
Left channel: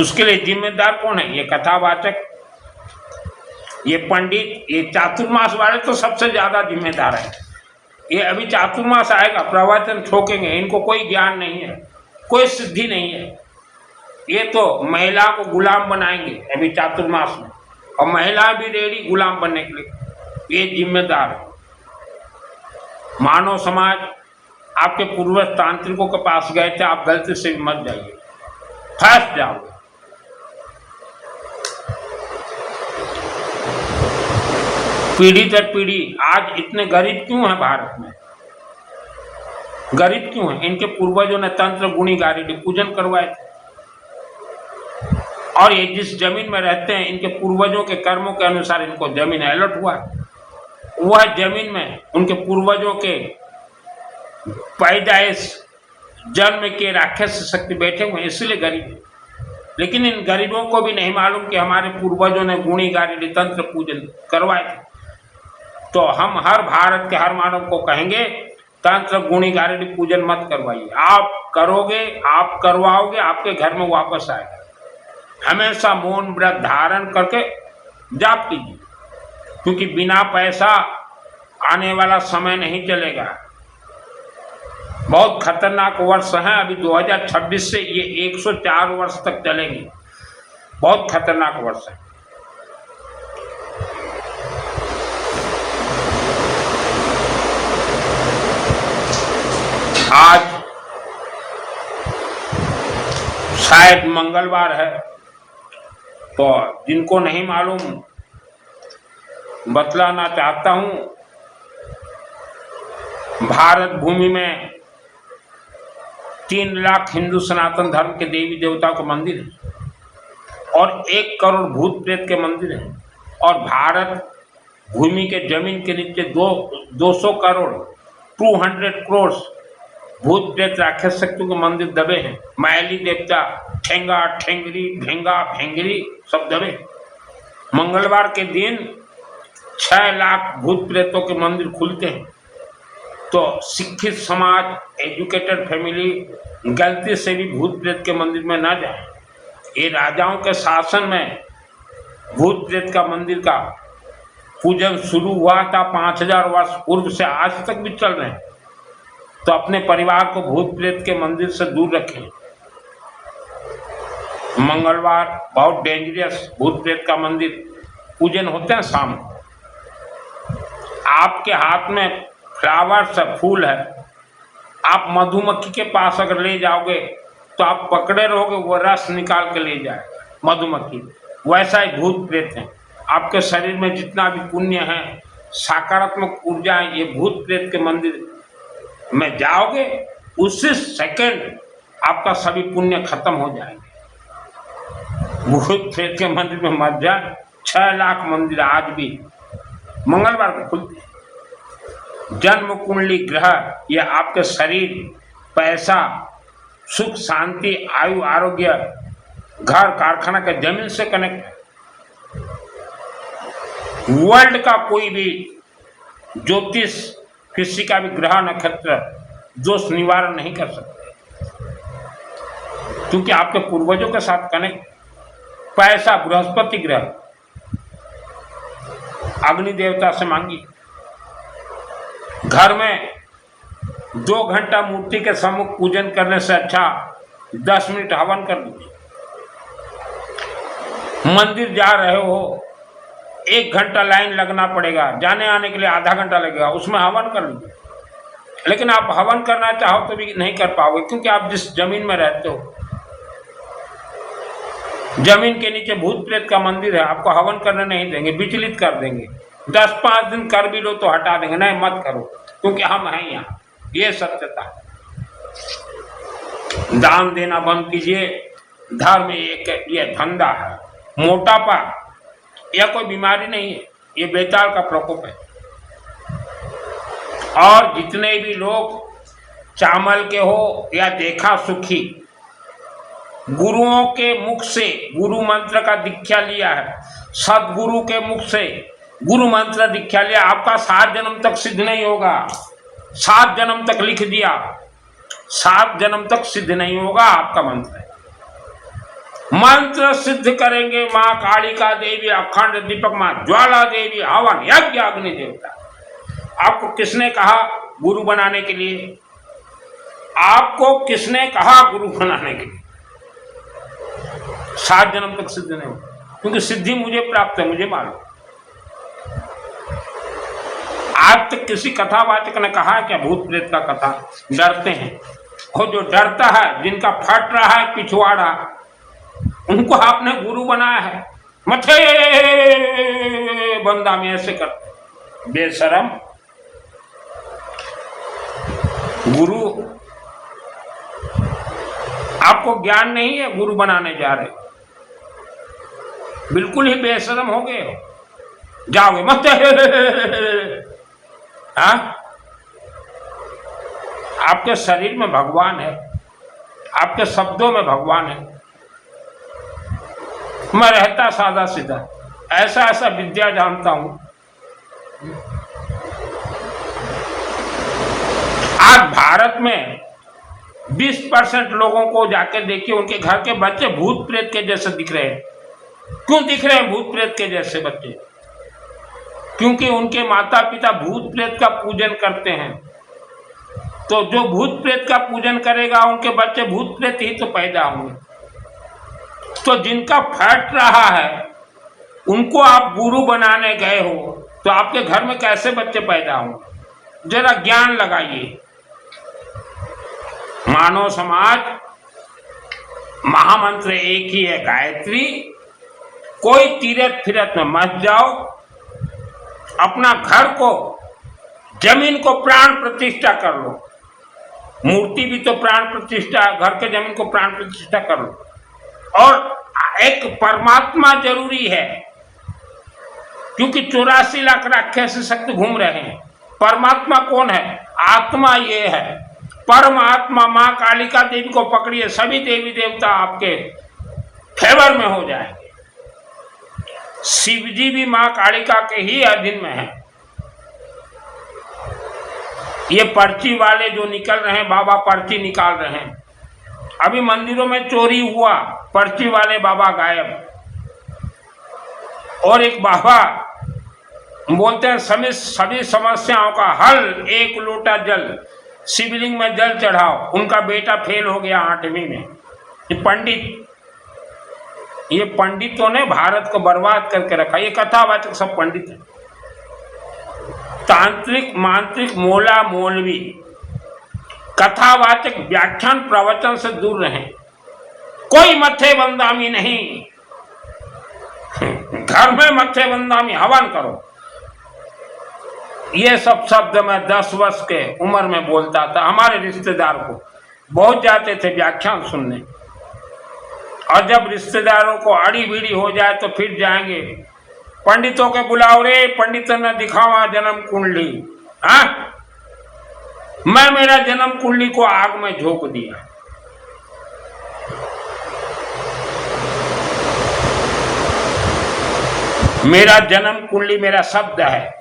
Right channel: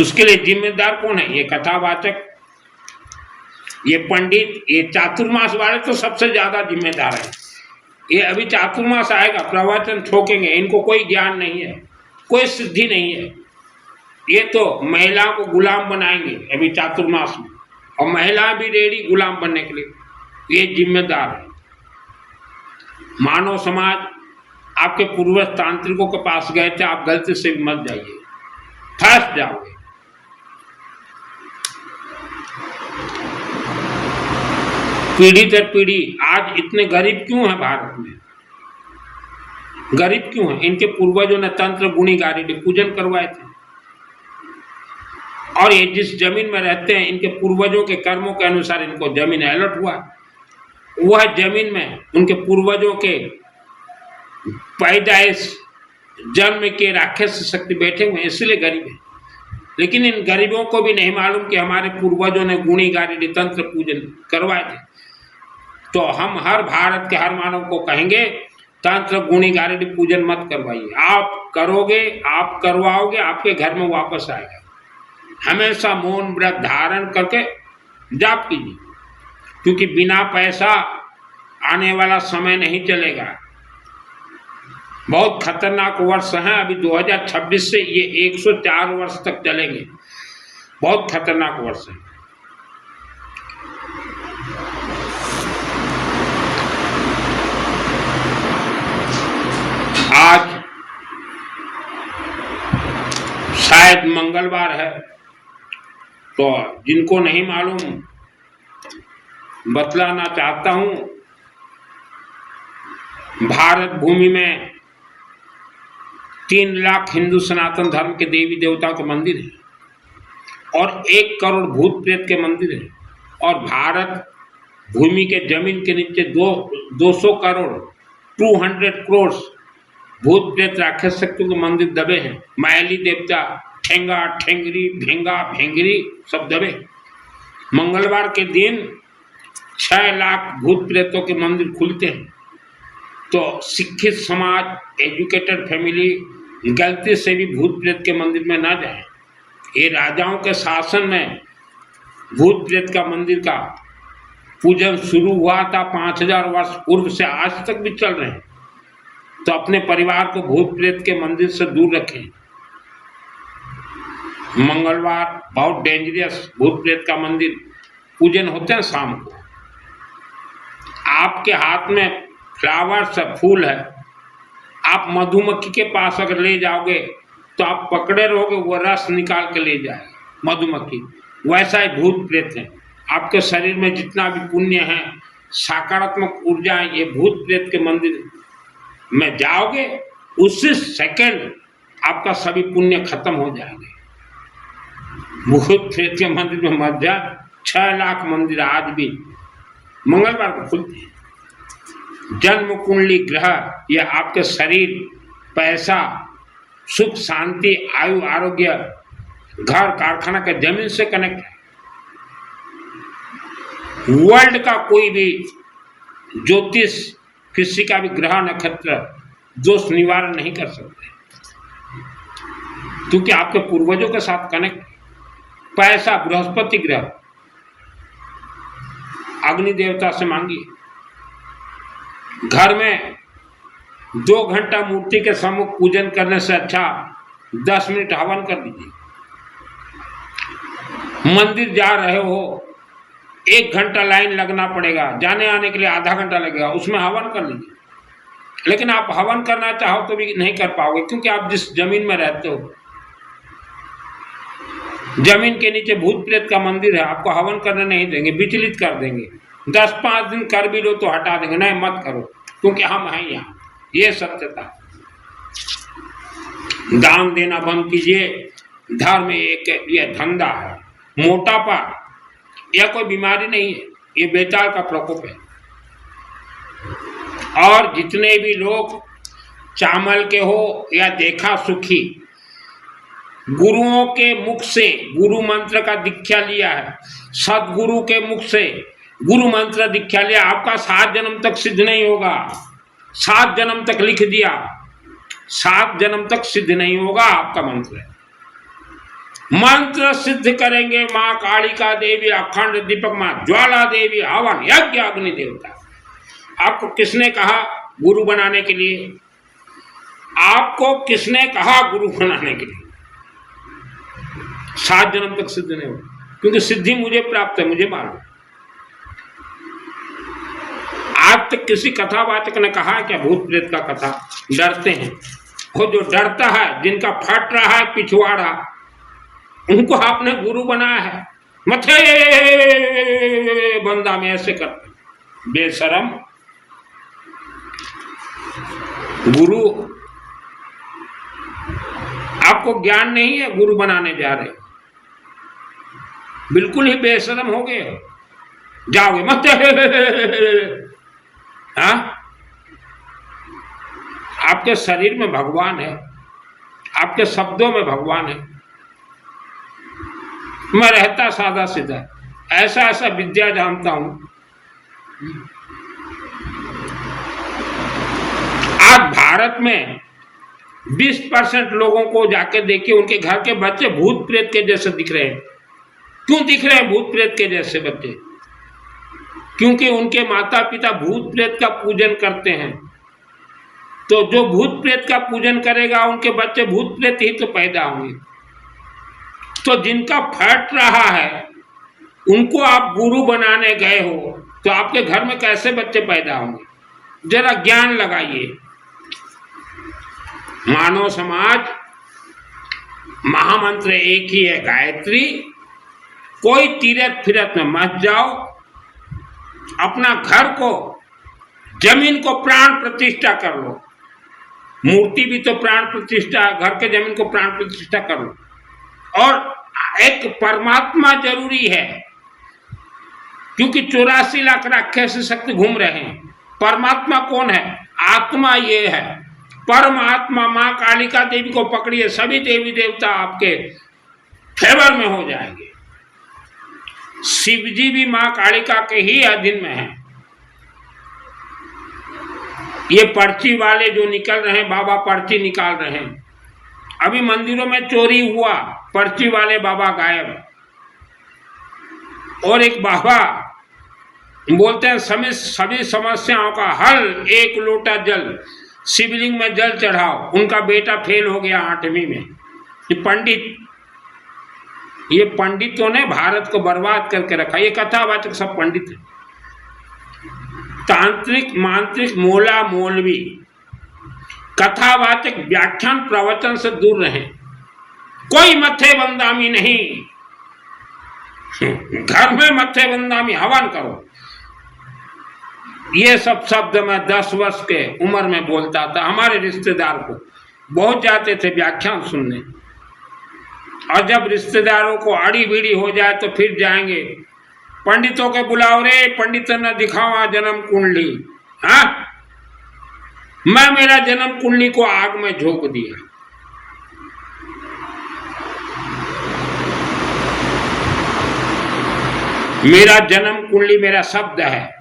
उसके लिए जिम्मेदार कौन है? ये कथावाचक, ये पंडित, ये चातुर्मास वाले तो सबसे ज्यादा जिम्मेदार है। ये अभी चातुर्मास आएगा, प्रवचन ठोकेंगे, इनको कोई ज्ञान नहीं है, कोई सिद्धि नहीं है। ये तो महिलाओं को गुलाम बनाएंगे अभी चातुर्मास में, और महिला भी रेडी गुलाम बनने के लिए। ये जिम्मेदार है। मानव समाज आपके पूर्वज तांत्रिकों के पास गए थे, आप गलती से भी मत जाइए, फंस जाओगे। पीढ़ी दर पीढ़ी आज इतने गरीब क्यों हैं भारत में? गरीब क्यों हैं? इनके पूर्वजों ने तंत्र गुणी गारेडी पूजन करवाए थे, और ये जिस जमीन में रहते हैं, इनके पूर्वजों के कर्मों के अनुसार इनको जमीन अलॉट हुआ। वह जमीन में उनके पूर्वजों के पैदाइश जन्म के राक्षस शक्ति बैठे हुए हैं, इसलिए गरीब है। लेकिन इन गरीबों को भी नहीं मालूम कि हमारे पूर्वजों ने गुणी गारेडी तंत्र पूजन करवाए थे। तो हम हर भारत के हर मानव को कहेंगे तंत्र गुणी गारेडी पूजन मत करवाइए। आप करोगे, आप करवाओगे, आपके घर में वापस आएगा। हमेशा मौन व्रत धारण करके जाप कीजिए, क्योंकि बिना पैसा आने वाला समय नहीं चलेगा। बहुत खतरनाक वर्ष है अभी 2026 से ये 104 वर्ष तक चलेंगे। बहुत खतरनाक वर्ष है। आज शायद मंगलवार है, तो जिनको नहीं मालूम बतलाना चाहता हूं, भारत भूमि में 3 लाख हिंदू सनातन धर्म के देवी देवताओं के मंदिर हैं और 1 करोड़ भूत प्रेत के मंदिर हैं। और भारत भूमि के जमीन के नीचे 200 करोड़ 200 करोड़ भूत प्रेत राक्षस शक्तियों के मंदिर दबे हैं। मायली देवता, ठेंगा ठेंगरी, भेंगा भेंगरी सब दबे। मंगलवार के दिन 6 लाख भूत प्रेतों के मंदिर खुलते हैं। तो शिक्षित समाज, एजुकेटेड फैमिली गलती से भी भूत प्रेत के मंदिर में ना जाए। ये राजाओं के शासन में भूत प्रेत का मंदिर का पूजन शुरू हुआ था 5000 वर्ष पूर्व से आज तक भी चल रहे हैं। तो अपने परिवार को भूत प्रेत के मंदिर से दूर रखें। मंगलवार बहुत डेंजरस भूत प्रेत का मंदिर पूजन होते हैं शाम को। आपके हाथ में फ्लावर्स है, फूल है, आप मधुमक्खी के पास अगर ले जाओगे तो आप पकड़े रहोगे, वो रस निकाल के ले जाएगा मधुमक्खी। वैसा ही भूत प्रेत है। आपके शरीर में जितना भी पुण्य है, सकारात्मक ऊर्जा है, ये भूत प्रेत के मंदिर में जाओगे उसी सेकंड आपका सभी पुण्य खत्म हो जाएंगे। भूत प्रेत के मंदिर में मत जाए। 6 लाख मंदिर आज भी मंगलवार को खुलते हैं। जन्म कुंडली ग्रह या आपके शरीर, पैसा, सुख शांति, आयु, आरोग्य, घर, कारखाना के जमीन से कनेक्ट है। वर्ल्ड का कोई भी ज्योतिष किसी का भी ग्रह नक्षत्र दोष निवारण नहीं कर सकते, क्योंकि आपके पूर्वजों के साथ कनेक्ट। पैसा बृहस्पति ग्रह, अग्नि देवता से मांगिए। घर में 2 घंटा मूर्ति के सम्मुख पूजन करने से अच्छा 10 मिनट हवन कर लीजिए। मंदिर जा रहे हो, 1 घंटा लाइन लगना पड़ेगा, जाने आने के लिए आधा घंटा लगेगा, उसमें हवन कर लीजिए। लेकिन आप हवन करना चाहो तो भी नहीं कर पाओगे, क्योंकि आप जिस जमीन में रहते हो, जमीन के नीचे भूत प्रेत का मंदिर है। आपको हवन करने नहीं देंगे, विचलित कर देंगे। 10-5 दिन कर भी लो तो हटा देंगे, नहीं मत करो, क्योंकि हम हैं यहाँ। ये सत्यता। दान देना बंद कीजिए। धर्म एक ये धंधा है। मोटापा यह कोई बीमारी नहीं है, ये बेताल का प्रकोप है। और जितने भी लोग चामल के हो या देखा सुखी, गुरुओं के मुख से गुरु मंत्र का दीक्षा लिया है, सदगुरु के मुख से गुरु मंत्र दीक्षा लिया, आपका 7 जन्म तक सिद्ध नहीं होगा। 7 जन्म तक लिख दिया, 7 जन्म तक सिद्ध नहीं होगा आपका मंत्र। मंत्र सिद्ध करेंगे माँ कालिका देवी, अखंड दीपक माँ ज्वाला देवी, हवन यज्ञ अग्नि देवता। आपको किसने कहा गुरु बनाने के लिए? आपको किसने कहा गुरु बनाने के लिए? 7 जन्म तक सिद्ध नहीं होगा, क्योंकि सिद्धि मुझे प्राप्त है, मुझे मालूम। आज तक किसी कथावाचक ने कहा है क्या भूत प्रेत का कथा? डरते हैं। और जो डरता है, जिनका फट रहा है पिछवाड़ा, उनको आपने गुरु बनाया है। मथे बंदा में ऐसे करते, बेशरम। गुरु आपको ज्ञान नहीं है, गुरु बनाने जा रहे, बिल्कुल ही बेशरम हो गए हो। जाओगे मत। हाँ, आपके शरीर में भगवान है, आपके शब्दों में भगवान है। मैं रहता सादा सीधा, ऐसा ऐसा विद्या जानता हूं। आज भारत में 20% लोगों को जाके देखिए, उनके घर के बच्चे भूत प्रेत के जैसे दिख रहे हैं। क्यों दिख रहे हैं भूत प्रेत के जैसे बच्चे? क्योंकि उनके माता पिता भूत प्रेत का पूजन करते हैं। तो जो भूत प्रेत का पूजन करेगा, उनके बच्चे भूत प्रेत ही तो पैदा होंगे। तो जिनका फट रहा है उनको आप गुरु बनाने गए हो, तो आपके घर में कैसे बच्चे पैदा होंगे? जरा ज्ञान लगाइए। मानव समाज, महामंत्र एक ही है, गायत्री। कोई तीरथ फिरत में मत जाओ। अपना घर को, जमीन को प्राण प्रतिष्ठा कर लो। मूर्ति भी तो प्राण प्रतिष्ठा, घर के जमीन को प्राण प्रतिष्ठा कर लो। और एक परमात्मा जरूरी है, क्योंकि 84 लाख राक्षस शक्ति घूम रहे हैं। परमात्मा कौन है? आत्मा ये है। परमात्मा माँ कालिका देवी को पकड़िए, सभी देवी देवता आपके फेवर में हो जाएंगे। शिव जी भी माँ कालिका के ही अधीन में है। ये पर्ची वाले जो निकल रहे हैं, बाबा पर्ची निकाल रहे हैं। अभी मंदिरों में चोरी हुआ, पर्ची वाले बाबा गायब। और एक बाबा बोलते हैं सभी समस्याओं का हल एक लोटा जल, शिवलिंग में जल चढ़ाओ। उनका बेटा फेल हो गया 8वीं में। ये पंडितों ने भारत को बर्बाद करके रखा। ये कथावाचक सब पंडित हैं। तांत्रिक मांत्रिक मोला मौलवी कथावाचक व्याख्यान प्रवचन से दूर रहें। कोई मत्थे बंदामी नहीं। घर में मत्थे बंदामी हवन करो। ये सब शब्द मैं 10 वर्ष के उम्र में बोलता था। हमारे रिश्तेदार को बहुत जाते थे व्याख्यान सुनने, और जब रिश्तेदारों को आड़ी बीड़ी हो जाए तो फिर जाएंगे पंडितों के बुलाओ रे, पंडित ने दिखावा जन्म कुंडली। हाँ, मैं मेरा जन्म कुंडली को आग में झोंक दिया। मेरा जन्म कुंडली मेरा शब्द है।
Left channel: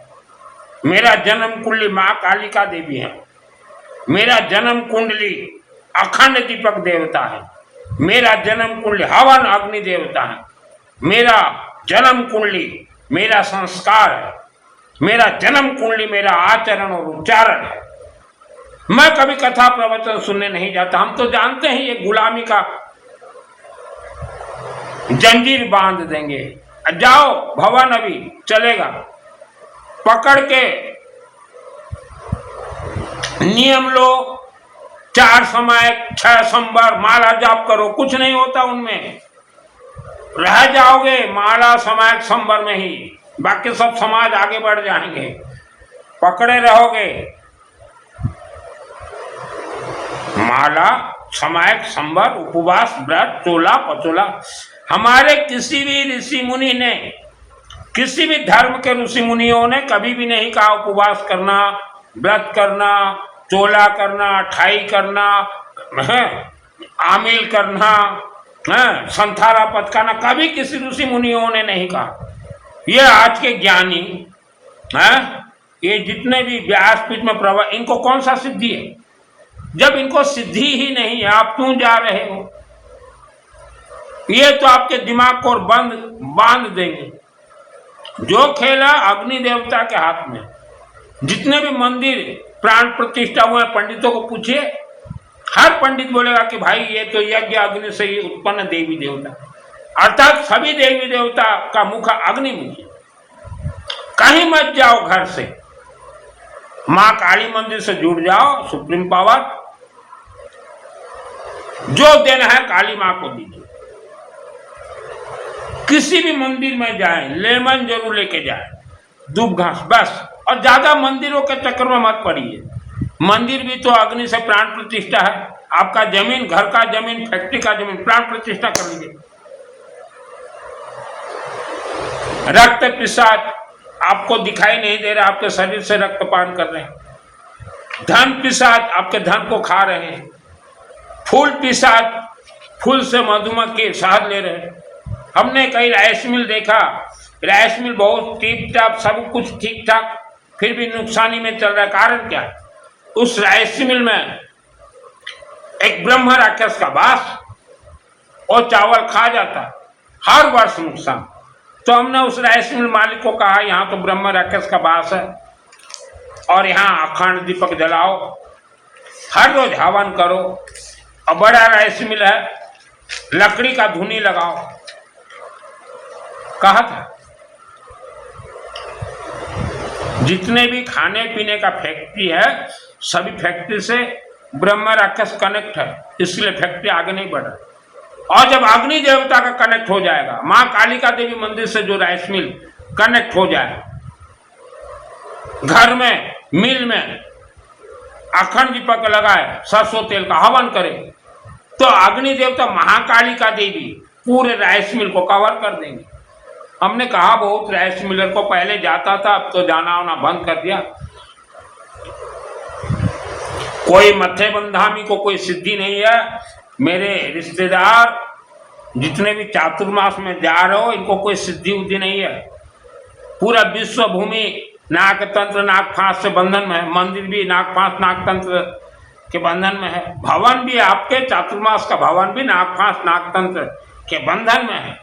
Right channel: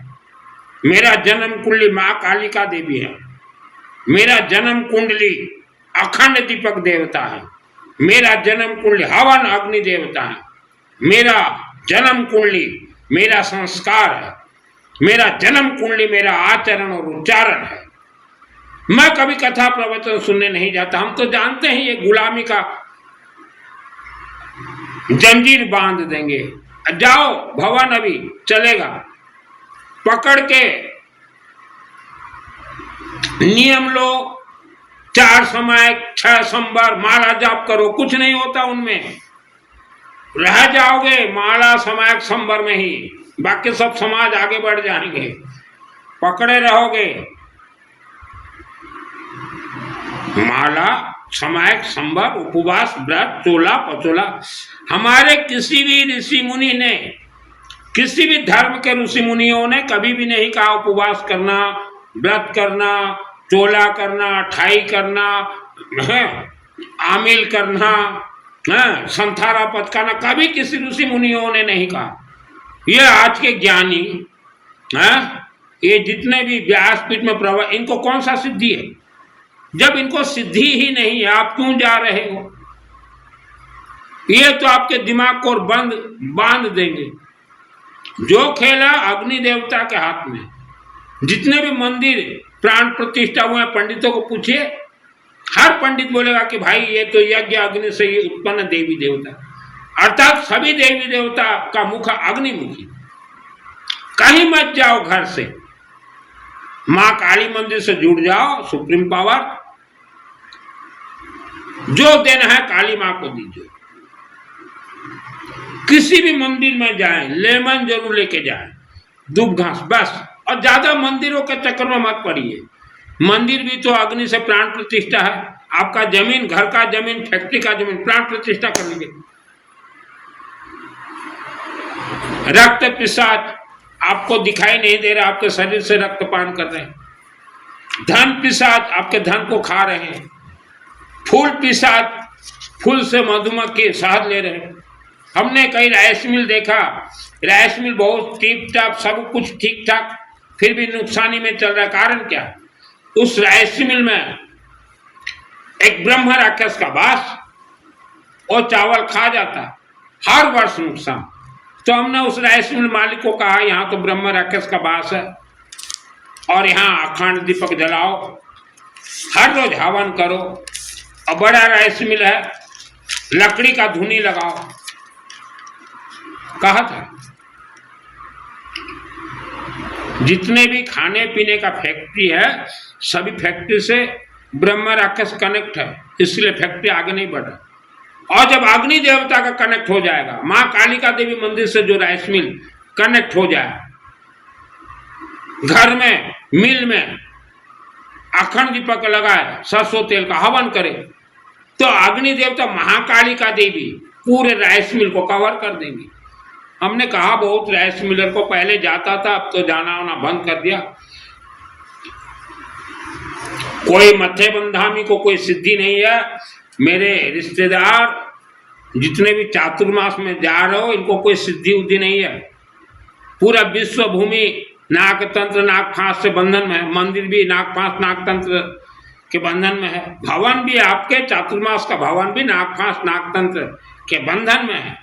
मेरा जन्म कुंडली माँ कालिका देवी है। मेरा जन्म कुंडली अखंड दीपक देवता है। मेरा जन्म कुंडली हवन अग्नि देवता है। मेरा जन्म कुंडली मेरा संस्कार है। मेरा जन्म कुंडली मेरा आचरण और उच्चारण है। मैं कभी कथा प्रवचन सुनने नहीं जाता। हम तो जानते हैं ये गुलामी का जंजीर बांध देंगे। जाओ भवन अभी चलेगा, पकड़ के नियम लो, 4 समय 6 संबर माला जाप करो। कुछ नहीं होता उनमें, रह जाओगे माला समय संबर में ही। बाकी सब समाज आगे बढ़ जाएंगे। पकड़े रहोगे माला समय संबर उपवास व्रत चोला पचोला। हमारे किसी भी ऋषि मुनि ने, किसी भी धर्म के ऋषि मुनियों ने कभी भी नहीं कहा उपवास करना, व्रत करना, चोला करना, ठाई करना, आमिल करना, संथारा पचकाना। कभी किसी ऋषि मुनियों ने नहीं कहा। ये आज के ज्ञानी ये जितने भी व्यासपीठ में प्रभा, इनको कौन सा सिद्धि है? जब इनको सिद्धि ही नहीं है, आप क्यों जा रहे हो? ये तो आपके दिमाग को बांध देंगे। जो खेला अग्नि देवता के हाथ में। जितने भी मंदिर प्राण प्रतिष्ठा हुए पंडितों को पूछिए, हर पंडित बोलेगा कि भाई ये तो यज्ञ अग्नि से ही उत्पन्न देवी देवता, अर्थात सभी देवी देवता का मुख अग्निमुखी। कहीं मत जाओ घर से, मां काली मंदिर से जुड़ जाओ। सुप्रीम पावर जो देना है काली मां को दीजिए। किसी भी मंदिर में जाएं, लेमन जरूर लेके जाएं, दूब घास बस। और ज्यादा मंदिरों के चक्कर में मत पड़िए। मंदिर भी तो अग्नि से प्राण प्रतिष्ठा है। आपका जमीन, घर का जमीन, फैक्ट्री का जमीन प्राण प्रतिष्ठा कर लीजिए। रक्त पिशाच आपको दिखाई नहीं दे रहा, आपके शरीर से रक्तपान कर रहे हैं। धन पिशाच आपके धन को खा रहे हैं। फूल पिशाच फूल से मधुमक्खी शहद ले रहे हैं। हमने कई राइस मिल देखा, राइस मिल बहुत टिप टाप सब कुछ ठीक ठाक, फिर भी नुकसानी में चल रहा है। कारण क्या? उस राइस मिल में एक ब्रह्म राक्षस का वास, और चावल खा जाता, हर वर्ष नुकसान। तो हमने उस राइस मिल मालिक को कहा, यहाँ तो ब्रह्म राक्षस का वास है और यहाँ अखंड दीपक जलाओ, हर रोज हवन करो, और बड़ा राइस मिल है, लकड़ी का धुनी लगाओ, कहा था। जितने भी खाने पीने का फैक्ट्री है, सभी फैक्ट्री से ब्रह्म राक्षस कनेक्ट है, इसलिए फैक्ट्री आगे नहीं बढ़ रहा। और जब अग्नि देवता का कनेक्ट हो जाएगा, मां कालिका देवी मंदिर से जो राइस मिल कनेक्ट हो जाए, घर में मिल में अखंड दीपक लगाए, सरसों तेल का हवन करे, तो अग्नि देवता महाकालिका देवी पूरे राइस मिल को कवर कर देंगे। हमने कहा बहुत राइस मिलर को पहले जाता था, अब तो जाना आना बंद कर दिया। कोई मत्थे बंधामी को कोई सिद्धि नहीं है। मेरे रिश्तेदार जितने भी चातुर्मास में जा रहे हो, इनको कोई सिद्धि उद्धि नहीं है। पूरा विश्व भूमि नाग तंत्र नाग फांस से बंधन में है, मंदिर भी नाग फांस नाग तंत्र के बंधन में है, भवन भी आपके चातुर्मास का भवन भी नाग फांस नाग तंत्र के बंधन में है।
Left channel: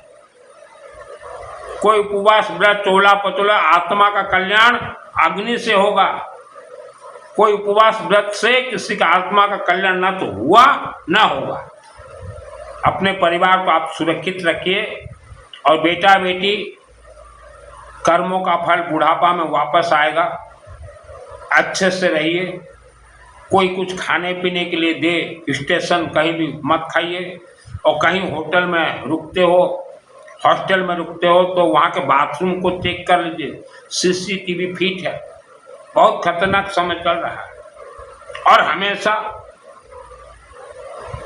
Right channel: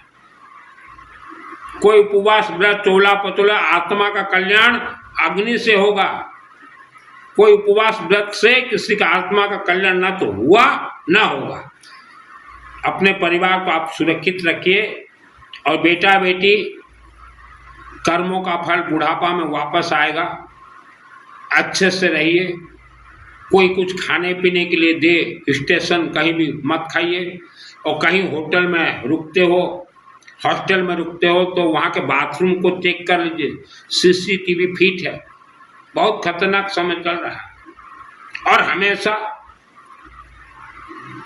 कोई उपवास व्रत चोला पचोला, आत्मा का कल्याण अग्नि से होगा। कोई उपवास व्रत से किसी का आत्मा का कल्याण ना तो हुआ ना होगा। अपने परिवार को आप सुरक्षित रखिए, और बेटा बेटी कर्मों का फल बुढ़ापा में वापस आएगा। अच्छे से रहिए। कोई कुछ खाने पीने के लिए दे, स्टेशन कहीं भी मत खाइए। और कहीं होटल में रुकते हो, हॉस्टल में रुकते हो, तो वहाँ के बाथरूम को चेक कर लीजिए, सीसीटीवी फिट है। बहुत खतरनाक समय चल रहा है। और हमेशा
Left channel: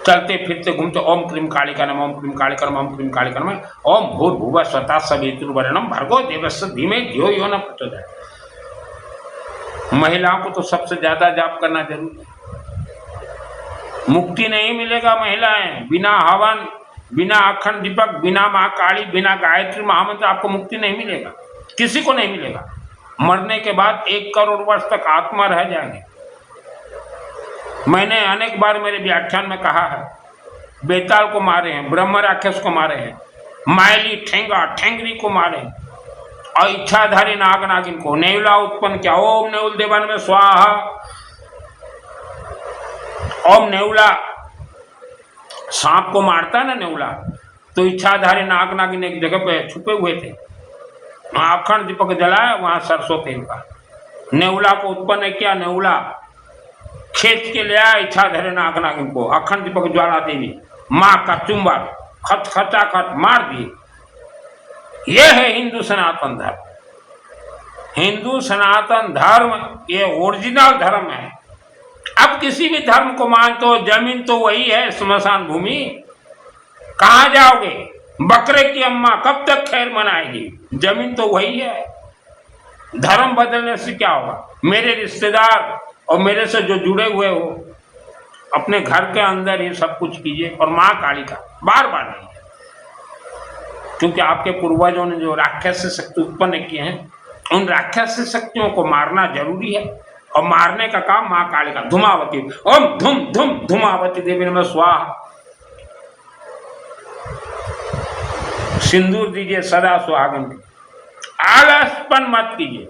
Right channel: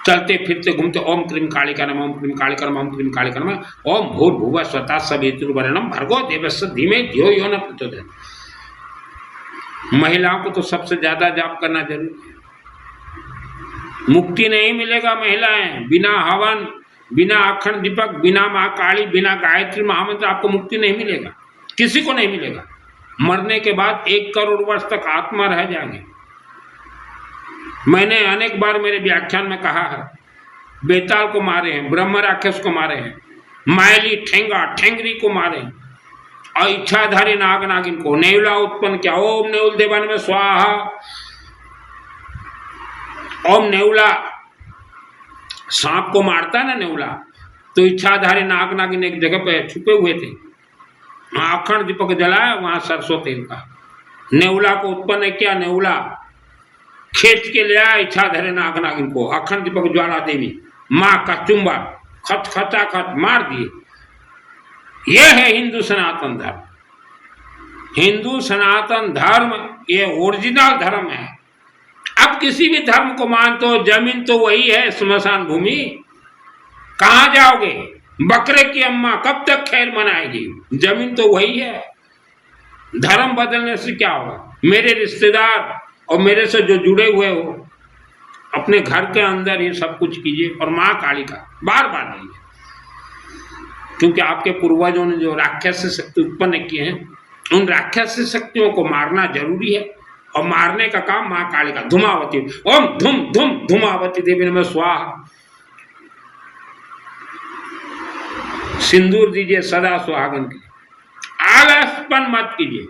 चलते फिरते घूमते ओम क्रीम कालिका नमः, ओम क्रीम कालिका नमः, ओम क्रीम कालिका नमः, ओम भूर्भुवः स्वतः सवितुर्वरेण्यं भर्गो देवस्य धीमहि धियो यो न प्रचोदयात्। महिलाओं को तो सबसे ज्यादा जाप करना जरूरी है। मुक्ति नहीं मिलेगा महिलाएं बिना हवन, बिना अखंड दीपक, बिना माँ काली, बिना गायत्री महामंत्र, आपको मुक्ति नहीं मिलेगा, किसी को नहीं मिलेगा। मरने के बाद 1 करोड़ वर्ष तक आत्मा रह जाएंगे। मैंने अनेक बार मेरे व्याख्यान में कहा है, बेताल को मारे हैं, ब्रह्म राक्षस को मारे हैं, मायली ठेंगा ठेंगरी को मारे हैं, और इच्छाधारी नाग नागिन को नेवला उत्पन्न किया। ओम नेउल देवन में स्वाहा। ओम नेवला सांप को मारता है ना नेवला, तो इच्छाधारी नाग नागिन एक जगह पे छुपे हुए थे, अखंड दीपक जलाया, वहां सरसों तेल का नेवला को उत्पन्न किया। नेवला खेत के ले आया इच्छाधारी नाग नागिन को, अखंड दीपक ज्वाला देवी माँ का चुंबक खच खचा खच मार दिए। यह है हिंदू सनातन धर्म। हिंदू सनातन धर्म ये ओरिजिनल धर्म है। अब किसी भी धर्म को मानते हो, जमीन तो वही है, स्मशान भूमि। कहाँ जाओगे? बकरे की अम्मा कब तक खैर मनाएगी? जमीन तो वही है। धर्म बदलने से क्या होगा? मेरे रिश्तेदार और मेरे से जो जुड़े हुए हो, अपने घर के अंदर ही सब कुछ कीजिए, और माँ काली का बार बार नहीं, क्योंकि आपके पूर्वजों ने जो राक्षस शक्ति उत्पन्न किए हैं, उन राक्षस शक्तियों को मारना जरूरी है। और मारने का काम माँ काली का। धूमावती, ओम धूम धूम धूमावती देवी नमः स्वाहा। सिंदूर दीजिए सदा सुहागन के, आलसपन मत कीजिए।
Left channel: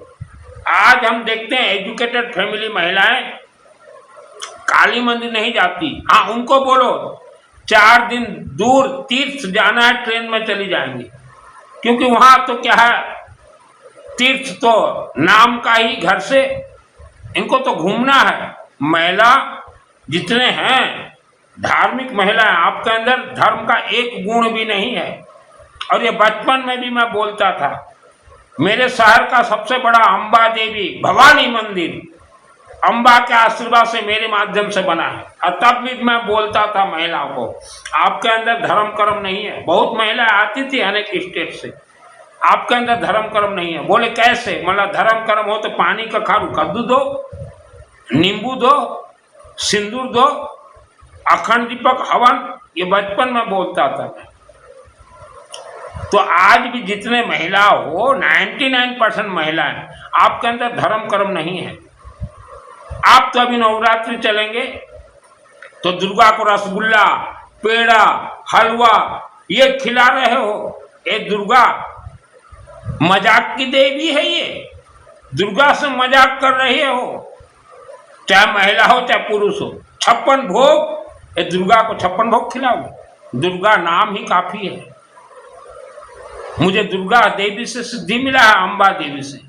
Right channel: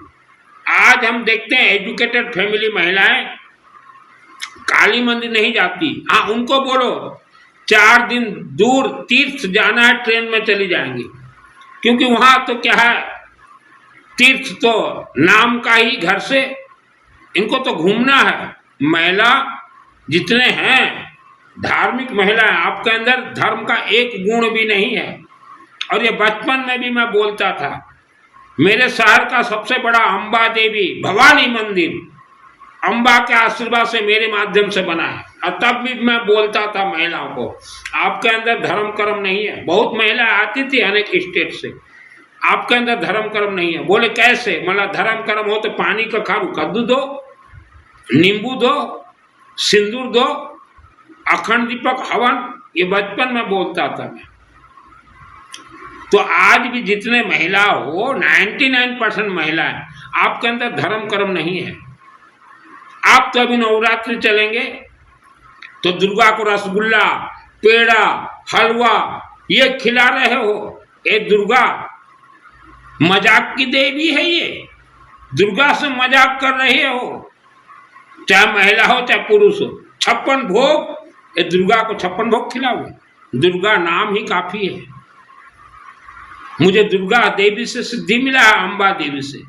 आज हम देखते हैं एजुकेटेड फैमिली महिलाएं काली मंदिर नहीं जाती। हाँ, उनको बोलो 4 दिन दूर तीर्थ जाना है, ट्रेन में चली जाएंगी, क्योंकि वहां तो क्या है, तीर्थ तो नाम का ही, घर से इनको तो घूमना है। महिला जितने हैं धार्मिक महिलाएं, आपके अंदर धर्म का एक गुण भी नहीं है। और ये बचपन में भी मैं बोलता था, मेरे शहर का सबसे बड़ा अंबा देवी भवानी मंदिर अंबा के आशीर्वाद से मेरे माध्यम से बना है। और तब भी मैं बोलता था महिलाओं को, आपके अंदर धर्म कर्म नहीं है। बहुत महिलाएं आती थी अनेक स्टेट से, आपके अंदर धर्म कर्म नहीं है। बोले कैसे? मतलब धर्म कर्म हो तो पानी का खारू कद्दू दो, नींबू दो, सिंदूर दो, अखंड दीपक हवन। ये बचपन में बोलता था मैं। तो आज भी जितने महिला हो, 99% महिलाएं, आपके अंदर धर्म कर्म नहीं है। आप तो अभी नवरात्रि चलेंगे तो दुर्गा को रसगुल्ला, पेड़ा, हलवा ये खिला रहे हो। ये दुर्गा मजाक की देवी है। ये दुर्गा से मजाक कर रहे हो, चाहे महिला हो चाहे पुरुष हो। 56 भोग, ये दुर्गा को 56 भोग खिलाओगे? दुर्गा नाम ही काफी है। मुझे दुर्गा देवी से सिद्धि मिला है, अंबा देवी से।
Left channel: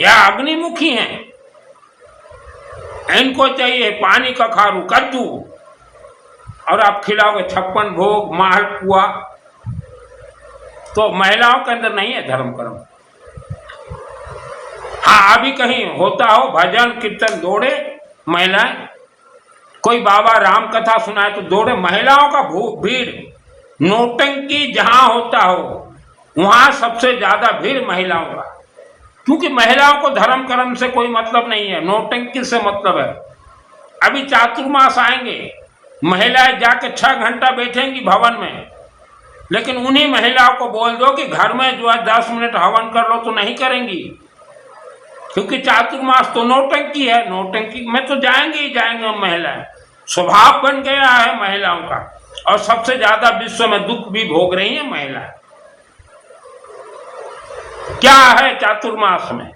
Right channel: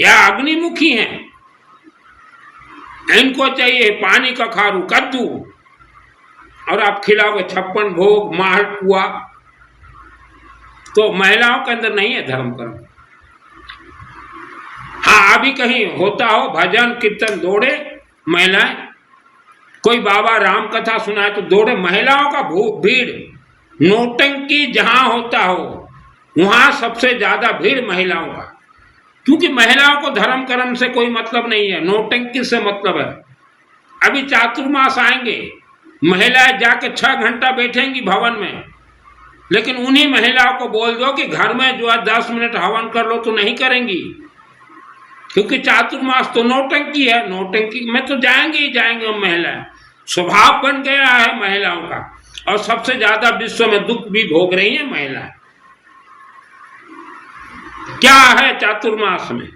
यह अग्निमुखी हैं, इनको चाहिए पानी का खारू, कद्दू, और आप खिलाओगे 56 भोग, मालपुआ। तो महिलाओं के अंदर नहीं है धर्म कर्म। हाँ, अभी कहीं होता हो भजन कीर्तन, दौड़े महिलाएं, कोई बाबा राम कथा सुनाए तो दौड़े। महिलाओं का भीड़, नौटंकी जहां होता हो वहां सबसे ज्यादा भीड़ महिलाओं का, क्योंकि महिलाओं को धर्म कर्म से कोई मतलब नहीं है, नौटंकी से मतलब है। अभी चातुर्मास आएंगे, महिलाएं जाके 6 घंटा बैठेंगी भवन में, लेकिन उन्हीं महिलाओं को बोल दो कि घर में जो है 10 मिनट हवन कर लो तो नहीं करेंगी, क्योंकि चातुर्मास तो नौटंकी है। नौटंकी में तो जाएंगे ही जाएंगे महिलाएं, स्वभाव बन गया है महिलाओं का। और सबसे ज्यादा विश्व में दुख भी भोग रही है महिलाएं। क्या है चातुर्मास में?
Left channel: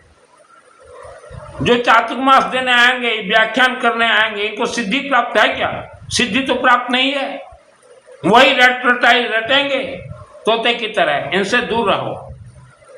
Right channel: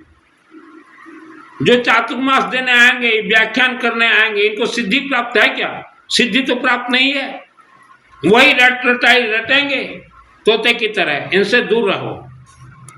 जो चातुर्मास देने आएंगे, व्याख्यान करने आएंगे, इनको सिद्धि प्राप्त है क्या? सिद्धि तो प्राप्त नहीं है। वही रटाई रटेंगे तोते की तरह। इनसे दूर रहो।